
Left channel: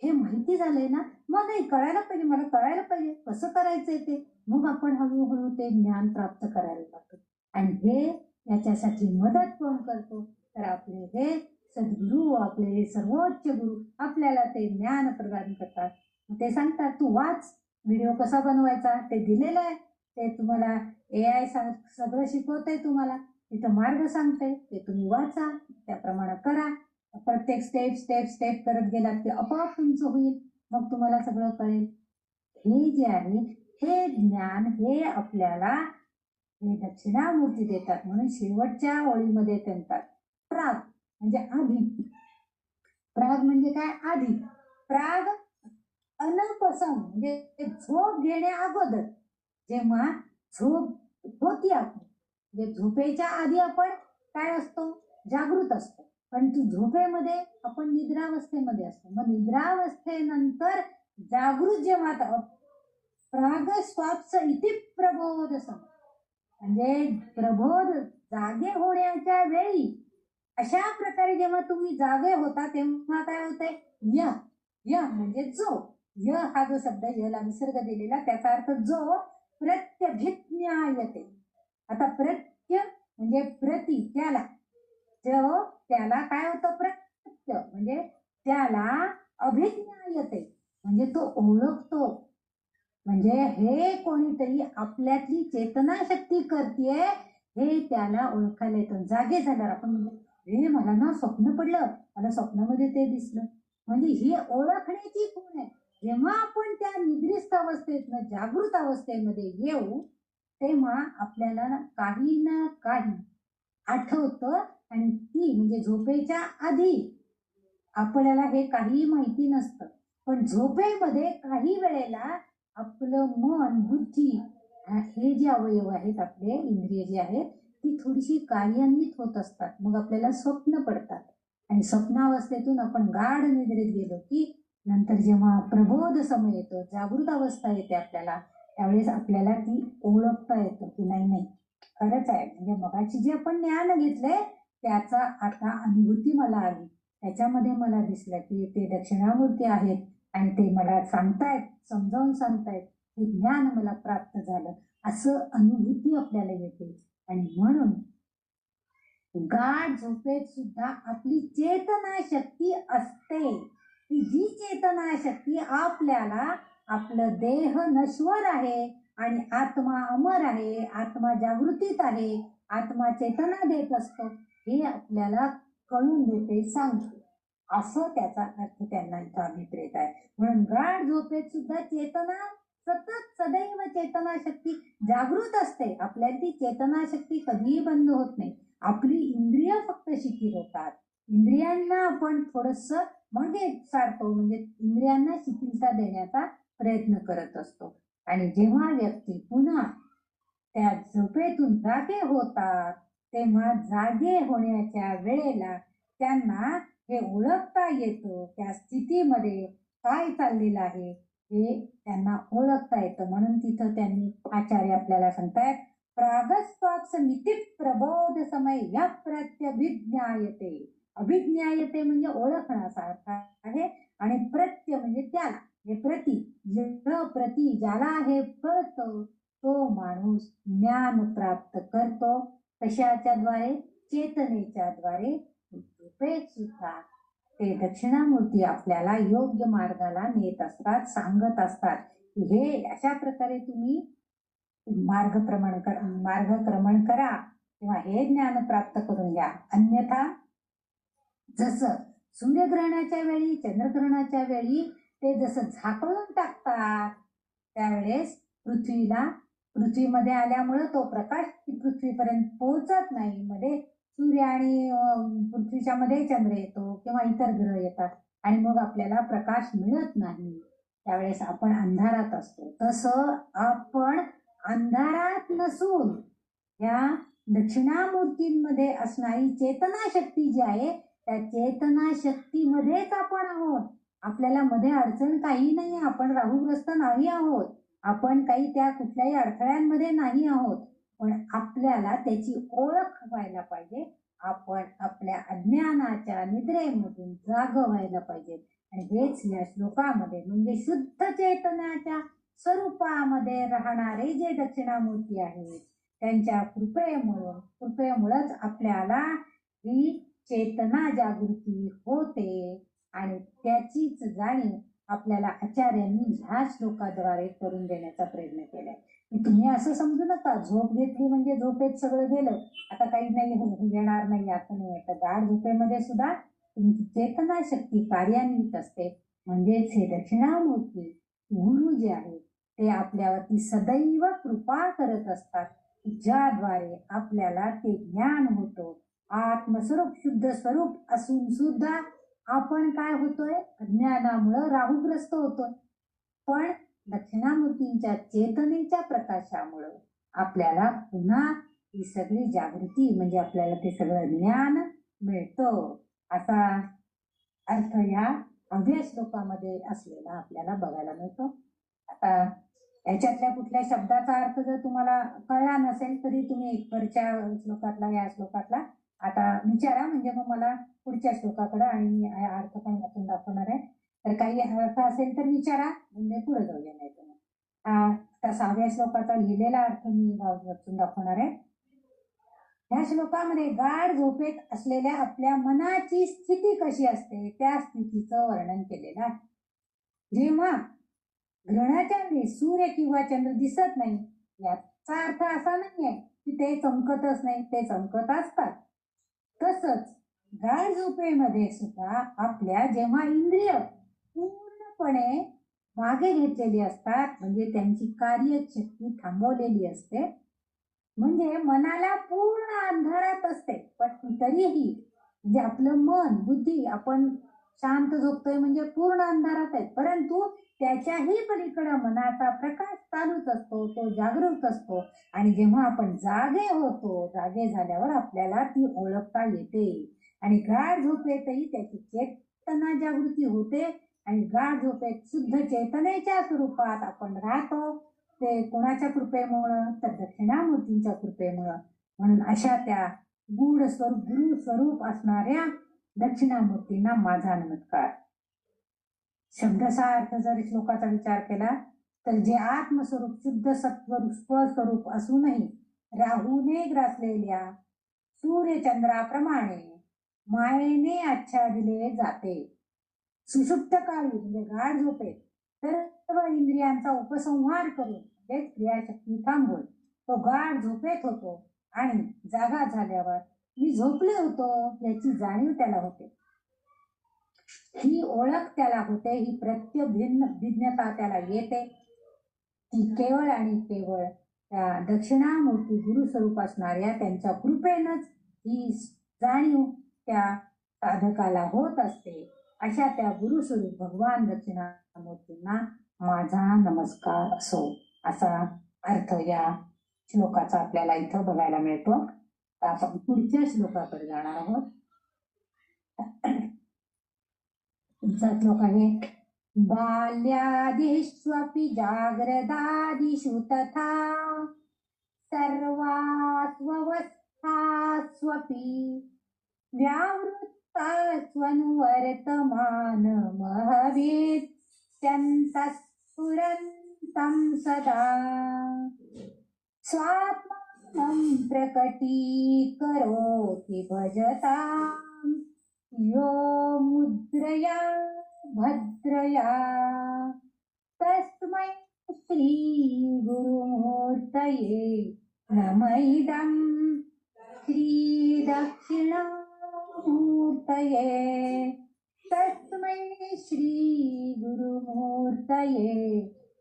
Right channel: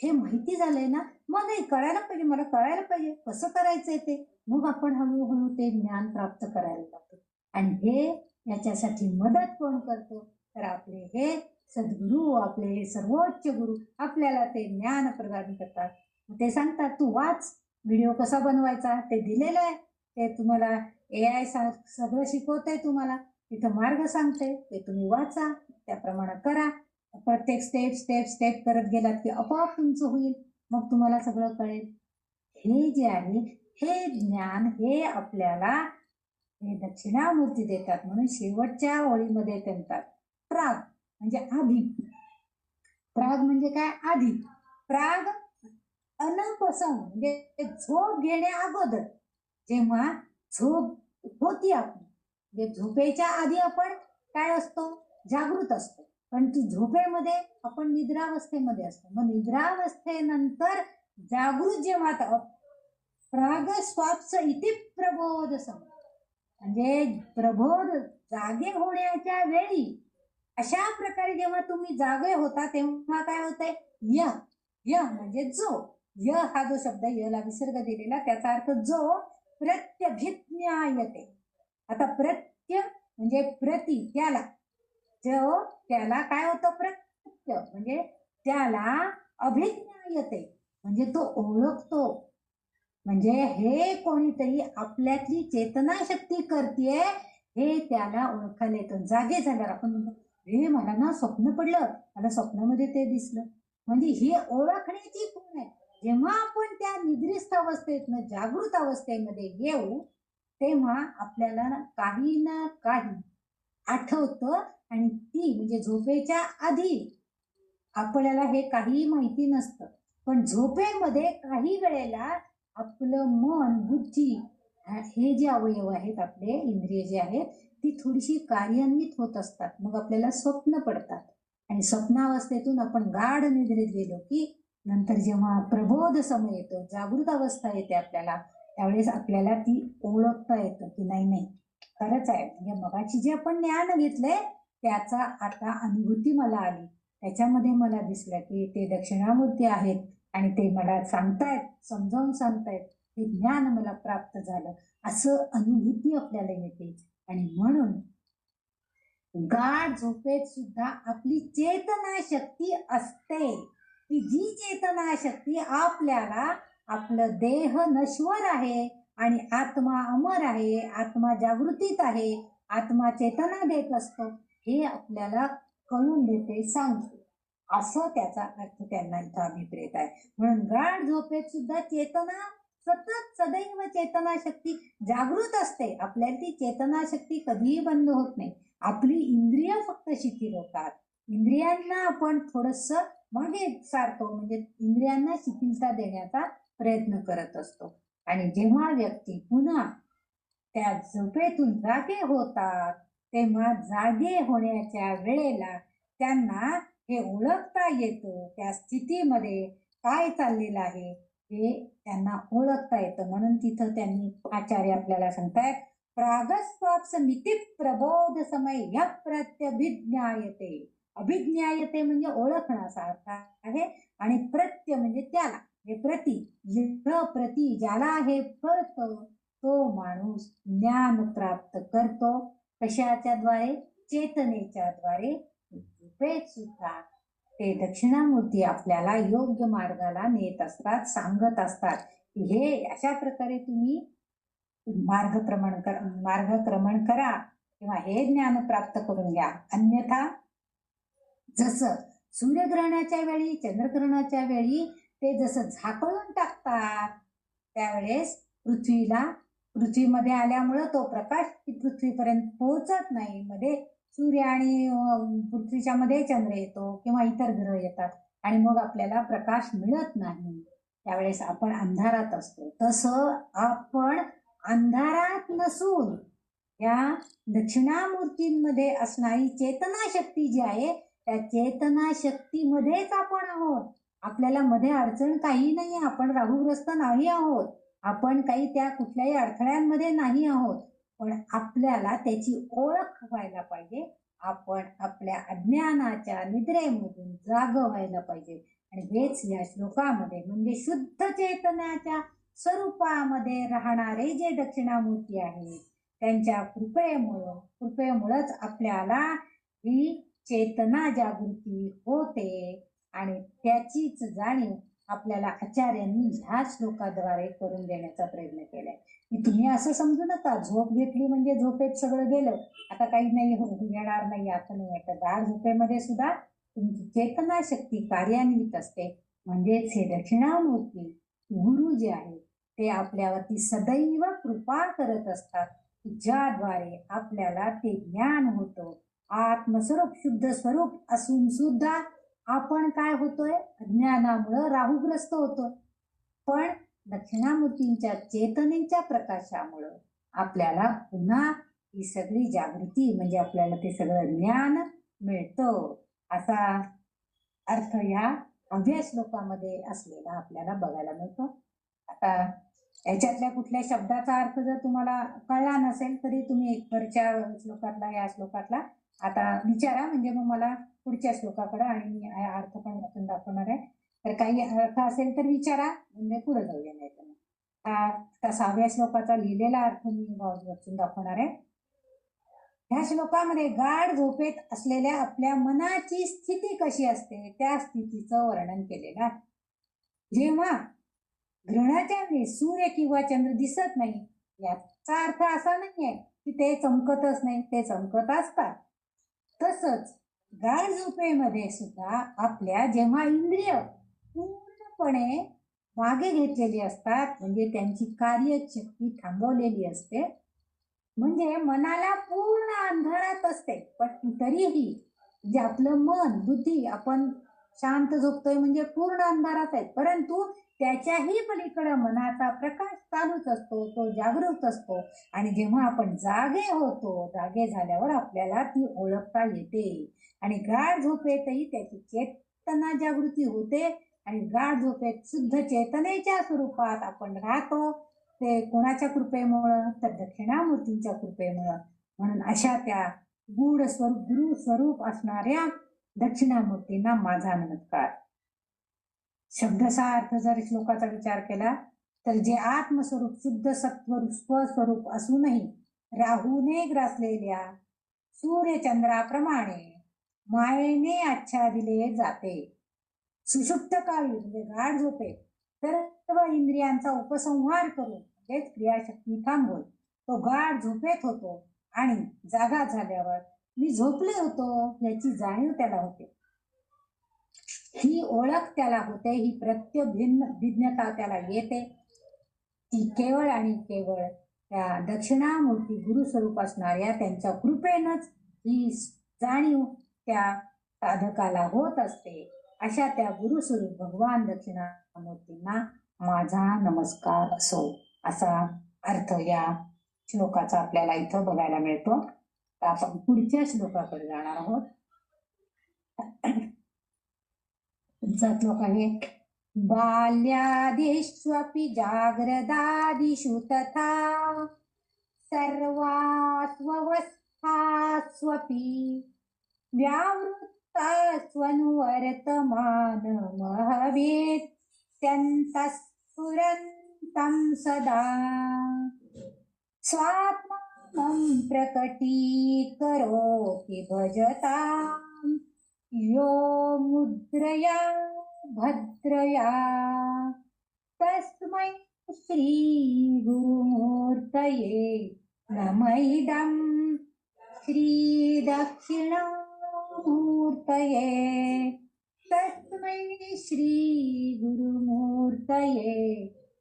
हे माहिती झालंय ना, मग नाही कळायला पाहिजे, मला कळायला पाहिजे कसं करायचंय ते. मग आपण हळूहळू ते ज्ञान प्राप्त करायला लागतो. आणि हे याच्यासाठी मदत कोण करतो, तर आपले हे सद्गुरू, आपले सर्वोच्च गुरु आपल्याला ते ज्ञान प्रदान करतात. ते सांगतात तू वाच, व्हिडिओ कसा बनवायचा ते दिलेलं आहे, ते तुम्हाला AI सगळं शिकवतंय, तुम्हाला तिथं मार्ग सांगते, ते तुम्ही वाचा, त्याप्रमाणे करा. प्रत्येक स्टेप स्टेप स्टेप करत गेलात की आपोआप तुमचं होईल, मग तुम्हाला सगळं कळेल. हे जे आहे हे ज्ञान हे आपल्याला हे दक्षिणामूर्ती देतात. म्हणून शेवटच्या ओळीमध्ये म्हणतात प्राग म्हणजे आधी. प्राग म्हणजे काय, आधी. प्राग अनपसंग म्हणजे झोप घेण्या अगोदर, जेव्हा झोप होती आपण, म्हणजे झोपेच्या आधी आपण काय असतो, जागृत असतो, पण तू झोपेमध्ये आपण निद्रावस्थेमध्ये असतो. मग निद्रावस्थेनंतर जागृत जेव्हा प्राग स्वाप्स इति प्रबोध समय, म्हणजे प्रबोध जागे होण्याच्या वेळी अशा प्रकारे जेव्हा तुम्ही जागे होता तेव्हा काय होतंय, य म्हणजे जो, य हा जो शब्द यला विसर्ग दिलेला त्याचा अर्थ जो प्रत्यभिज्ञायते. आता प्रत्य म्हणजे प्रति, त्याला, जो त्याला काय होतं, प्रत्य म्हणजे त्याला अभिज्ञायते म्हणजे तो ओळखतो. म्हणजे हे कोणीतरी आपल्यातली चेतना शक्ती करते हे त्याला ओळखायला येतं. जागे झाल्यावर आपण म्हणतो हे मला ना स्वप्न पडलं, मला स्वप्नामध्ये ते दिसलं, म्हणजे ही ओळखण्याची खूण आहे. जेव्हा आपण त्या निद्रिस्त अवस्थेतनं जागृत अवस्थेमध्ये येऊ तेव्हा आपल्याला काही ना काही आठवतं. आणि ती म्हणजे झोपेच्या आधी आपल्याला हे काही माहिती नसतं, पण झोपेमध्ये काही वेळेला आपलं मन, बुद्धी, हे जे अवयव आहेत आपले इंद्रिय जे आहेत ती थोडीशी कार्यान्वित होत असतात, मग आपल्याला स्वप्न पडतात. आणि स्वप्नावस्थेतून आपण गाढ निद्रेत गेलो की नंतर जेव्हा प्रबोध समय येतो, जागृत अवस्था येते आपल्याला, त्यावेळेस आपल्याला ती ओळखता येतं की नाही नाही खरंच आहे. म्हणजे मगाची जे आपण ज्ञान घेतलंय त्याचा आता अनुभूती मला आली. त्याच्यामध्ये मला दिसलं की ते दक्षिणामूर्ती आहेत आणि ते मला सांगतायत, समजावून सांगतायत, हे ज्ञान मला प्राप्त झालं, असं अनुभूती आपल्याला येते. आणि म्हणून गाढ झोपेत सुद्धा आपली चेतना शक्ती असते, की जी चेतना शक्ती आपल्याला आपलं देह नश्वर आहे आणि आत्मा अमर आहे, आत्मा जागृतीत आहे, आत्मा चेतना देत असतो, हे आपल्याला कळून देते, सांगते. असं त्याचा अर्थ त्यांना इथं अभिप्रेत आहे. म्हणून गाढ झोपेत सुद्धा चेतना सतत सदैव चेतना शक्ती जागृत असते. आपल्याला ती चेतना शक्ती कधीही बंद होत नाही. आपली इंद्रिय फक्त शिथिल होतात. इंद्रियांना आपण थोडस मागे सारतो, म्हणजे इंद्रियांना शिथिलता देण्याचा प्रयत्न करत असतो. आणि जेव्हा व्यक्ती पुन्हा त्या झोपेतून जागे होतात तेव्हा जागे होण्याच्या वेळेला त्यांना हे ओळखता येतं, त्या स्थितीमध्ये काय चाललेलं आहे हे त्यांना ओळखता येतं. म्हणून तिथं त्यांनी आचार्य आपल्याला सांगतायत, प्रागस्वाप्समिति प्रबोध समय या प्रत्यभिज्ञायते. अभिज्ञायते म्हणजे ओळखण्याचा अर्थ आहे, आणि प्रत्य म्हणजे त्याला, हे प्रति, प्रति ज्याला हे कळतं तो माणूस ज्ञान प्राप्त करतो. कशाच्या द्वारे? चेतनेच्या द्वारे. झोपेत सुद्धा ते दक्षिणामूर्ती आपल्याला योग्य मार्गाला नेत असतात, सांगत असतात की हे अशा प्रकारे तुम्ही मार्गक्रमण करा किंवा हे ज्ञान प्राप्त करून घ्या. अन्यथा जसं सूर्यग्रहणाच्या वेळी, चंद्रग्रहणाच्या वेळी ते जसं झाकळून टाकतात, त्यावेळेस पृथ्वीमध्ये आल्यामुळं तो प्रकाश पृथ्वीपर्यंत पोहोचत नाही. मध्ये सूर्य आणि पृथ्वीच्या मध्ये चंद्र येतो किंवा इतर ग्रह येतात आणि मग आपल्याला प्रकाश मिळत नाही, त्यावेळेस आपण अंधारात असतो. तसं आपण अंधारात नसून या दक्षिणामूर्तींमध्ये असणारी चेतना शक्ती जी आहे त्या चेतना शक्तीमध्येच आपण आहोत. आपल्याला मध्ये अडचण काही नाही, आपण राहुग्रस्त नाही आहोत, आपण काही त्या कुठल्याही अडथळ्यांमध्ये नाही आहोत. पण आपल्याला त्याची ओळख व्हायला पाहिजे. आपण आपल्या अज्ञानाच्या निद्रेमधून जाग व्हायला पाहिजे. आणि हेच या श्लोकामध्ये म्हणजे शुद्ध चेतनाच्या स्वरूपामध्ये राहणारे जे दक्षिणामूर्ती आहेत त्यांच्या कृपेमुळंच आपल्याला ही चेतना जागृती होते. आणि त्याचीच जाणीव आपल्याला आचार्यांनी ह्या श्लोकाद्वारे करून देण्याचा प्रयत्न केलाय. तुम्ही असं समजू नका झोप घेतली म्हणजे झोपेत सगळं गेलं, आता काही नाही येणार नाही, असं नाही. तर गाढ झोपेमध्ये सुद्धा तुमची चेतना शक्ती कार्यान्वित असते. म्हणजेच हे दक्षिणामूर्ती गुरु जे आहेत ते आपल्यावरती सदैव कृपा करत असतात, ज्याद्वारे आपल्याला ते ज्ञान होतं. आत्मस्वरूप शुद्ध स्वरूप असून सुद्धा आपण काय होतोय? अज्ञानामुळं राहुग्रस्त होतोय. पण दक्षिणामूर्तींच्या चेतनेच्या प्रकाशामुळं आपल्याला पुन्हा ही सगळी जागृती म्हणजे आपल्याला ते सगळं ज्ञान मिळतं. असा अर्थ ह्या अव्यय श्लोकामध्ये असलेला आपल्याला बघायला मिळतो. आता याच्यातल्या कुठल्या शब्दाचा अर्थ जर तुम्हाला कळला नसेल तरी तुम्ही वरच्या श्लोकातला या श्लोकातला आता विचारा, म्हणजे मग मला पुढच्या श्लोकाकडे आणि मी अर्थ पण आपण दाखवणार आहे. तर काही अर्थ असेल तर विचारा, म्हणजे पुढे जाऊया. नाही तर आता 6व्या श्लोकाचा लिहिलेला अर्थ मी वाचून दाखवणार आहे. ह्या श्लोकामध्ये गाढ झोपेत असलेल्या आपल्या मनाची स्थिती कशी असते त्या स्थितीचं वर्णन केलेलं आहे. जेव्हा ग्रहणाच्या वेळी सूर्य किंवा चंद्र दिसत नाही याचा अर्थ असा नाहीये की ते चमकतच नाही, ते चमकत असतात. तसंच गाढ झोपेमध्ये सुद्धा आपल्या जेव्हा इंद्रिय पूर्णपणे मागे घेतलेली असतात, म्हणजे त्यांची कार्यशक्ती थांबवलेली असते, म्हणजे मनाला पूर्ण अंधारात असते, पण तरीही म्हणजे आपलं मन बुद्धी आपण शांत झोपतोय म्हणजे पूर्ण अंधारात आहे, परंतु त्याच्याही पलीकडे मनाचा प्रकाश चालूच असतो, तो जागृत असतो. आणि जेव्हा आपण जागे होतो, जागे झाल्यावर आपल्याला ती ओळखता येते. आणि गाढ झोपेतही त्याची चेतना जागृती होते. आणि गाढ झोपेत शुद्ध चेतनेच्या स्वरूपात आपण राहतो. ते कोणाच्या कृपेमुळं? तर दक्षिणामूर्तींच्या कृपेमुळं. म्हणून अशा त्या गूढ स्वरूप, गुरु स्वरूप असणाऱ्या दक्षिणामूर्तींना माझा नमस्कार. शब्दशः अर्थ जर श्लोकाचा विचार केला तर जे आत्मस्वरूप शुद्ध सत्व स्वस्वरूप असूनही राहूने ग्रासलेल्या सूर्यचंद्राप्रमाणे मायेने आच्छादिले जाते. सुषुप्त काळी म्हणजे गाढ झोपेत सर्व इंद्रियांचा उपसंहार करून म्हणजेच क्रियाशक्ती थांबवून तो गाढ झोपेत होतो. आणि जागा झाल्यावर मी झोपले होतो याची जाणीव त्याला होते. ही ओळख त्याला होते, ही प्रत्यभिन्न भिन्नता त्याला येते. ती केवळ आणि केवळ त्या दक्षिणामूर्ती गुरु स्वरूप असणाऱ्या त्यांच्या कृपेनच ही जाणीव त्या साधकाला होत असते. अशा त्या गुरुस्वरूप भगवान दक्षिणामूर्तींना माझा नमस्कार असो, असा अर्थ या श्लोकाचा आपल्याला इथं बघायला मिळतो. आपण पुढच्या श्लोकाकडे जाणार आहोत. पुढचा श्लोक आहे बाल्यादिष्वपि जाग्रदादिषु तथा सर्वास्वस्थास्वपि व्यावृत्तास्वनुवर्तमानमहवेत्यन्तःस्फुरन्तं सदा स्वात्मानं प्रकटीकरोति भजतां यो मुद्रया भद्रया तस्मै श्री गुरुमूर्तये नमः इदं श्री दक्षिणामूर्तये तस्मै श्री गुरुमूर्तये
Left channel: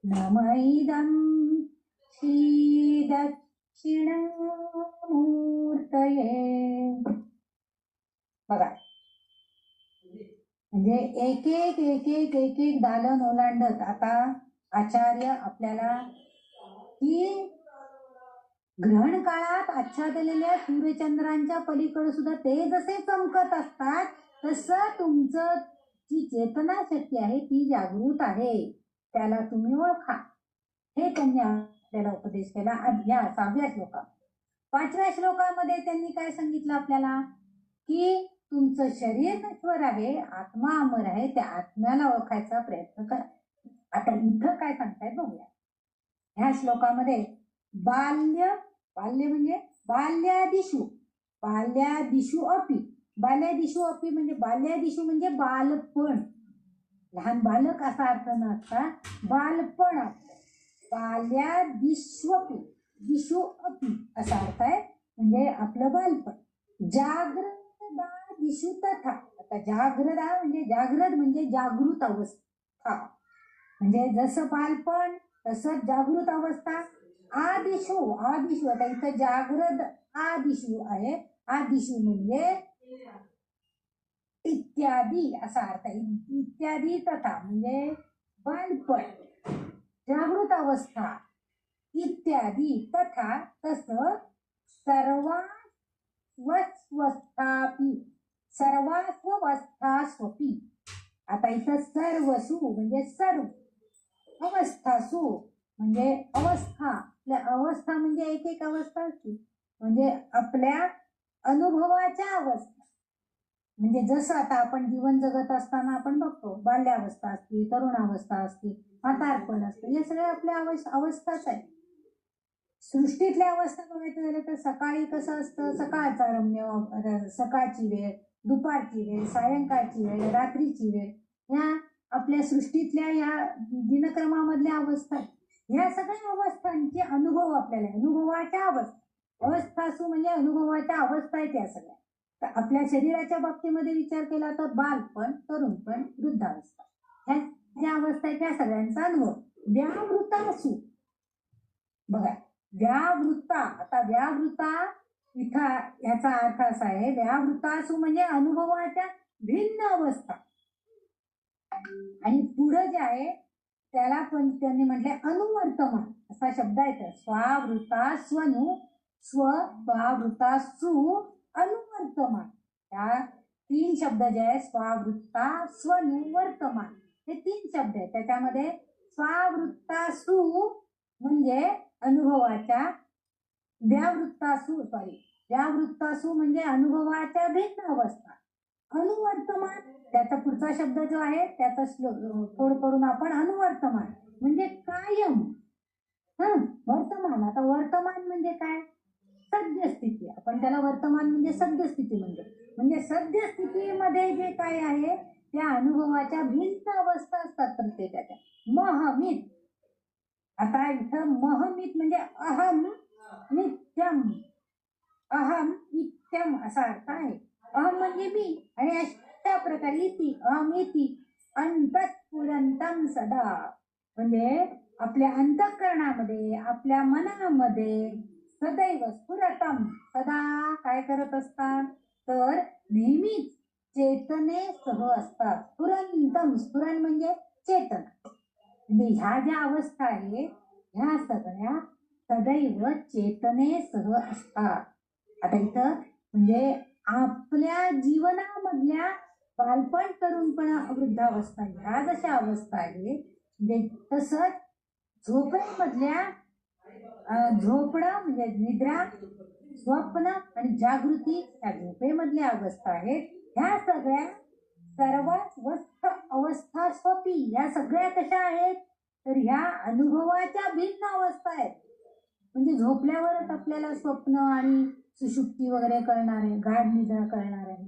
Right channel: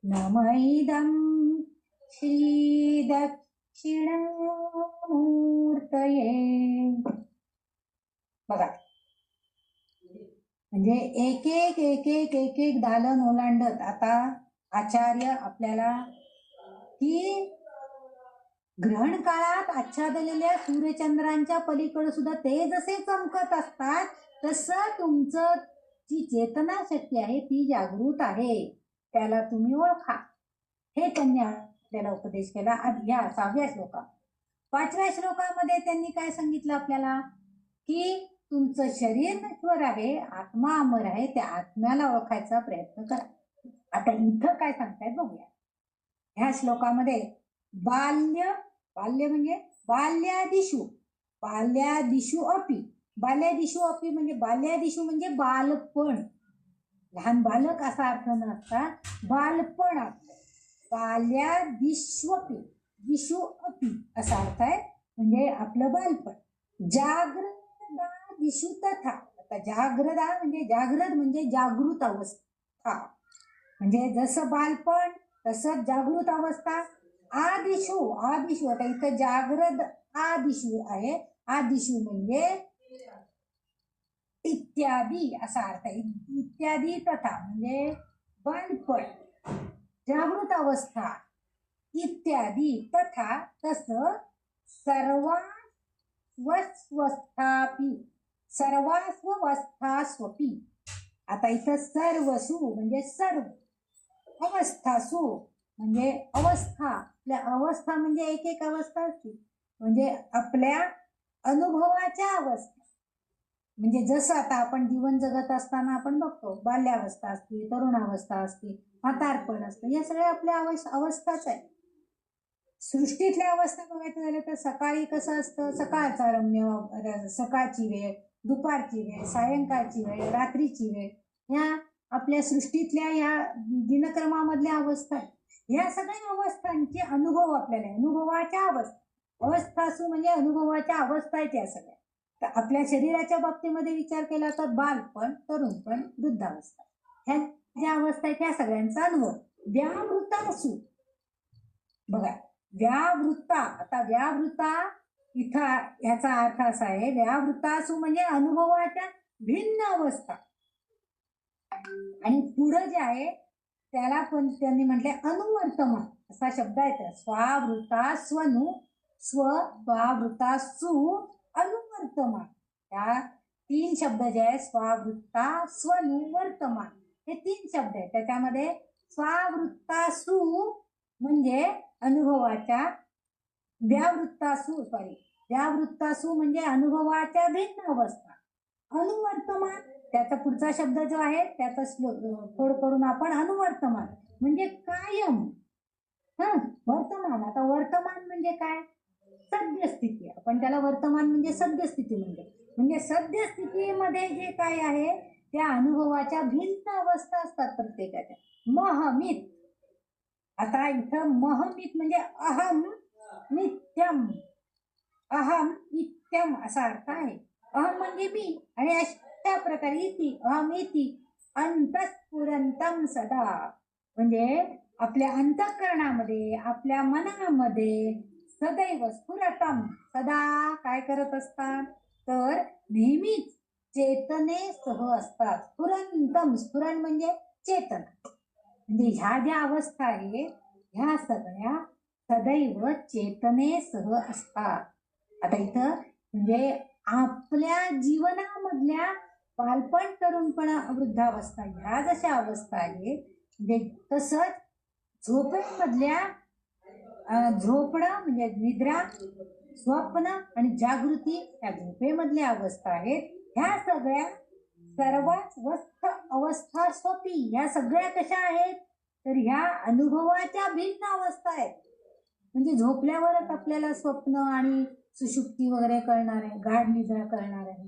नमः इदं श्री दक्षिणामूर्तये. बघा, म्हणजे एक एक दालन ओलांडत आता आचार्य आपल्याला की ग्रहण काळात आच्छादलेल्या सूर्यचंद्रांच्या पलीकडे सुद्धा ते जसे चमकत असतात तसं तुमचं जी चेतना शक्ती आहे ती जागृत आहे, त्याला तुम्ही ओळखा. हे त्यांनी आपल्याला उपदेश केला. या 6व्या श्लोकात. 5व्या श्लोकामध्ये त्यांनी काय सांगितलं आपल्याला की तुमचं शरीर नश्वर आहे, आत्मा अमर आहे, त्या आत्म्याला ओळखायचा प्रयत्न करा. आता इथं काय सांगतायत बघूया. ह्या श्लोकामध्ये बाल्य म्हणजे बाल्यादिषु अपि म्हणजे बाल्यादिषु म्हणजे बालपण, लहान बालक असा अर्थ नसता बालपण. बाल्यादिष्वपि दिशु अपि असा अर्थ आहे, म्हणजे आपलं बालपण. जागृदादिषु तथा. आता जागृदा म्हणजे जागृत म्हणजे जागृत अवस्था, म्हणजे जसं बालपण तसं जागृत अवस्था. आदिशु आता इथं जागृत आदिशु आहे. आदिशु म्हणजे इत्यादी असा अर्थ आहे. इत्यादी तथा म्हणजे बालपण, जागृत अवस्था इत्यादी. तथा तसं सर्वास्वस्थास्वपि. आता इथं सर्वसु म्हणजे सर्व, अवस्थासु म्हणजे अवस्था. आपल्या अवस्था म्हणजे एक अवस्था असते, म्हणजे आपल्या अनुभवाच्या अवस्था. म्हणजे जसं आता आपण जीवन जगत असताना आपण बघतो बाल्यावस्था असते, तरुणावस्था असते, म्हातारपण असतं, या सगळ्या आपल्या अवस्थाच आहे. सृष्टीतल्या अवस्था बघायचं झालं तर सकाळी कसं असतं, सकाळचा रम्य, सकाळची वेळ, दुपारची वेळ, सायंकाळची वेळ, रात्रीची वेळ, ह्या आपल्या सृष्टीतल्या या दिनक्रमामधल्या अवस्था. ह्या सगळ्या अवस्थांचे अनुभव आपल्याला, अनुभवाच्या अवस्थासू म्हणजे अनुभवाच्या अवस्था आहेत या सगळ्या. तर आपल्या शरीराच्या बाबतीमध्ये विचार केला तर बालपण, तरुणपण, वृद्धावस्था, ह्या ज्या अवस्था आहेत त्या सगळ्यांचा अनुभव. व्यावृत्तासु बघा, व्यावृत्ता. आता व्यावृत्ता इथं याचा अर्थ असा आहे, व्यावृत्तासु म्हणजे अनुभवाच्या भिन्न अवस्था. आणि पुढं जे आहे त्याला पण त्यांनी म्हटले अनुवर्तमान असा शब्द आहे. स्वावृता स्वनु स्व स्वावृता सु अनुवर्तमान, त्या 3 शब्द जे आहे स्वावृत्ता स्वनु वर्तमान हे 3 शब्द आहेत. त्याच्यामध्ये स्वावृत्तासु म्हणजे अनुभवाच्या, व्यावृत्तासु म्हणजे अनुभवाच्या भिन्न अवस्था, अनुवर्तमान त्याचा पुढचा शब्द जो आहे त्याचा फोड करून आपण अनुवर्तमान म्हणजे कायम. वर्तमान, आता वर्तमान म्हणजे काय, सद्यस्थिती. आपण त्याला वर्तमान म्हणजे सद्यस्थिती म्हणतो. म्हणजे सद्यस्थितीमध्ये जे काय आहे त्या अनुभवाच्या भिन्न अवस्था असतात प्रत्येकाच्या. महमित, आता इथं महमित म्हणजे अहम नित्यम, अहम नित्यम असा अर्थ आहे. अहम म्हणजे मी आणि अशा प्रकारे इति, अहमिति अंतःस्फुरंतम सदा म्हणजे आपल्या अंतःकरणामध्ये, आपल्या मनामध्ये सदैव स्फुरतम सदा काय करत असतात, तर नेहमीच चेतनेसह असतात. स्फुरंतम, स्फुरण म्हणजे चेतना. म्हणजे ह्या ज्या अवस्था आहेत ह्या सगळ्या सदैव चेतनेसह असतात. आता इथं म्हणजे आपल्या जीवनामधल्या बालपण, तरुणपणा, वृद्धावस्था ह्या जशा अवस्था आहेत, म्हणजे तसंच झोपेमधल्या झोपणं म्हणजे निद्रा, स्वप्न आणि जागृती ह्या झोपेमधल्या अवस्था आहेत. ह्या सगळ्या सर्वात अवस्था स्वपी या सगळ्या कशा आहेत, तर ह्या अनुभवाच्या भिन्न अवस्था आहेत. म्हणजे झोपल्यावरच आपल्याला स्वप्न आणि सुषुप्ती वगैरे कळणार आहे, गाढ निद्रा कळणार आहे.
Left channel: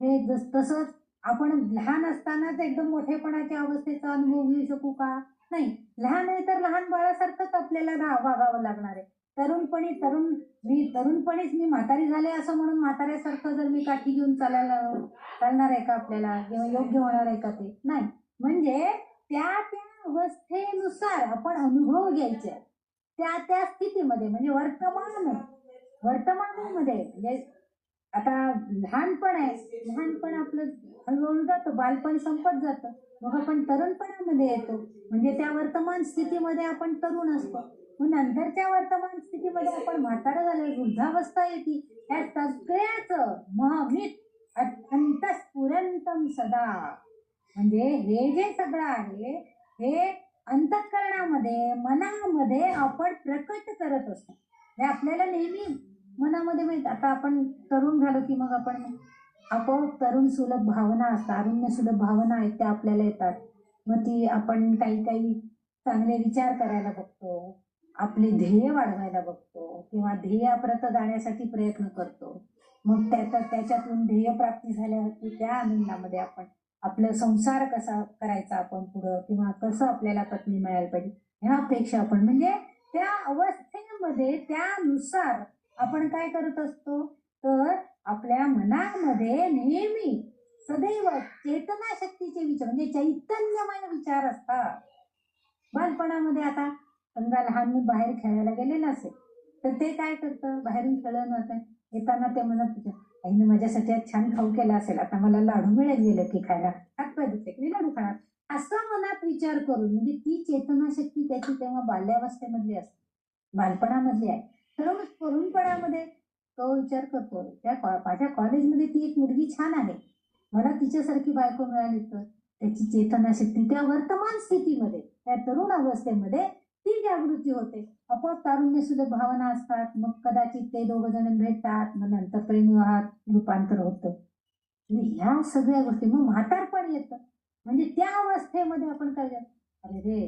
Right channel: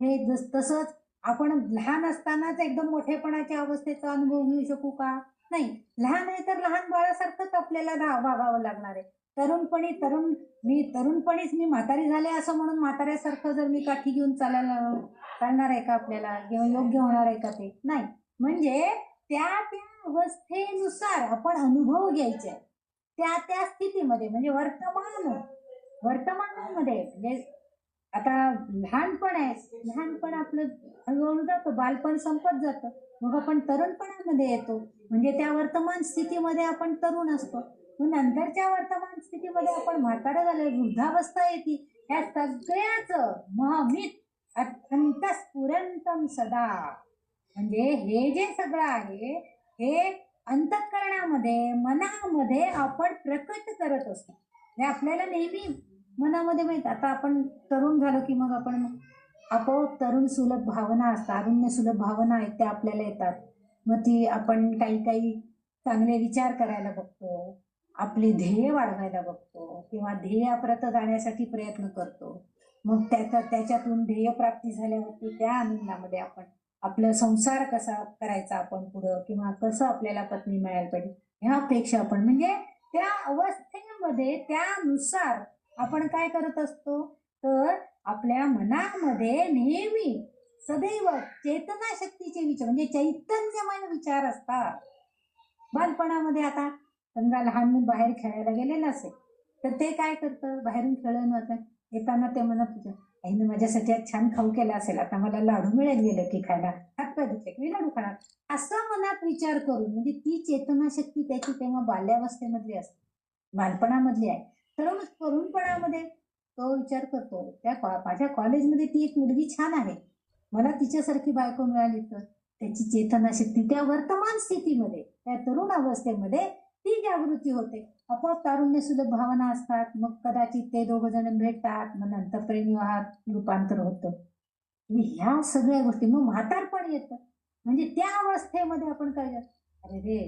हे तसंच आपण लहान असतानाच एकदम मोठेपणाच्या अवस्थेचा अनुभव घेऊ शकू का, नाही. लहान आहे तर लहान बाळासारखंच आपल्याला वागावं लागणार आहे. तरुणपणीच मी म्हातारी झाले असं म्हणून म्हाताऱ्यासारखं जर मी काठी घेऊन चालणार आहे का आपल्याला, किंवा योग्य होणार आहे का, ते नाही. म्हणजे त्या अवस्थेनुसार आपण अनुभव घ्यायचे त्या स्थितीमध्ये. म्हणजे वर्तमानामध्ये म्हणजे आता लहानपण आहे, लहानपण आपलं हळूहळू जातं, बालपण संपत जातं, मग आपण तरुणपणामध्ये येतो. म्हणजे त्या वर्तमान स्थितीमध्ये आपण तरुण असतो, मग नंतरच्या वर्तमान स्थितीमध्ये आपण म्हातारं झालं, वृद्धावस्था येते. ह्या सगळ्याच महमित अंतःस्फुरंतम सदा म्हणजे हे जे सगळं आहे हे अंतःकरणामध्ये, मनामध्ये आपण प्रकट करत असतो. हे आपल्याला नेहमी मनामध्ये माहित. आता आपण तरुण झालं की मग आपण आपोआप तरुण सुलभ भावना असतात, तारुण्य सुलभ भावना आहेत त्या आपल्याला येतात. मग ती आपण काही चांगले विचार करायला बघतो, आपले ध्येय वाढवायला बघतो, किंवा ध्येयाप्रत जाण्यासाठी प्रयत्न करतो. मग त्याच्यातून ध्येय प्राप्ती झाल्यावरती त्या आनंदामध्ये आपण आपला संसार कसा करायचा आपण पुढं, किंवा कसं आपल्याला पत्नी मिळायला पाहिजे ह्या अपेक्षा आपण, म्हणजे त्या अवस्थेमध्ये त्यानुसार आपण काय करत असतो, तर आपल्या मनामध्ये नेहमी सदैव चेतना शक्तीचे विचार म्हणजे चैतन्यमय विचार असतात. बालपणामध्ये आता समजा लहान बाहेर खेळायला गेलेलं असेल तर ते काय करतं, बाहेरून खेळून येताना ते म्हणत, आईनं माझ्यासाठी आज छान खाऊ केला असेल, आता मला लाडू मिळेल गेलं की खायला, हातपाय धुतले की लाडू खाणार, असं मनात विचार करून. म्हणजे ती चेतना शक्ती त्याची तेव्हा बाल्यावस्थेमधली असते, बालपणामधली आहे. तरुणपणामध्ये तो विचार करतो, माझ्या कॉलेजमध्ये ती एक मुलगी छान आहे, मला तिच्यासारखी बायको मिळाली तर. त्याची चेतना शक्ती त्या वर्तमान स्थितीमध्ये, त्या तरुण अवस्थेमध्ये ती जागृती होते. आपोआप तारुण्य सुलभ भावना असतात. मग कदाचित ते दोघ जण भेटतात, मग नंतर प्रेमविवाहात रूपांतर होतं. ह्या सगळ्या गोष्टी मग म्हातारपण येतं. म्हणजे त्या अवस्थेमध्ये आपण काय, अरे रे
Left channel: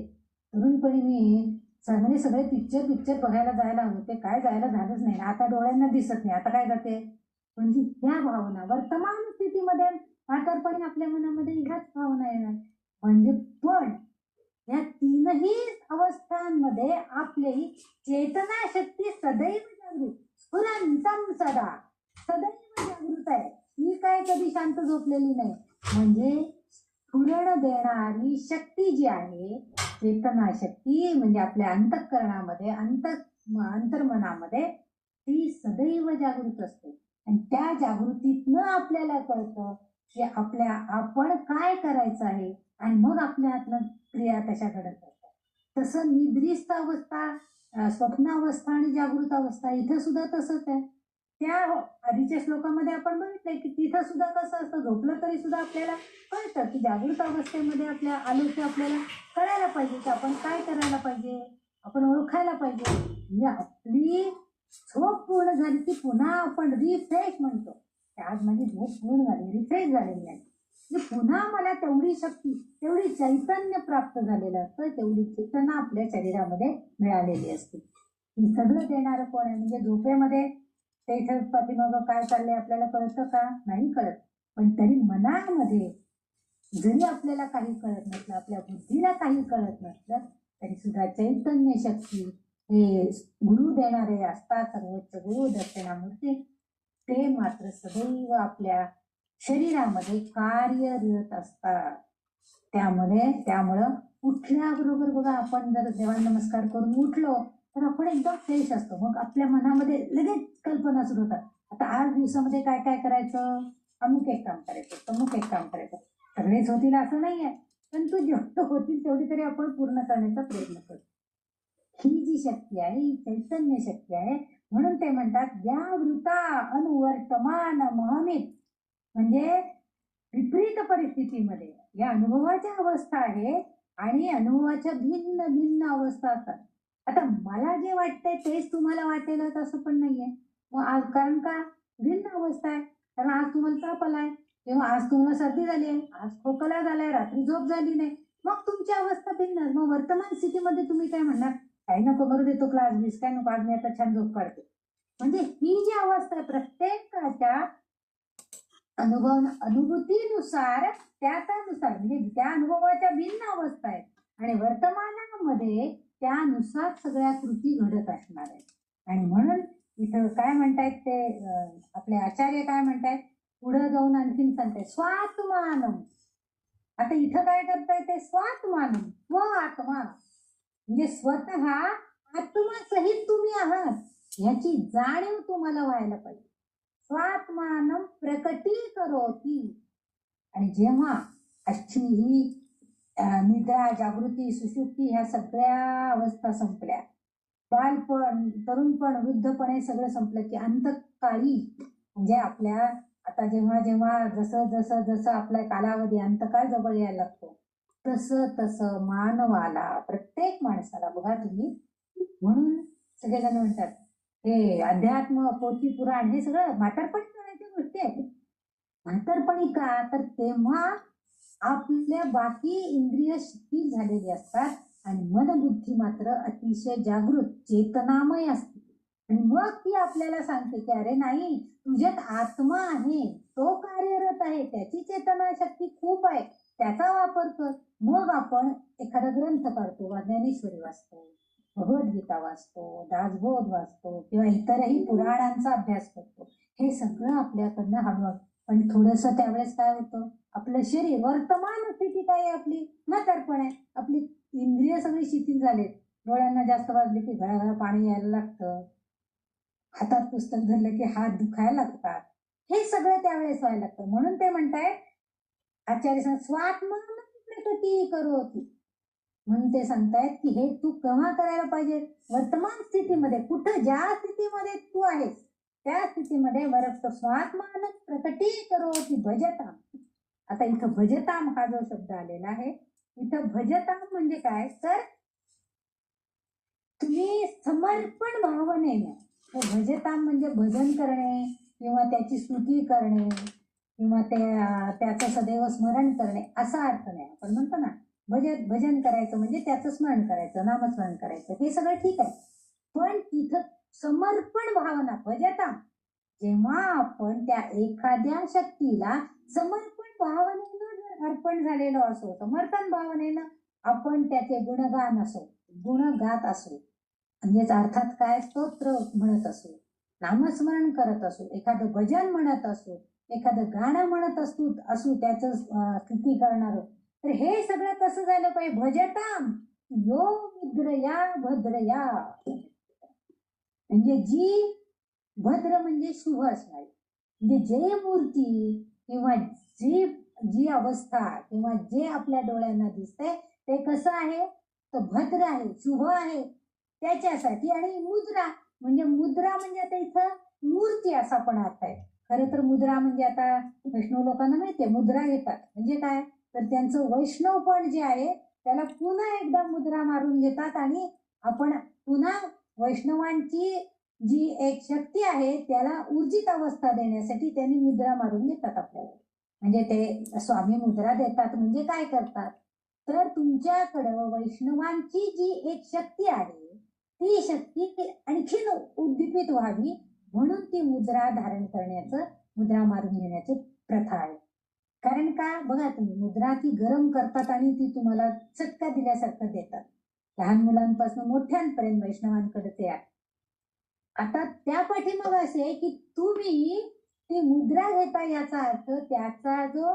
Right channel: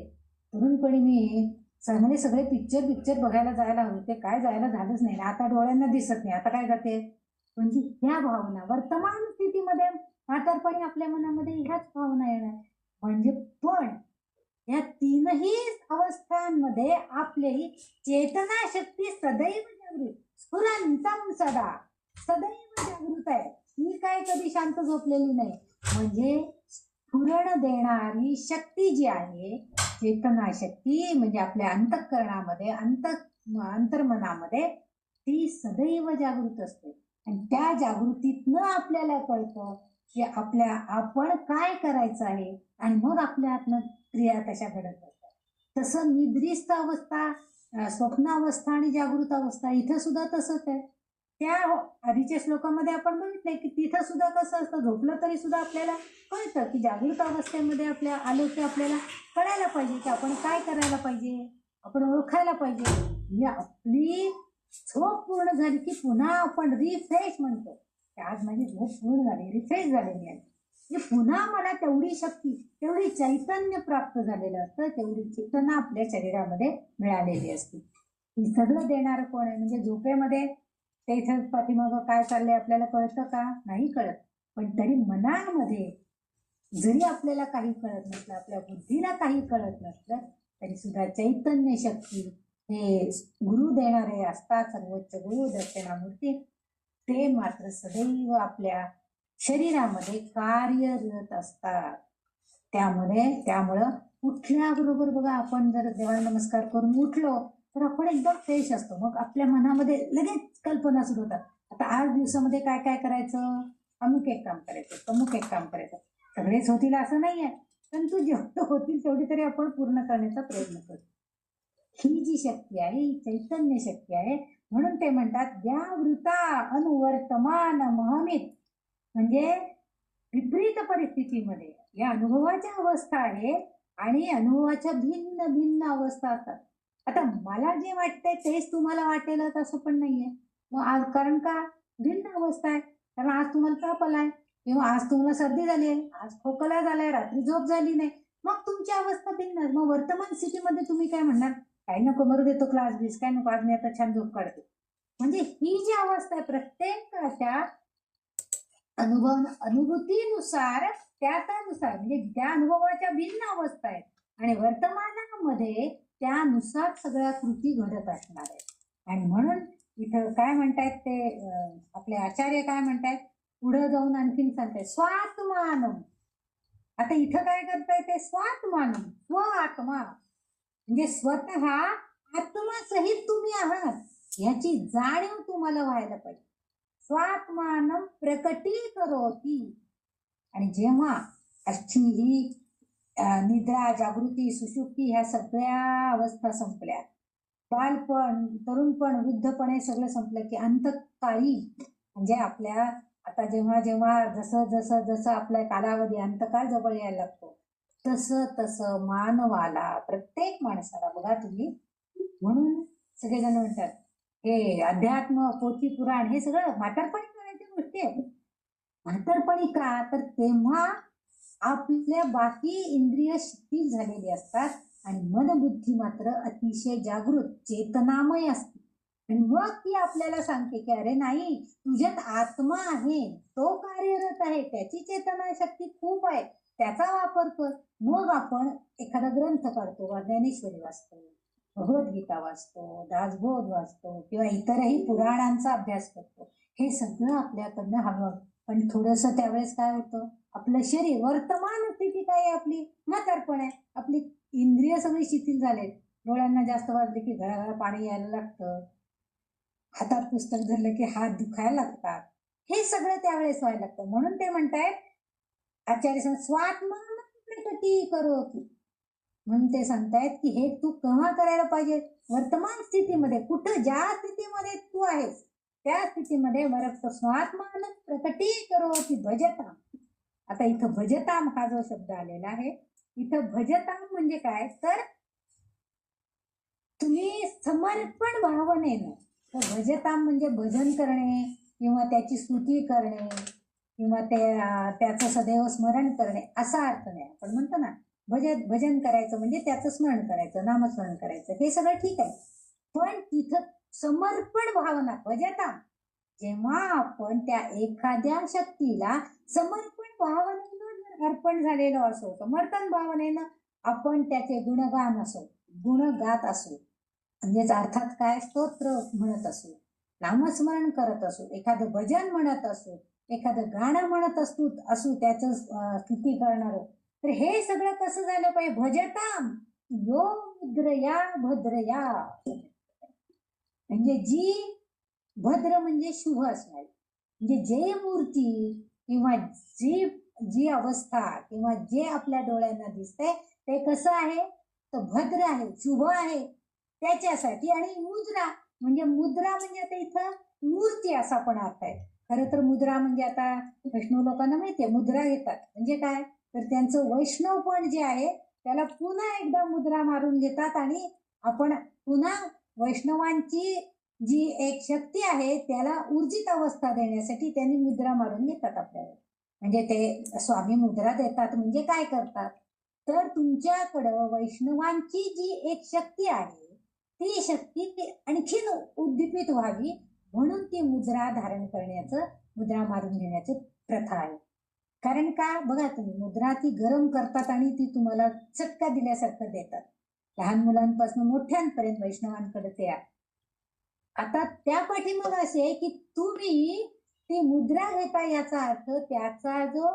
तरुणपणी मी चांगले सगळे पिक्चर बघायला जायला होते, काय जायला झालंच नाही, आता डोळ्यांना दिसत नाही, आता काय जाते. म्हणजे ह्या भावना वर्तमान स्थितीमध्ये म्हातारपणी आपल्या मनामध्ये ह्याच भावना येणार. म्हणजे पण या तीनही अवस्थांमध्ये आपली चेतना शक्ती सदैव जागृत, स्फुरंतम सदा, सदैव जागृत आहे. ही काय कधी शांत झोपलेली नाही. म्हणजे स्फुरण देणारी शक्ती जी आहे, चेतना शक्ती म्हणजे आपल्या अंतःकरणामध्ये, अंतर्मनामध्ये ती सदैव जागृत असते. आणि त्या जागृतीतनं आपल्याला कळतं की आपण काय करायचं आहे, आणि मग आपल्या आत्म क्रिया तशा घडत असतात. तसं निद्रिस्त अवस्था, स्वप्नावस्था आणि जागृत अवस्था इथं सुद्धा तसंच आहे. त्या आधीच्या श्लोकामध्ये आपण बघितलंय की तिथं सुद्धा कसं असतं, झोपलं तरी सुद्धा आपल्याला कळतं की जागृत अवस्थेमध्ये आपल्या आलो की आपल्याला कळायला पाहिजे की आपण काय करायला पाहिजे, आपण ओळखायला पाहिजे. म्हणजे आपली झोप पूर्ण झाली की पुन्हा आपण रिफ्रेश म्हणतो. आज माझी झोप पूर्ण झाली, रिफ्रेश झालेली आहे. पुन्हा मला तेवढी शक्ती, तेवढी चैतन्य प्राप्त झालेलं असतं, तेवढी चेतना आपल्या शरीरामध्ये मिळालेली असते. ही सगळं देणारं कोण आहे? म्हणजे झोपेमध्ये ते इथं पाठीमागं काय चाललंय आपल्याला कळतं का? नाही कळत. पण तरी मनामध्ये जरी आपल्याला काही कळत नसलं, आपल्या बुद्धीला काही कळत नसलं, तरी सुद्धा चैतन्य शक्ती हे गुरु देणारे असतात, सर्वोच्च गुरु दक्षिणामूर्ती, ते मात्र सदैव आपल्या शरीरामध्ये कार्यरत असतात. त्यामुळं उठल्याबरोबर बघा, आपण जर देवाला नमस्कार करून उठलो तर आपण एकदम फ्रेश असतो. मग आपल्या मनामध्ये लगेच कल्पना सुरू होतात. आता 8 दिवसामध्ये काय काय करायचं, अमुक एक काम करायचं, अमुक एक काम करायचं. सगळेच होतील असं नाहीये, पण तू जेवढं होतील तेवढी तरी आपण पूर्ण करण्याचा प्रयत्न करतो. ही जी शक्ती आहे, ही चैतन्य शक्ती आहे. म्हणून ते म्हणतात व्यावृता अनुवर्तमान महमित, म्हणजे विपरीत परिस्थितीमध्ये या अनुभवाच्या अवस्था आहे आणि अनुभवाच्या भिन्न भिन्न अवस्था असतात. आता मला जे वाटतंय तेच तुम्हाला वाटेल असं पण नाहीये. मग कारण का भिन्न अवस्था आहे. कारण आज तुम्हाला ताप आलाय किंवा आज तुम्हाला सर्दी झाली आहे, आज खोकला झालाय, रात्री झोप झाली नाही, मग तुमची अवस्था भिन्न. मग वर्तमान स्थितीमध्ये तुम्ही काय म्हणणार, काही नको मरू देतो क्लास बीस, काय नको, आज मी आता छान झोप काढते. म्हणजे ही जी अवस्था आहे प्रत्येकाच्या अनुभूतीनुसार, त्यानुसार, म्हणजे त्या अनुभवाच्या भिन्न अवस्था आहेत आणि वर्तमानामध्ये त्यानुसार सगळ्या कृती घडत असणार आहेत. आणि म्हणून इथं काय म्हणतायत ते आपले आचार्य काय म्हणतायत, पुढे जाऊन आणखीन सांगतायत स्वात्मानम. आता इथं काय करताय ते स्वात्मानम, स्व आत्मा, म्हणजे स्वतः आत्मसहित तुम्ही आहात याची जाणीव तुम्हाला व्हायला पाहिजे. स्वात्मानम प्रकटीकरोति. आणि जेव्हा अशी ही निद्रा, जागृती, सुषुप्ती ह्या सगळ्या अवस्था संपल्या, बालपण, तरुणपण, वृद्धपणे सगळं संपलं की अंतकाळी, म्हणजे आपल्या आता जेव्हा जेव्हा जसं जसं जसं आपला कालावधी अंतकाळ जवळ यायला लागतो तसं तसं मानवाला, प्रत्येक माणसाला बघा तुम्ही, म्हणून सगळेजण म्हणतात हे अध्यात्म, पोथी, पुराण हे सगळं म्हातारपणी करायच्या गोष्टी आहेत. म्हातारपणी का, तर तेव्हा आपल्या बाकी इंद्रिय शिथिल झालेली असतात आणि मनबुद्धी मात्र अतिशय जागृत चेतनामय असते. आणि मग ती आपल्याला सांगते की अरे नाही, तुझ्यात आत्मा आहे, तो कार्यरत आहे, त्याची चेतना शक्ती खूप आहे, त्याचा वापर कर. मग आपण एखादा ग्रंथ काढतो, ज्ञानेश्वरी वाचतो, भगवद्गीता वाचतो, दासबोध वाचतो किंवा इतरही पुराणांचा अभ्यास करतो. हे सगळं आपल्याकडनं हवं. पण थोडस त्यावेळेस काय होतं, आपलं शरीर, वर्तमान स्थिती काय आहे आपली, म्हातारपण आहे, आपली इंद्रिय सगळी शिथिल झाले, डोळ्यांना जास्त वाजले की घराघरा पाणी यायला लागतं, हातात पुस्तक धरलं की हात दुखायला लागतात, हे सगळं त्यावेळेस व्हायला लागतं. म्हणून ते म्हणतायत आचार्य स्वात्मान प्रकटीकरोति, म्हणून ते सांगतायत की हे तू केव्हा करायला पाहिजे, वर्तमान स्थितीमध्ये, कुठं ज्या स्थितीमध्ये तू आहेस त्या स्थितीमध्ये मरक्त स्वात्मान प्रकटीकरोति भजताम. आता इथं भजताम हा जो शब्द आलेला आहे, इथं भजताम म्हणजे काय, तर तुम्ही समर्पण भावनेनं, भजताम म्हणजे भजन करणे किंवा त्याची स्तुती करणे किंवा त्याचं सदैव स्मरण करणे असा अर्थ नाही. आपण म्हणतो ना भजन करायचं म्हणजे त्याचं स्मरण करायचं, नामस्मरण करायचं, हे सगळं ठीक आहे. पण तिथं समर्पण भावना भजता, जेव्हा आपण त्या एखाद्या शक्तीला समर्पण भावनेनं अर्पण झालेलो असो, समर्पण भावनेनं आपण त्याचे गुणगान असो, गुण गात असो, म्हणजेच अर्थात काय, स्तोत्र म्हणत असो, नामस्मरण करत असो, एखादं भजन म्हणत असो, एखादं गाणं म्हणत असू त्याचं स्तुती करणार, तर हे सगळं कसं झालं पाहिजे, भजताम यो मुद्रया भद्रया, म्हणजे जी भद्र म्हणजे शुभ असणार, म्हणजे जे मूर्ती किंवा जी अवस्था किंवा जे आपल्या डोळ्यांना दिसते ते कसं आहे, तर भद्र आहे, शुभ आहे त्याच्यासाठी. आणि मुद्रा म्हणजे आता इथं मूर्ती असा पण अर्थ आहे. खरं तर मुद्रा म्हणजे आता वैष्णव लोकांना माहितीये मुद्रा येतात म्हणजे काय, तर त्यांचं वैष्णवपण जे आहे त्याला पुन्हा एकदा मुद्रा मारून घेतात आणि आपण पुन्हा वैष्णवांची जी एक शक्ती आहे त्याला ऊर्जित अवस्था देण्यासाठी त्यांनी मुद्रा मारून घेतात आपल्याला. म्हणजे ते स्वामी मुद्रा देतात म्हणजे काय करतात, तर तुमच्याकडं वैष्णवांची जी एक शक्ती आहे ती शक्ती आणखीन उद्दीपित व्हावी म्हणून ती मुद्रा धारण करण्याचं, मुद्रा मारून घेण्याची प्रथा आहे. कारण का बघा, तुम्ही मुद्रा ती गरम करतात आणि ती तुम्हाला चटका दिल्यासारखं देतात. लहान मुलांपासून मोठ्यांपर्यंत वैष्णवांकडे ते आहे. आता त्या पाठीमाग असे आहे की तुम्ही ती मुद्रा घेता, याचा अर्थ त्याचा जो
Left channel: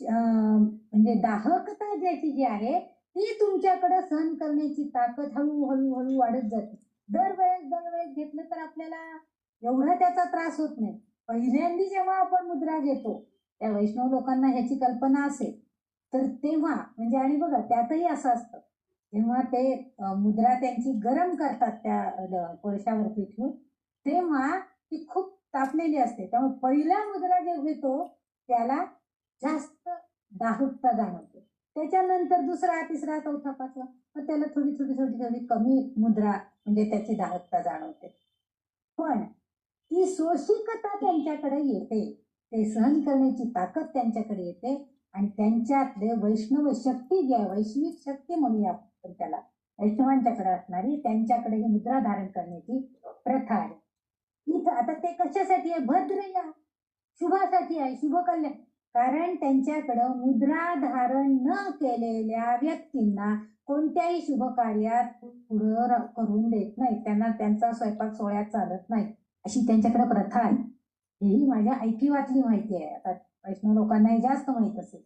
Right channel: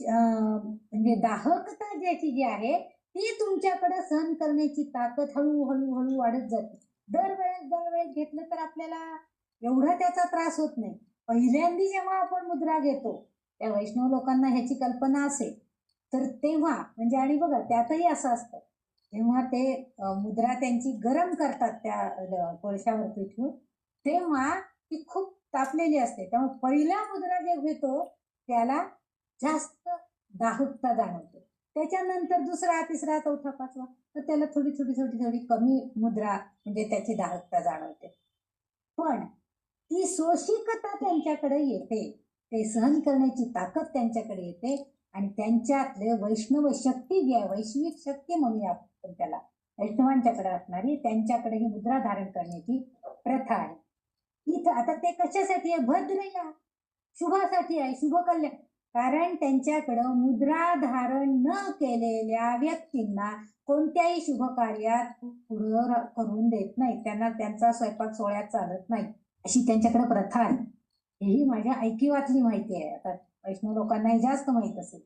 म्हणजे दाहकता ज्याची जी आहे ती तुमच्याकडे सहन करण्याची ताकद हळूहळू हळू वाढत जाते. दरवेळेस घेतलं तर आपल्याला एवढा त्याचा त्रास होत नाही. पहिल्यांदा जेव्हा आपण मुद्रा घेतो, त्या वैष्णव लोकांना ह्याची कल्पना असेल तर तेव्हा म्हणजे, आणि बघा त्यातही असं असतं, जेव्हा ते मुद्रा त्यांची गरम करतात त्या कोळशावरती ठेवून, तेव्हा ती खूप तापलेली असते. त्यामुळे पहिला मुद्रा जे घेतो त्याला जास्त दाहकता जाणवते. त्याच्यानंतर दुसरा, तिसरा, चौथा, पाचवा तर त्याला थोडी कमी मुद्रा म्हणजे त्याची दाहकता जाणवते. पण ती सोशिकता त्यांच्याकडे येते, ते सहन करण्याची ताकद त्यांच्याकडे येते आणि त्यांच्यातले वैष्णव शक्ती जी आहे, वैश्विक शक्ती म्हणूया आपण त्याला, वैष्णवांच्याकडे असणारी त्यांच्याकडे ही मुद्रा धारण करण्याची प्रथा आहे. इथं आता ते कशासाठी आहे, भद्र या शुभासाठी आहे, शुभ कल्याण. कारण त्यांच्याकडं मुद्रा धारण न केलेल्या व्यक्तींना कोणत्याही शुभ कार्यात पुढं करून देत नाही, त्यांना त्यांचा स्वयंपाक सोहळ्यात चालत नाही, अशी त्यांच्याकडे प्रथा आहे. हेही माझ्या ऐकिवातली माहिती आहे. आता वैष्णव लोकांनाही जास्त माहित असेल.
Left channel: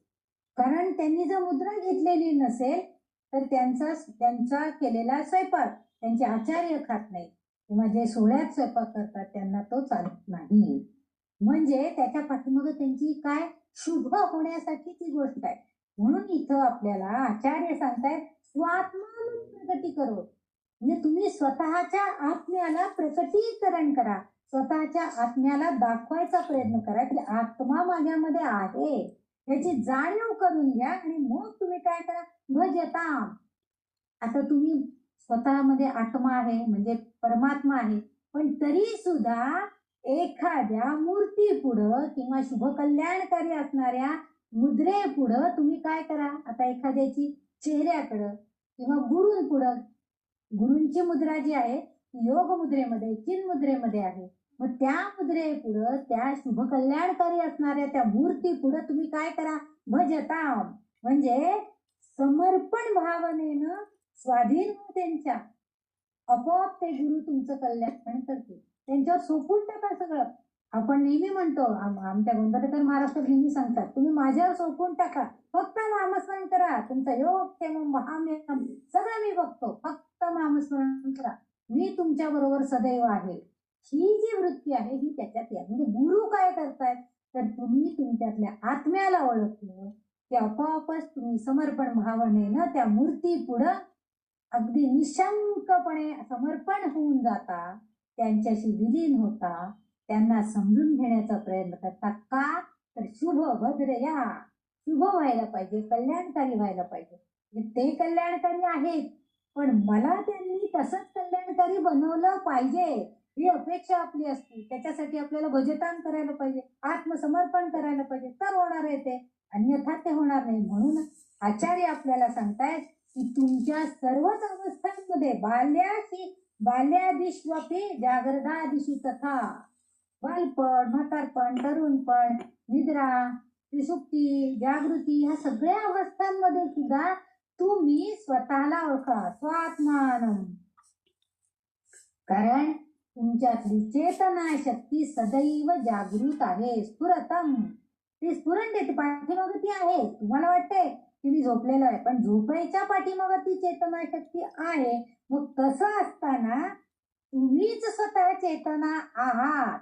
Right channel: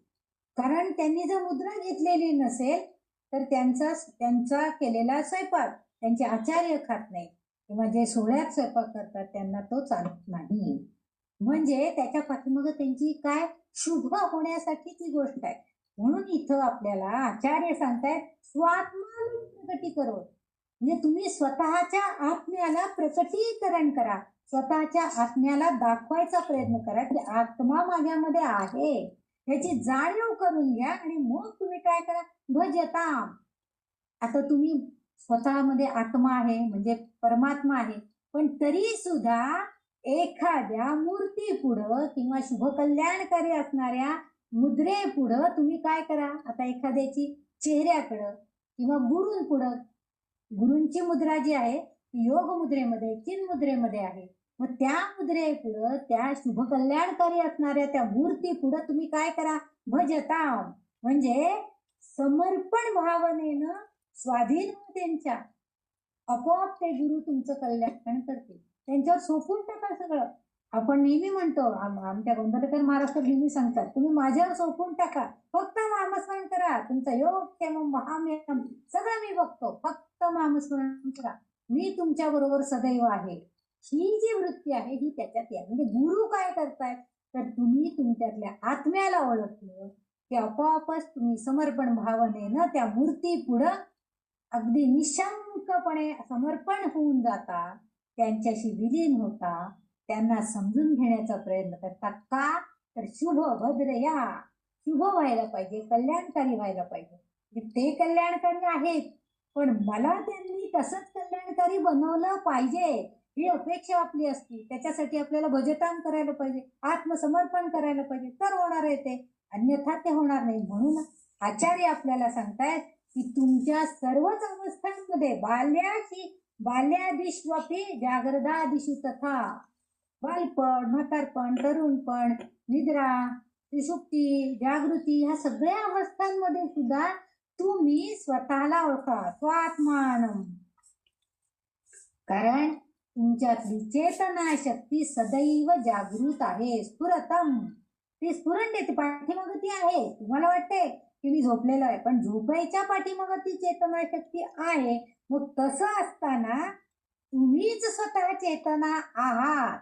कारण त्यांनी जर मुद्रा घेतलेली नसेल तर त्यांचा केलेला स्वयंपाक त्यांचे आचार्य खात नाही किंवा जे सोहळ्यात स्वयंपाक करतात त्यांना तो चालत नाही. म्हणजे त्याच्या पाठीमागे त्यांची काय शुभ होण्यासाठीची गोष्ट आहे. म्हणून इथं आपल्याला आचार्य सांगतायत स्वात्मान प्रकटी करो, म्हणजे तुम्ही स्वतःच्या आत्म्याला प्रकटीकरण करा, स्वतःच्या आत्म्याला दाखवायचा प्रयत्न करा की आत्मा माझ्यामध्ये आहे याची जाणीव करून घ्या आणि मग तुम्ही काय करा, भजताम. आता तुम्ही स्वतःमध्ये आत्मा आहे म्हणजे परमात्मा आहे, पण तरी सुद्धा एखाद्या मूर्ती पुढं किंवा शुभ कल्याणकारी असणाऱ्या मुद्रे पुढं तुम्ही काय करा, आता एखाद्याची चेहऱ्याकडं किंवा गुरूंपुढं, गुरूंची मुद्रा जी आहे ती योग मुद्रेमध्ये, चिन्ह मुद्रेमध्ये आहे, मग त्या मुद्रे पुढं त्या शुभ कल्याणकारी असणाऱ्या त्या मूर्ती पुढं तुम्ही काय करा, भजता. म्हणजे समर्पण भावनेनं स्वाधीन त्यांच्या, आपोआप ते गुरु तुमचं कल्याण करतील. त्यांच्यावर सोपून टाका सगळं. आपण नेहमी म्हणतो, आमच्या गोंधळकर महाराष्ट्र नेहमी सांगतात, तुम्ही माझ्यावर सोपून टाका, फक्त नामस्मरण करा, तुमचा योग क्षेम महामेयम सगळं मी बघतो, फक्त नामस्मरण करा, मी तुमच्या बरोबर सदैव आहे. ही जी वृत्ती आहे ही त्याच्यात आहे. म्हणजे गुरु काय करतायत, तर तुम्ही तुमच्यातल्या आत्म्याला ओळखलं की आपोआपच तुम्ही समर्पण भावनेनं त्या मूर्ती पुढं अगदी निशंकपणे समर्पण होऊन जाता, त्यांच्याशी विलीन होता, त्यांना समजून घेण्याचा प्रयत्न करता. का तर शुभ भद्र या शुभ व्हायला पाहिजे, कल्याणकारी व्हायला पाहिजे. ते कल्याणकारी आहेत पण मला त्यांनी तसंच कल्याणकारी बनवलं पाहिजे ही अपेक्षा आपली असते. त्याच्यासाठी आपल्याला भजतान करायला पाहिजे, आत्मसमर्पण करायला पाहिजे, तर होणार आहे ते, अन्यथा ते होणार नाही. म्हणून आचार्य आपल्याला सांगतायत की तुमच्या सर्वच अवस्थांमध्ये बाल्यादिष्वपी जागरदादिषु तथा, बालपण, म्हातारपण, तरुणपण, निद्रा, सुषुप्ती, जागृती, ह्या सगळ्या अवस्थांमध्ये सुद्धा तुम्ही स्वतःला ओळखा, स्वात्मानम. कारण तुमच्यातली चेतना शक्ती सदैव जागृत आहे, स्फुरतम, ती स्फुरण देते, पाठीमागे ती आहे. तुम्हाला वाटते की मी झोपलेलो आहे, पण झोपायच्या पाठीमागे ती चेतना शक्ती आहे. मग तसं असताना तुम्हीच स्वतः चेतना आहात,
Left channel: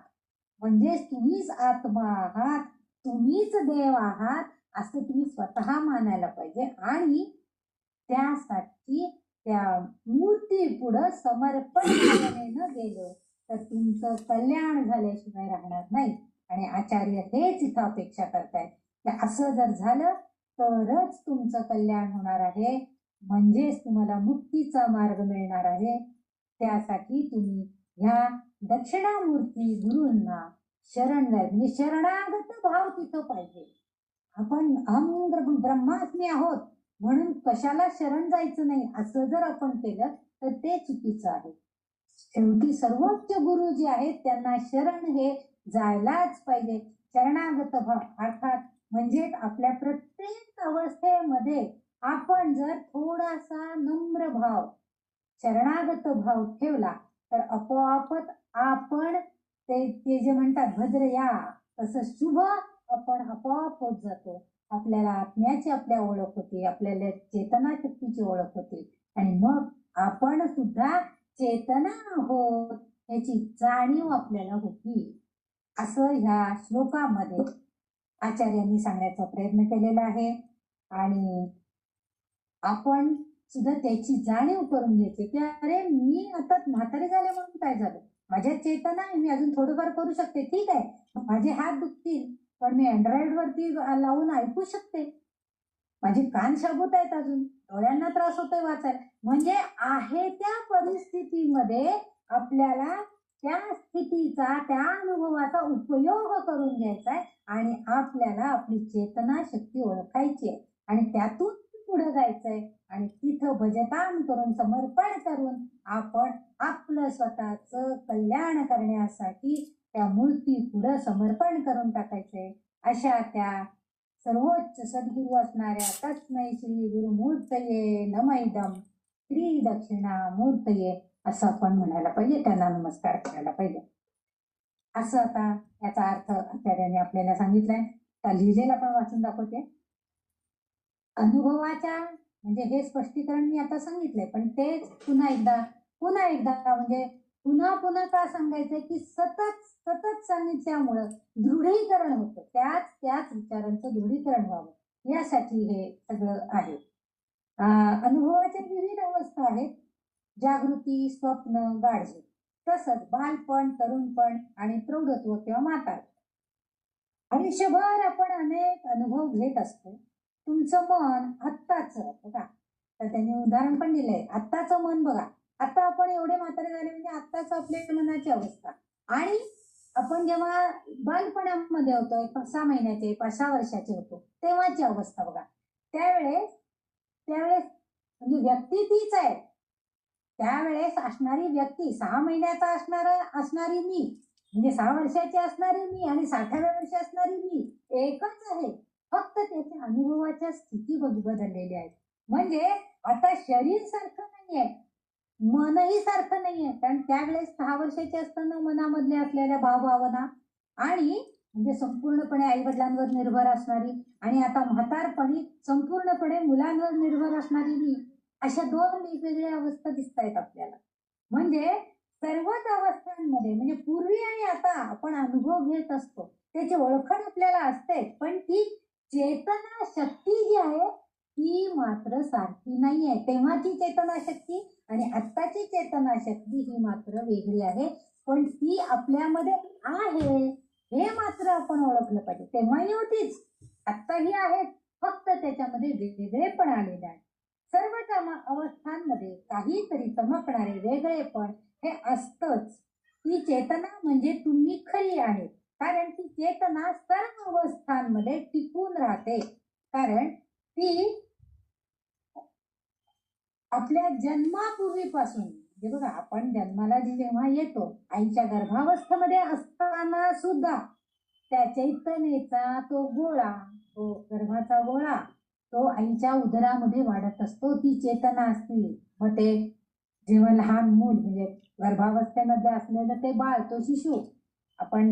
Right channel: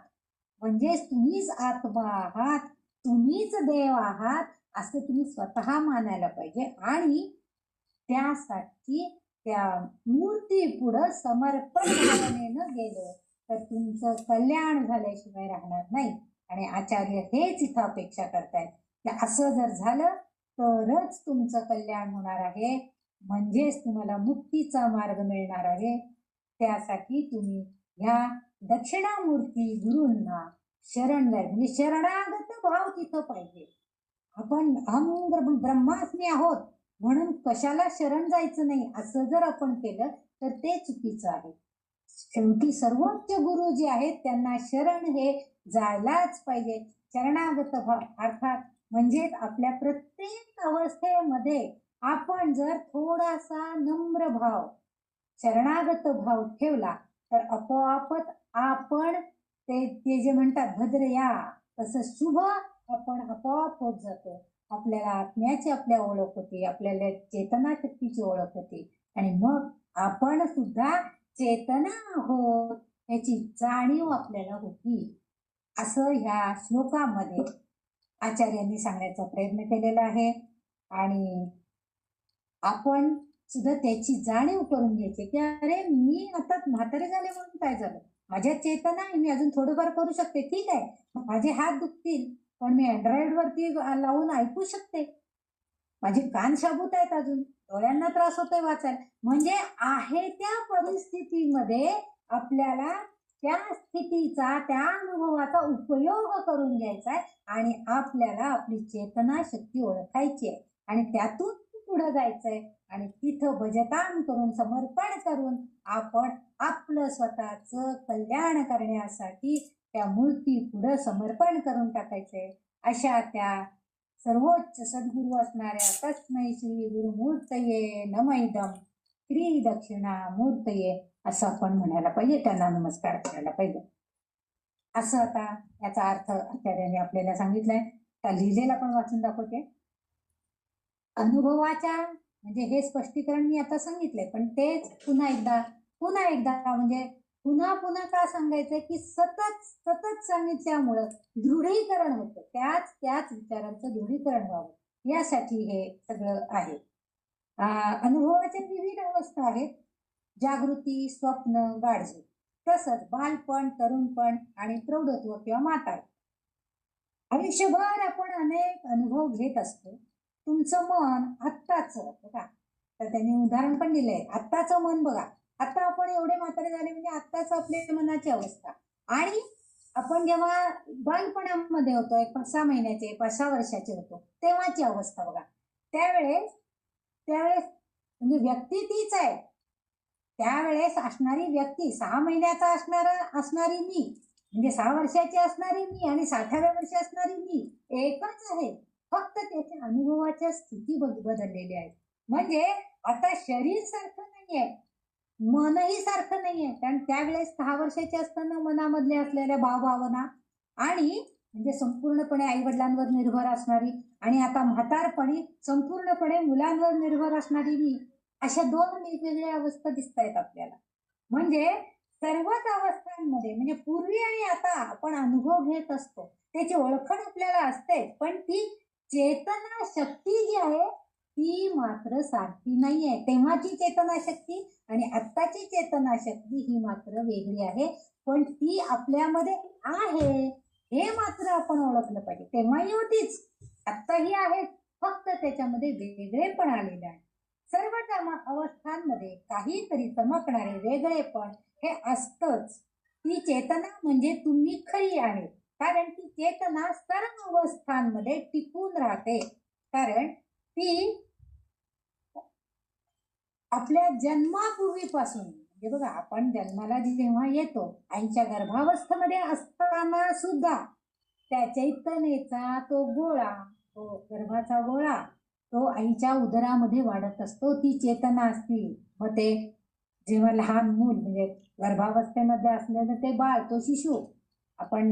म्हणजेच तुम्हीच आत्मा आहात, तुम्हीच देव आहात, असं तुम्ही स्वतः मानायला पाहिजे. आणि त्यासाठी त्या मूर्ती पुढं समर्पण भावनेनं गेलं तर तुमचं कल्याण झाल्याशिवाय राहणार नाही. आणि आचार्य हेच इथं अपेक्षा करतायत की असं जर झालं तरच तुमचं कल्याण होणार आहे, म्हणजेच तुम्हाला मुक्तीचा मार्ग मिळणार आहे. त्यासाठी तुम्ही ह्या दक्षिणामूर्ती गुरूंना शरण जाय, म्हणजे शरणागत भाव तिथं पाहिजे. आपण अहम ब्रह्मास्मी आहोत म्हणून कशाला शरण जायचं नाही असं जर आपण केलं तर ते चुकीचं आहे. शेवटी सर्वोच्च गुरु जे आहेत त्यांना शरण हे जायलाच पाहिजे. शरणागत भाव अर्थात म्हणजे आपल्या प्रत्येक अवस्थेमध्ये आपण जर थोडासा नम्र भाव, शरणागत भाव ठेवला तर आपोआपच आपण ते जे म्हणतात भद्रया तसं शुभ आपण आपोआप होत जातो. आपल्याला आत्म्याची आपल्या ओळख होती, आपल्याला चेतना शक्तीची ओळख होती आणि मग आपण सुद्धा चेतना आहोत याची जाणीव आपल्याला होती. असं ह्या श्लोकामध्ये आचार्यांनी सांगण्याचा प्रयत्न केलेला आहे. आणि आपण सुद्धा त्याची जाणीव करून घ्यायची की अरे मी आता म्हातारे झाले म्हणून काय झालं, माझ्या चेतना आहे, मी अजून थोडंफार करू शकते, ठीक आहे, माझे हात दुखतील पण मी अँड्रॉइड वरती लावून ऐकू शकते, माझे कान शाबूत आहेत, अजून डोळ्यांना त्रास होतोय वाचायला. म्हणजे आहे त्या परिस्थितीमध्ये आपल्याला त्या स्थितीचा त्या अनुभवाचा उपयोग करून घ्यायचा आहे आणि आपल्याला आपली चेतना शक्ती ओळखायची आहे आणि त्यातून पुढे जायचंय आणि तिथं भजतान करून समर्पण करून आपण आपलं स्वतःच कल्याण करण्यासाठी त्या मूर्ती पुढे समर्पण करून टाकायचंय. अशा त्या सर्वोच्च सद्गुरू असणाऱ्या तस्मै श्री गुरुमूर्तये नमैदम श्री दक्षिणामूर्तये असं आपण म्हणायला पाहिजे, त्यांना नमस्कार करायला पाहिजे. असं आता याचा अर्थ आचार्याने आपल्याला सांगितलाय. त्या लिहिलेला पण वाचून दाखवते. अनुभवाच्या म्हणजे हे स्पष्टीकरण मी आता सांगितलंय पण तेच पुन्हा एकदा म्हणजे पुन्हा पुन्हा का सांगायचंय की सतत सतत सांगितल्यामुळं दृढीकरण होतं, त्याच विचारांचं दृढीकरण व्हावं यासाठी हे सगळं आहे. अनुभवाच्या विविध अवस्था आहेत, जागृती, स्वप्न, गाढझोप, तसंच बालपण, तरुणपण आणि प्रौढत्व किंवा म्हातार. आयुष्यभर आपण अनेक अनुभव घेत असतो. तुमचं मन आत्ताच बघा, तर त्यांनी उदाहरण पण दिलंय, आत्ताचं मन बघा, आता आपण एवढे म्हातारे झाले म्हणजे आत्ताच आपल्या मनाची अवस्था आणि आपण जेव्हा बालपणामध्ये होतो 5-6 महिन्याचे 5-6 वर्षाचे होतो तेव्हाची अवस्था बघा. त्यावेळेस म्हणजे व्यक्ती तीच आहे. त्यावेळेस असणारी व्यक्ती 6 महिन्याचा असणारी मी म्हणजे 6 वर्षाची असणारी मी आणि 60व्या वर्षी असणारी मी एकच आहे, फक्त त्याच्या अनुभवाच्या स्थिती बदललेल्या आहेत. म्हणजे आता शरीर सारखं नाहीये, मनही सारखं नाहीये. कारण त्यावेळेस 6 वर्षाचे असताना मनामधले असलेल्या भावभावना आणि म्हणजे संपूर्णपणे आई वडिलांवर निर्भर असणारी आणि आता म्हातारपणी संपूर्णपणे मुलांवर निर्भर असणारी मी, अशा 2 वेगवेगळ्या अवस्था दिसत आहेत आपल्याला. म्हणजे सर्वच अवस्थांमध्ये म्हणजे पूर्वी आणि आता आपण अनुभव घेत असतो त्याची ओळखण आपल्याला असते, पण ती चेतना शक्ती जी आहे ती मात्र सारखी नाहीये. तेव्हाची चेतना शक्ती आणि आत्ताची चेतना शक्ती ही मात्र वेगळी आहे, पण ती आपल्यामध्ये आहे हे मात्र आपण ओळखलं पाहिजे. तेव्हाही होतीच, आत्ताही आहेत, फक्त त्याच्यामध्ये वेगळेपण आलेलं आहे. सर्व अवस्थांमध्ये काहीतरी चमकणारे वेगळेपण हे असतंच. ती चेतना म्हणजे तुम्ही खरी आहे, कारण ती चेतना सर्व अवस्थांमध्ये टिकून राहते. कारण ती आपल्या जन्मापूर्वीपासून म्हणजे बघा, आपण जन्माला जेव्हा येतो आईच्या गर्भावस्थेमध्ये असताना सुद्धा त्या चैतन्याचा तो गोळा, तो गर्भाचा गोळा तो आईच्या उदरामध्ये वाढत असतो, ती चेतना असते. मग ते जेव्हा लहान मूल म्हणजे गर्भावस्थेमध्ये असलेलं ते बाळ, तो शिशु, आपण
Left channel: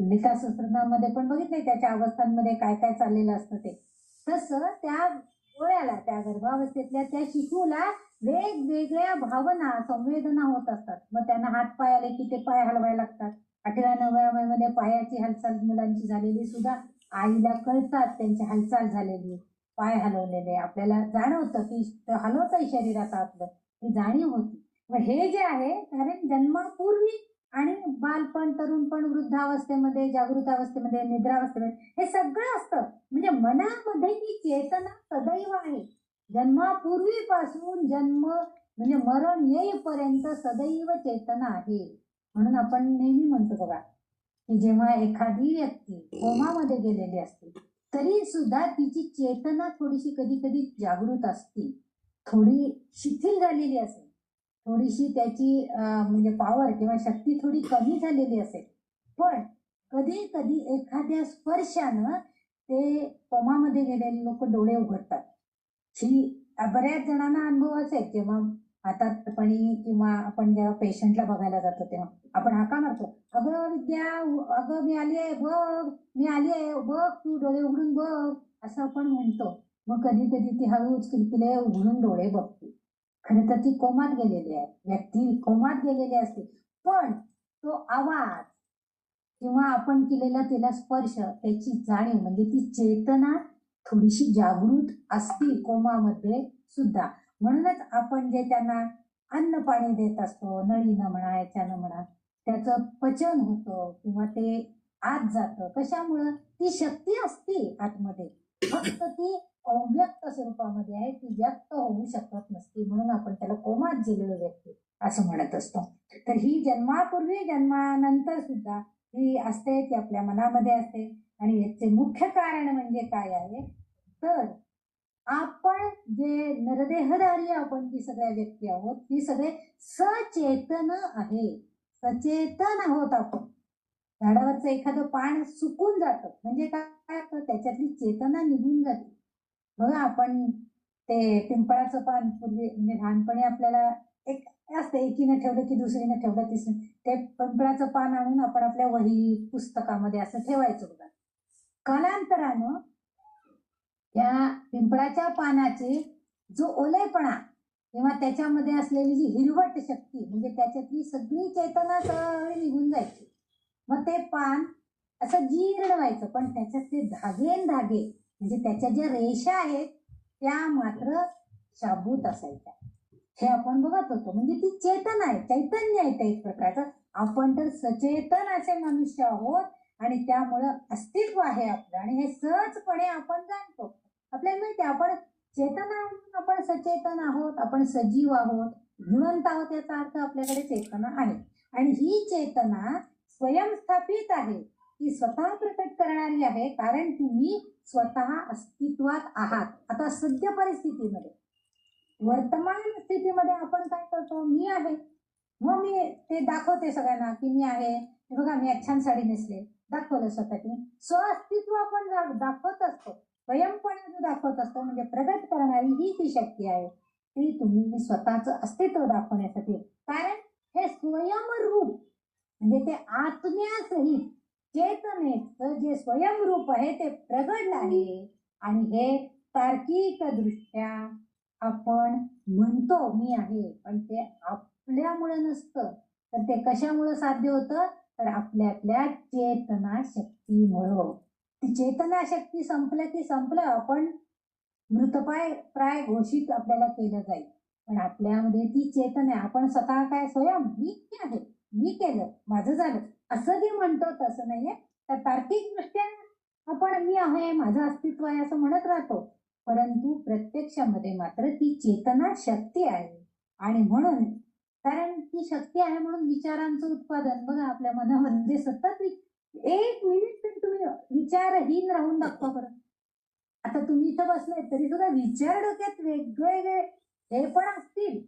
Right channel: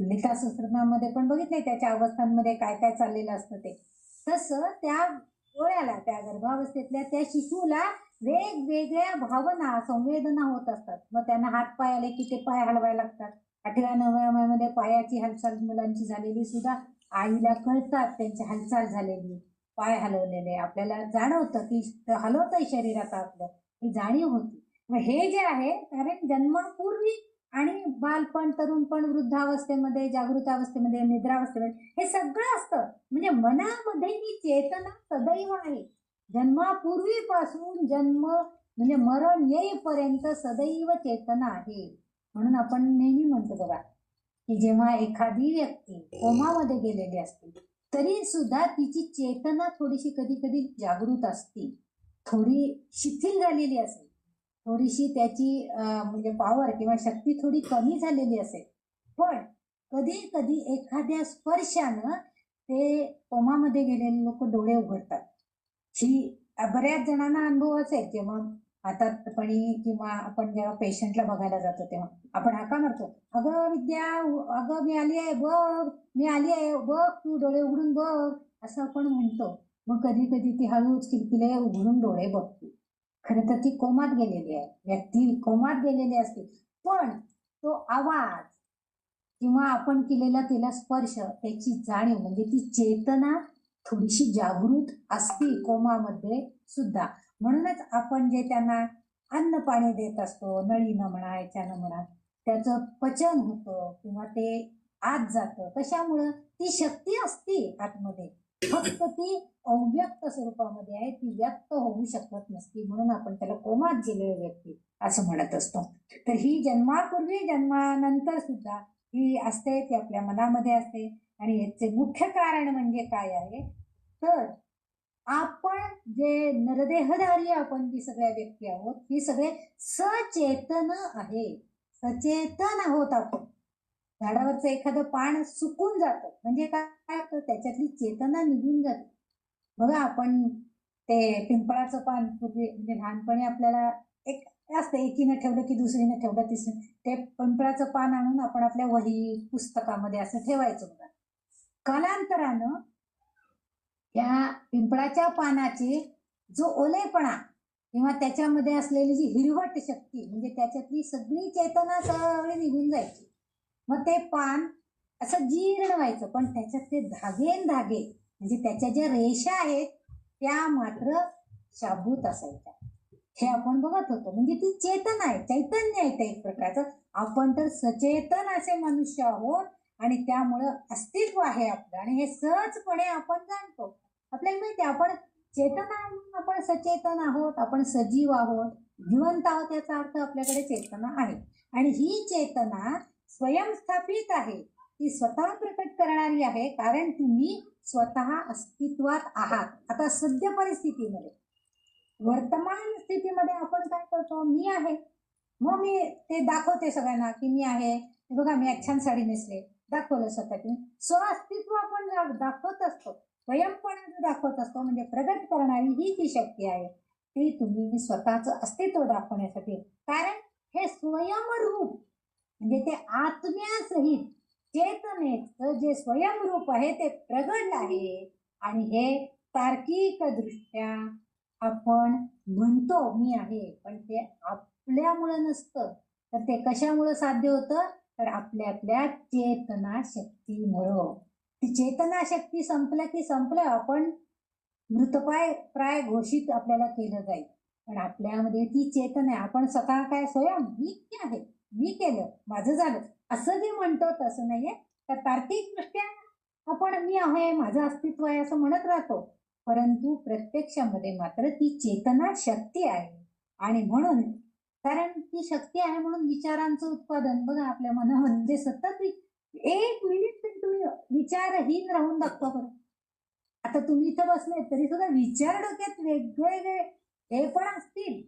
लिखा सहस्त्रनामामध्ये पण बघितले त्याच्या अवस्थांमध्ये काय काय चाललेलं असतं ते. तसं त्या गोळ्याला, त्या गर्भावस्थेतल्या त्या शिशुला वेगवेगळ्या भावना संवेदना होत असतात. मग त्यांना हात पाय आले की ते पाय हलवायला लागतात. 8व्या-9व्या महिन्यामध्ये पायाची हालचाल मुलांची झालेली सुद्धा आईला कळतात, त्यांची हालचाल झालेली. पाय हलवलेले, आपल्याला जाणवतं की हलवतंय शरीरात आपलं, ही जाणीव होती. मग हे जे आहे कारण जन्मापूर्वी आणि बालपण, तरुणपण, वृद्धावस्थेमध्ये, जागृतावस्थेमध्ये, निद्रावस्थेमध्ये हे सगळं असतं. म्हणजे मनामध्ये ती चेतना सदैव आहे. जन्मापूर्वीपासून जन्म म्हणजे मरण येईपर्यंत सदैव चेतना आहे. म्हणून आपण नेहमी म्हणतो बघा की जेव्हा एखादी व्यक्ती कोमामध्ये गेलेली असते तरी सुद्धा तिची चेतना थोडीशी कधी कधी जागृत असते, थोडी शिथिल झालेली असेल, थोडीशी त्याची म्हणजे पॉवर किंवा शक्ती थोडी कमी झालेली असेल, पण कधी कधी एखाद्या स्पर्शानं ते कोमामध्ये गेलेले लोक डोळे उघडतात. ही बऱ्याच जणांना अनुभव असेल. जेव्हा हातातपणी किंवा आपण जेव्हा पेशंटला बघायला जातो तेव्हा आपण हाका मारतो, अगं विद्या, अगं मी आली आहे बघ, मी आली आहे बघ, तू डोळे उघडून बघ, असं आपण म्हणतो. मग कधी कधी ती हळूच किलकिले उघडून डोळे बघते. खरं तर ती कोमात गेलेली आहे, व्यक्ती कोमात गेलेली असते, पण तो आवाज किंवा आपण केलेला तिला स्पर्श, त्याची जाणीव म्हणजे ती चेतना थोडीशी जागृत असते कोमामध्ये सुद्धा. म्हणूनच आपण जे त्यांना अन्न पाणी देत असतो, नळीनं म्हणा, याच्यानं म्हणा, त्याचं पचन होतं किंवा ते आत जातं. कशामुळं? ती शक्ती असते आतमध्ये, फक्त ती अव्यक्त स्वरूपामध्ये आहे, ती व्यक्त होऊ शकत नसते. म्हणून आपण त्याला कोमात गेलेली व्यक्ती असं म्हणत असतो. तर ही जन्मापूर्वी जन्मानंतर सुद्धा ही असते, ती आपल्या मनामध्ये असते. आणि याचे मुख्य कारण म्हणजे काय आहे तर आपण जे नरदेहधारी आपण जी सगळ्या व्यक्ती आहोत, ही सगळे सचेतन आहे, सचेतन आहोत आपण. झाडावरचं एखादं पान सुकून जातं म्हणजे काय, त्याच्यातली चेतना निघून जाते. बघा आपण ते पिंपळाचं पान पूर्वी म्हणजे लहानपणी आपल्याला एक असतं, एकीनं ठेवलं की दुसरीनं ठेवलं तिसरं, ते पिंपळाचं पान आणून आपण आपल्या वही पुस्तकामध्ये असं ठेवायचं बघा. कालांतरानं त्या पिंपळाच्या पानाचे जो ओलेपणा किंवा त्याच्यामध्ये असलेली जी हिरवट शक्ती म्हणजे त्याच्यातली सगळी चेतना सगळी निघून जायची. मग ते पान असं जीर्ण व्हायचं, पण त्याच्यात ते धागे म्हणजे त्याच्या ज्या रेषा आहेत त्या मात्र शाबूत असायच्या. हे आपण बघत होतो. म्हणजे ती चेतना आहे, चैतन्य आहे ते एक प्रकारचं. आपण तर सचेतन असे मनुष्य आहोत आणि त्यामुळं अस्तित्व आहे आपलं आणि हे सहजपणे आपण जाणतो. आपल्याला माहिती आहे आपण चेतन आहोत, आपण सचेतन आहोत, आपण सजीव आहोत, जिवंत आहोत, याचा अर्थ आपल्याकडे चेतना आहे. आणि ही चेतना स्वयंस्थापित आहे, ती स्वतः प्रकट करणारी आहे, कारण तुम्ही स्वतः अस्तित्वात आहात. आता सद्य परिस्थितीमध्ये वर्तमान स्थितीमध्ये आपण काय करतो, मी आहे, मग मी ते दाखवते सगळ्यांना की मी आहे, बघा मी छान साडी नेसले, दाखवलं स्वतःची स्वअस्तित्व आपण दाखवत असतो, स्वयंपणे दाखवत असतो. म्हणजे प्रगट करणारी ही ती शक्ती आहे, ती तुम्ही स्वतःचं अस्तित्व दाखवण्यासाठी. कारण हे स्वयंरूप म्हणजे ते आत्म्यासहित चेतनेचं जे स्वयंरूप आहे ते प्रगट आहे. आणि हे तार्किक दृष्ट्या आपण म्हणतो मी आहे, पण ते आपल्यामुळे नसतं, तर ते कशामुळे साध्य होतं, तर आपल्यातल्या चेतना शक्तीमुळं. ती चेतना शक्ती संपलं की संपलं, आपण मृतप्राय घोषित आपल्याला केलं जाईल. पण आपल्यामध्ये ती चेतना आहे. आपण स्वतः काय स्वयं मी आहे, मी केलं, माझं झालं असं जे म्हणतो तसं नाहीये. तर तार्किक दृष्ट्या आपण मी आहे, माझं अस्तित्व आहे असं म्हणत राहतो, परंतु प्रत्यक्षामध्ये मात्र ती चेतना शक्ती आहे. आणि म्हणून कारण ती शक्ती आहे म्हणून विचारांचं उत्पादन बघा आपल्या मनामध्ये सतत एक मिनिट तरी तुम्ही विचारहीन राहून दाखवा बरं. आता तुम्ही इथं बसले तरी सुद्धा विचार डोक्यात वेगवेगळे हे पण असतील,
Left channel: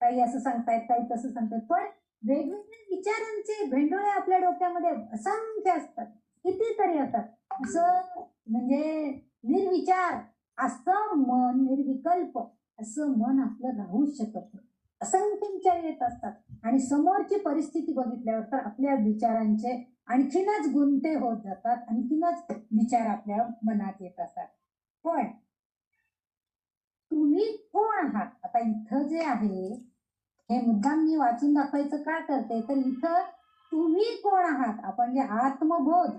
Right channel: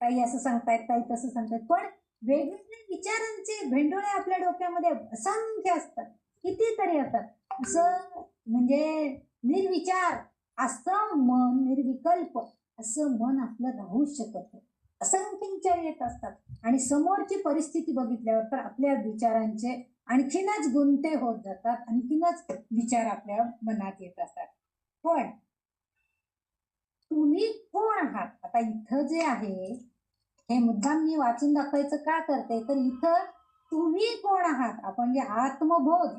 काही असं सांगतायत, काही तसं सांगतायत, पण वेगवेगळे विचारांचे भेंडोळे आपल्या डोक्यामध्ये असंख्य असतात, कितीतरी असतात. असं म्हणजे निर्विचार असं मन, निर्विकल्प असं मन आपलं राहू शकत नाही. असंख्य विचार येत असतात आणि समोरची परिस्थिती बघितल्यावर तर आपल्या विचारांचे आणखीनच गुंते होत जातात, आणखीनच विचार आपल्या मनात येत असतात. पण तुम्ही कोण आहात? आता इथं जे आहे हे मुद्दाम मी वाचून दाखवायचं का करते, तर इथं तुम्ही कोण आहात, आपण जे आत्मबोध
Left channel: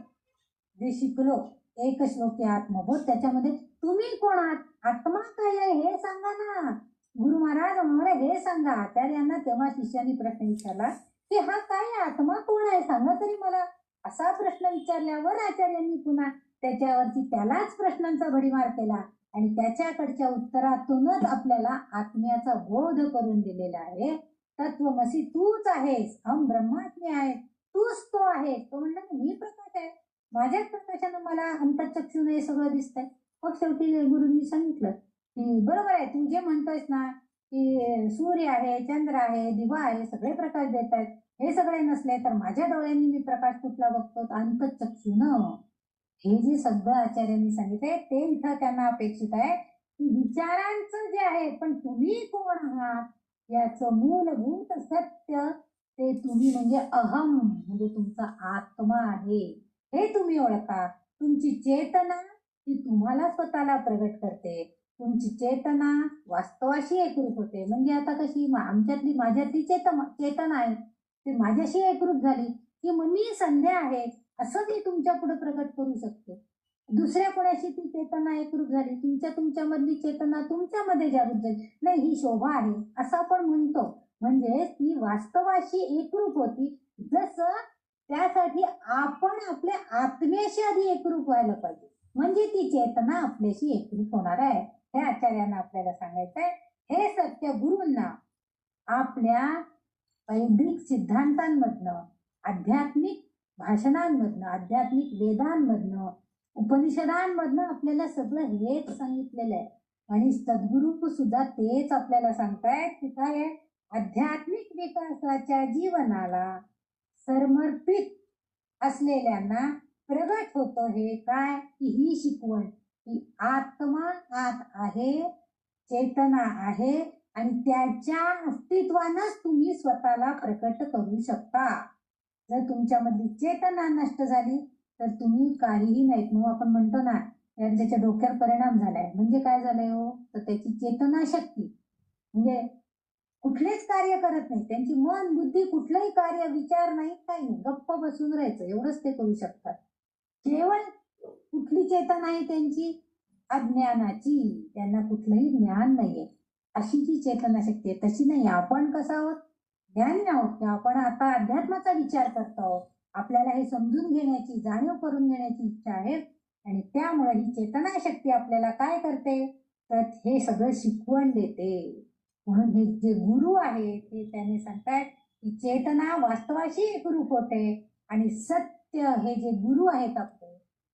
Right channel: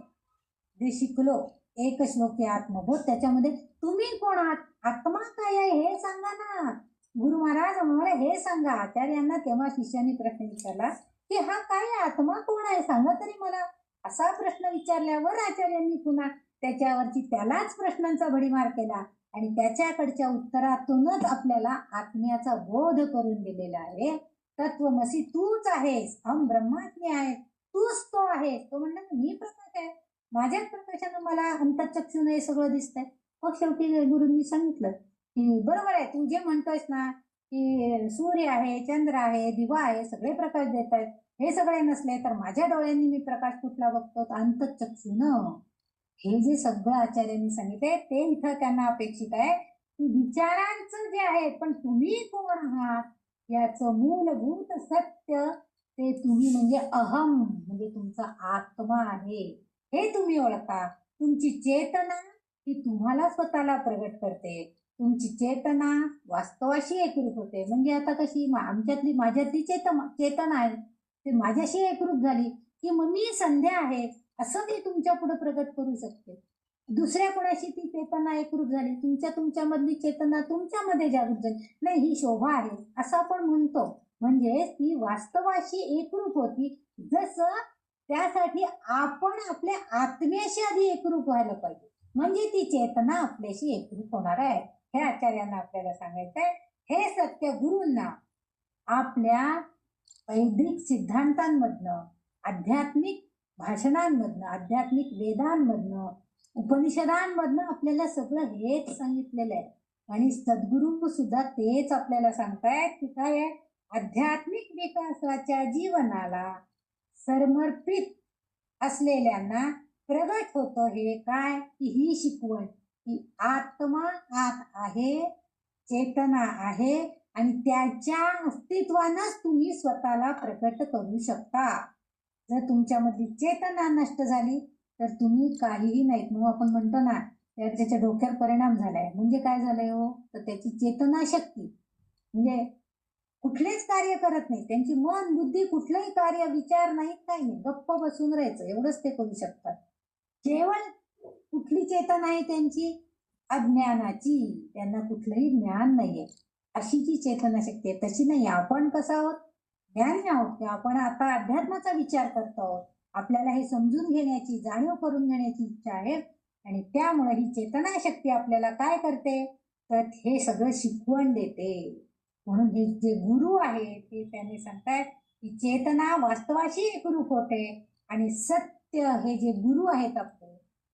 जे शिकलो एक श्लोकी आत्मबोध, त्याच्यामध्ये तुम्ही कोण आहात, आत्मा काय आहे हे सांगा ना. गुरु महाराज म्हणाले हे सांगा. आचार्यांना तेव्हा शिष्याने प्रश्न विचारला की हा काय आत्मा कोण आहे सांगा तरी मला. असा प्रश्न विचारल्यावर आचार्यांनी पुन्हा त्याच्यावरची त्यालाच प्रश्नांचा भडीमार केला आणि त्याच्याकडच्या उत्तरातूनच आपल्याला आत्म्याचा बोध करून दिलेला आहे. तत्वमसी तूच आहेस, अहम ब्रह्मात्म्य आहे, तूच तो आहे. तो म्हणला मी प्रकाश आहे, माझ्याच प्रकाशानं मला अंतःचक्षुने हे सगळं दिसतंय. मग शेवटी गुरुंनी सांगितलं की बरोबर आहे, तू जे म्हणतोयस ना की सूर्य आहे, चंद्र आहे, दिवा आहे, सगळे प्रकाश देत आहेत, हे सगळे नसले तर माझ्या डोळ्यांनी मी प्रकाश कुठला बघतो, अंतःचक्षुनं. हे जे सगळं आचार्यांनी सांगितलंय ते इथं त्यांना अपेक्षित आहे. विचारांचं जे आहे, पण तुम्ही कोण आहात याचं मूलभूत सत्य ते तुम्ही म्हणजे अहम, म्हणजे तुमचा आत्मा आहे हे तुम्ही ओळखा. तुमची चेतना ही तुम्हाला स्वतःला प्रगट करते. तुमची चेतना वास्तवाशी एकरूप होते. म्हणजे आता कशी आमच्यातली माझ्यातली चेतना आहे ती माझ्याशी एकरूप झाली की मग मी संध्या आहे असं ती तुमच्या पुढे प्रगट करू शकते. दुसऱ्या कोणाशी ती चेतना एकरूप झाली, तुमच्यामधली चेतना तुमच्यामध्ये जागृत झाली, नाही ही शोभा आहे असं आपण म्हणतो. म्हणजे ती वास्तवाशी एकरूप होती. जसं त्यासाठी आपण आपल्या आत्म्याशी आधी एकरूप व्हायला पाहिजे, म्हणजे ती चेतना आपल्याशी एकरूप होणार आहे. हे आचार्यांना आपल्याला सांगायचंय. हे सत्य गुरूंना आपल्या वैदिक सिद्धांतांमधनं, आध्यात्मिक भाषणांमधनं, आध्यात्मिक वेदांमधनं, उपनिषदांमधनं आपल्याला सगळं हेच सांगितलेलं आहे. आणि सद्गुरू सुद्धा तेच आपल्याला सांगतायत की काय आहे, आध्यात्मिक विकासाच्या जीवनाला समर्पित असलेल्यांना प्रगट होतं हे काय की ही शिकवण की आत्मा आत आहे, चेतना आहे आणि त्याच्या अस्तित्वानंच तुम्ही स्वतःला प्रकट करू शकता. जर तुमच्यामधली चेतना नष्ट झाली तर तुम्ही काहीही नाहीत. मग आपण म्हणतो ना त्याच्या डोक्यावर परिणाम झालाय, म्हणजे काय झालंय हो, तर त्याची चेतना शक्ती म्हणजे कुठलेच कार्य करत नाही. त्यांची मन बुद्धी कुठलंही कार्य, विचार नाही, काही नाही, गप्प बसून राहायचं एवढंच ते करू शकतात. केवळ कुठली चेतना आहे त्यांची, अज्ञानाची, त्यांना कुठलंही ज्ञान नाहीये अशी जी चेतना शक्ती आहे. तशी नाही. आपण कसं आहोत, ज्ञानी आहोत की आपण आता अध्यात्माचा विचार करतो आहोत. आपल्याला हे समजून घेण्याची, जाणीव करून घेण्याची इच्छा आहे आणि त्यामुळे ही चेतना शक्ती आपल्याला काय करते तर हे सगळं शिकवण देते. म्हणून हे जे गुरु आहे ते त्याने सांगतायत की चेतना वास्तवाशी एकरूप होते आणि सत्य हे जे गुरु आहेत आपले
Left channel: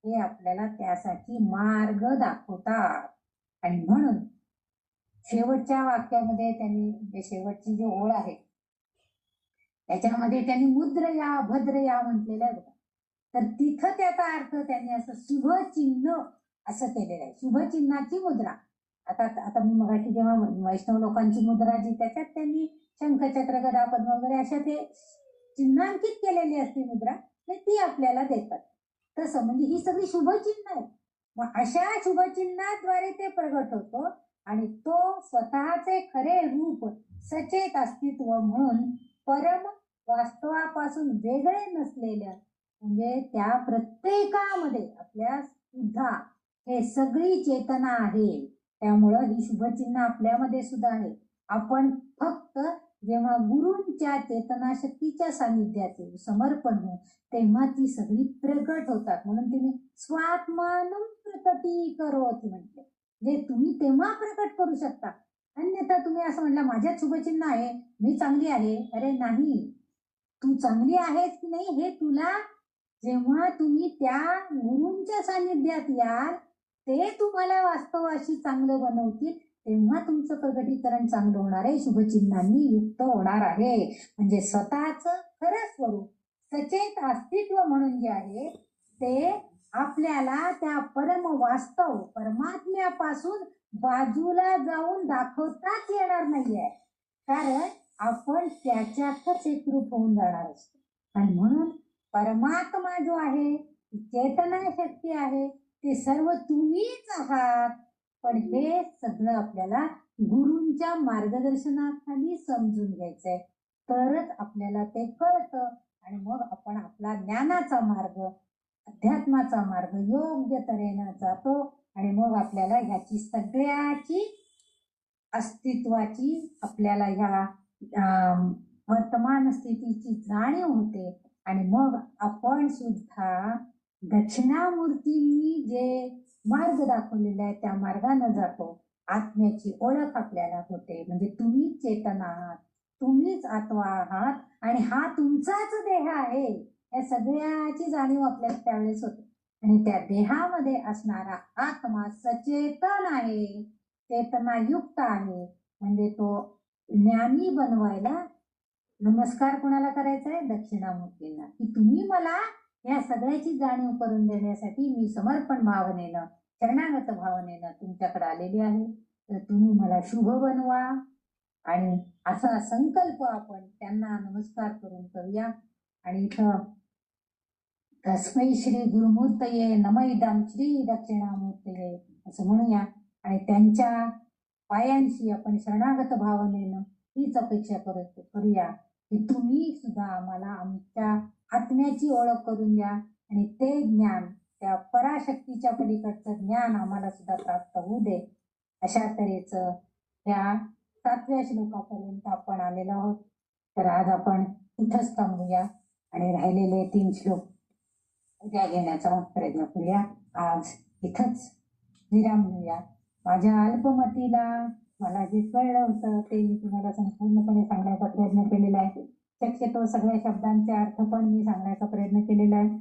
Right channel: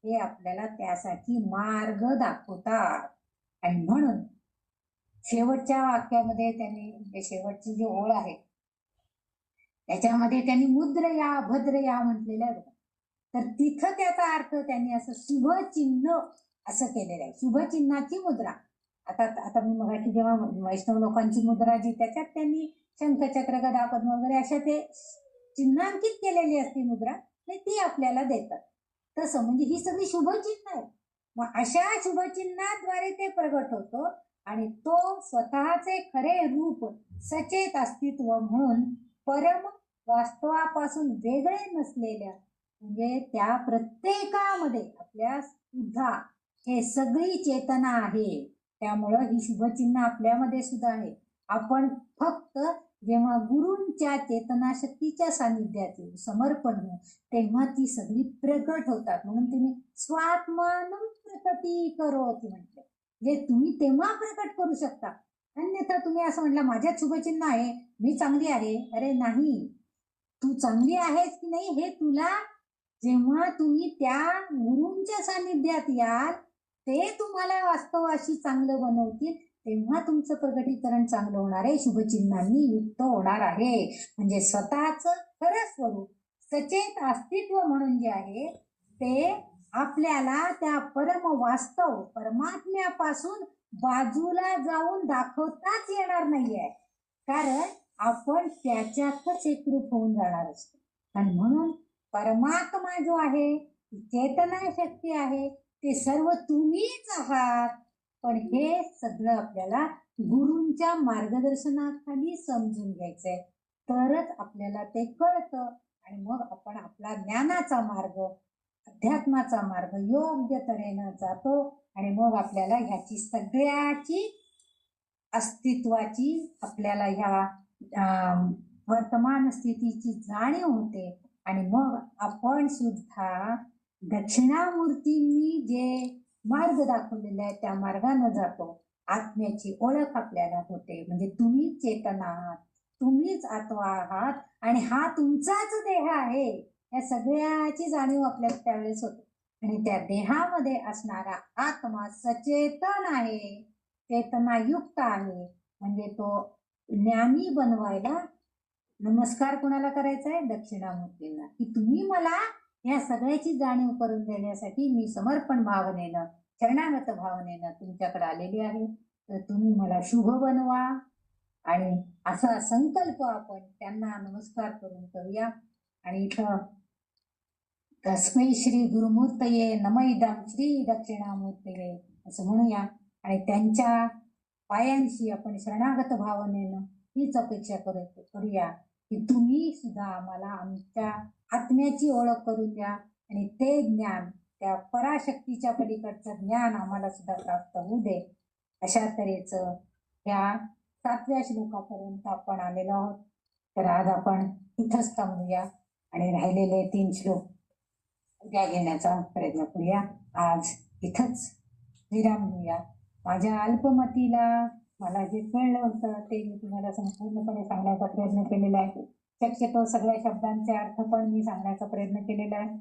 हे आपल्याला त्यासाठी मार्ग दाखवतात. आणि म्हणून शेवटच्या वाक्यामध्ये त्यांनी शेवटची जी ओळ आहे त्याच्यामध्ये त्यांनी मुद्रया भद्रया म्हटलेलं आहे. तर तिथं त्याचा अर्थ त्यांनी असं शुभ चिन्ह असं केलेलं आहे. शुभ चिन्हाची मुद्रा. आता मी मगाशी जेव्हा वैष्णव लोकांची मुद्रा जी त्याच्यात त्यांनी शंखचक्र गदा पद्म वगैरे अशा ते चिन्हांकित केलेली असती मुद्रा, ती आपल्याला देतात. तसं म्हणजे ही सगळी शुभचिन्ह आहेत. मग अशा शुभचिन्हाद्वारे ते प्रगट होतो आणि तो स्वतःचे खरे रूप सचेत अस्तित्व म्हणून परम वास्तवापासून वेगळे नसलेल्या म्हणजे त्या प्रत्येकामध्ये आपल्या सुद्धा हे सगळी चेतना आहे. त्यामुळं ही शुभचिन्ह आपल्यामध्ये सुद्धा आहे. आपण फक्त जेव्हा गुरूंच्या चेतना शक्तीच्या सानिध्यात समर्पण हो तेव्हा ती सगळी प्रकट होतात. म्हणून तिने स्वात्मानं प्रकटी करोति म्हटलं, जे तुम्ही तेव्हा प्रकट करू शकता. अन्यथा तुम्ही असं म्हटलं माझ्यात शुभचिन्ह आहे, मी चांगली आहे. अरे नाही, तू चांगली आहेस की नाही हे तुला जेव्हा तुम्ही त्या गुरूंच्या सानिध्यात याल ते तुम्हाला वास्तवाशी चांगलं बनवतील तेव्हा तुमचं प्रकटीकरण चांगलं होणार आहे, शुभचिन्हांनी युक्त होणार आहे. म्हणजे स्वतःच खरं स्वरूप सचेत अस्तित्व म्हणून जे आहे ते आपल्याला त्या परम वास्तव परमात्म्यापासून बाजूला जाऊन दाखवताच येणार नाहीये, कारण आपण त्याच्यातच एकरूप होऊन जाणार असतो. आणि म्हणून परमात्मा जो आहे, चेतना शक्ती आहे, ते सर्व तुम्हीच आहात. पण हे सगळं आपल्याला गुरूंच्या मार्गदर्शनाखाली समजून घ्यायचंय, तरच आपल्याला ते कळतं आणि मग आपण आपला ज्ञानाचा मार्ग अध्यात्माचा मार्ग योग्य तऱ्हेनं जातो आणि मग आपल्याला ह्याची सगळ्याची अस्तित्वाची आपल्याला ह्या वर्तमान स्थितीची जाणीव होते आणि मग आपण सुद्धा दक्षिणामूर्तींनी जे मार्ग दाखवलेले आहे त्या मार्गाने जातो. आत्म्याची ओळख आपल्याला होते. म्हणजे तुम्हीच चेतना आहात, तुम्हीच आत्मा आहात आणि हा तुमचाच देह आहे. या सगळ्याची जाणीव आपल्याला त्यावेळेस होते आणि त्या देहामध्ये असणारा आत्मा सचेतन आहे, चेतनायुक्त आहे. म्हणजे तो ज्ञानी बनवायला नमस्कार कोणाला करायचा आहे? दक्षिणामूर्तींना, की तुम्ही मला या सगळ्याची जाणीव करून देण्यासाठी मी समर्पण भावनेनं, शरणागत भावनेनं तुमच्याकडे आलेली आहे. तर तुम्ही मला शुभ बनवा. आणि असा संकल्प आपण त्यांना नमस्कार करून करूया. आणि इथं तस्मै श्री गुरुमूर्तये नमैदं श्री दक्षिणामूर्तये असं म्हणूया आणि त्यांच्या पायांशी आपण शरणागत भावनेनं हीच अपेक्षा करूया की तुम्ही सुद्धा आम्हाला आमच्या आत्म्याची ओळख करून द्या आणि ते ज्ञान, त्या पराशक्तीच्या पलीकडचं ज्ञान आम्हाला सुद्धा प्राप्त होऊ दे. अशा तऱ्हेचं ह्या 7व्या श्लोकापर्यंत आपण आलेलो आहोत. तर आज आपण इथंच थांबूया आणि राहिलेले 3 श्लोक उद्या घेण्याचा प्रयत्न करूया. आज इथंच विराम घेऊया. माझ्या अल्पमतीला मला जे कळलं होतं ते मी तुम्हाला संपूर्णपणे सांगण्याचा प्रयत्न केलेला आहे. शक्यतो सगळ्या शब्दांचे अर्थ पण मी सांगण्याचा प्रयत्न केलेला आहे.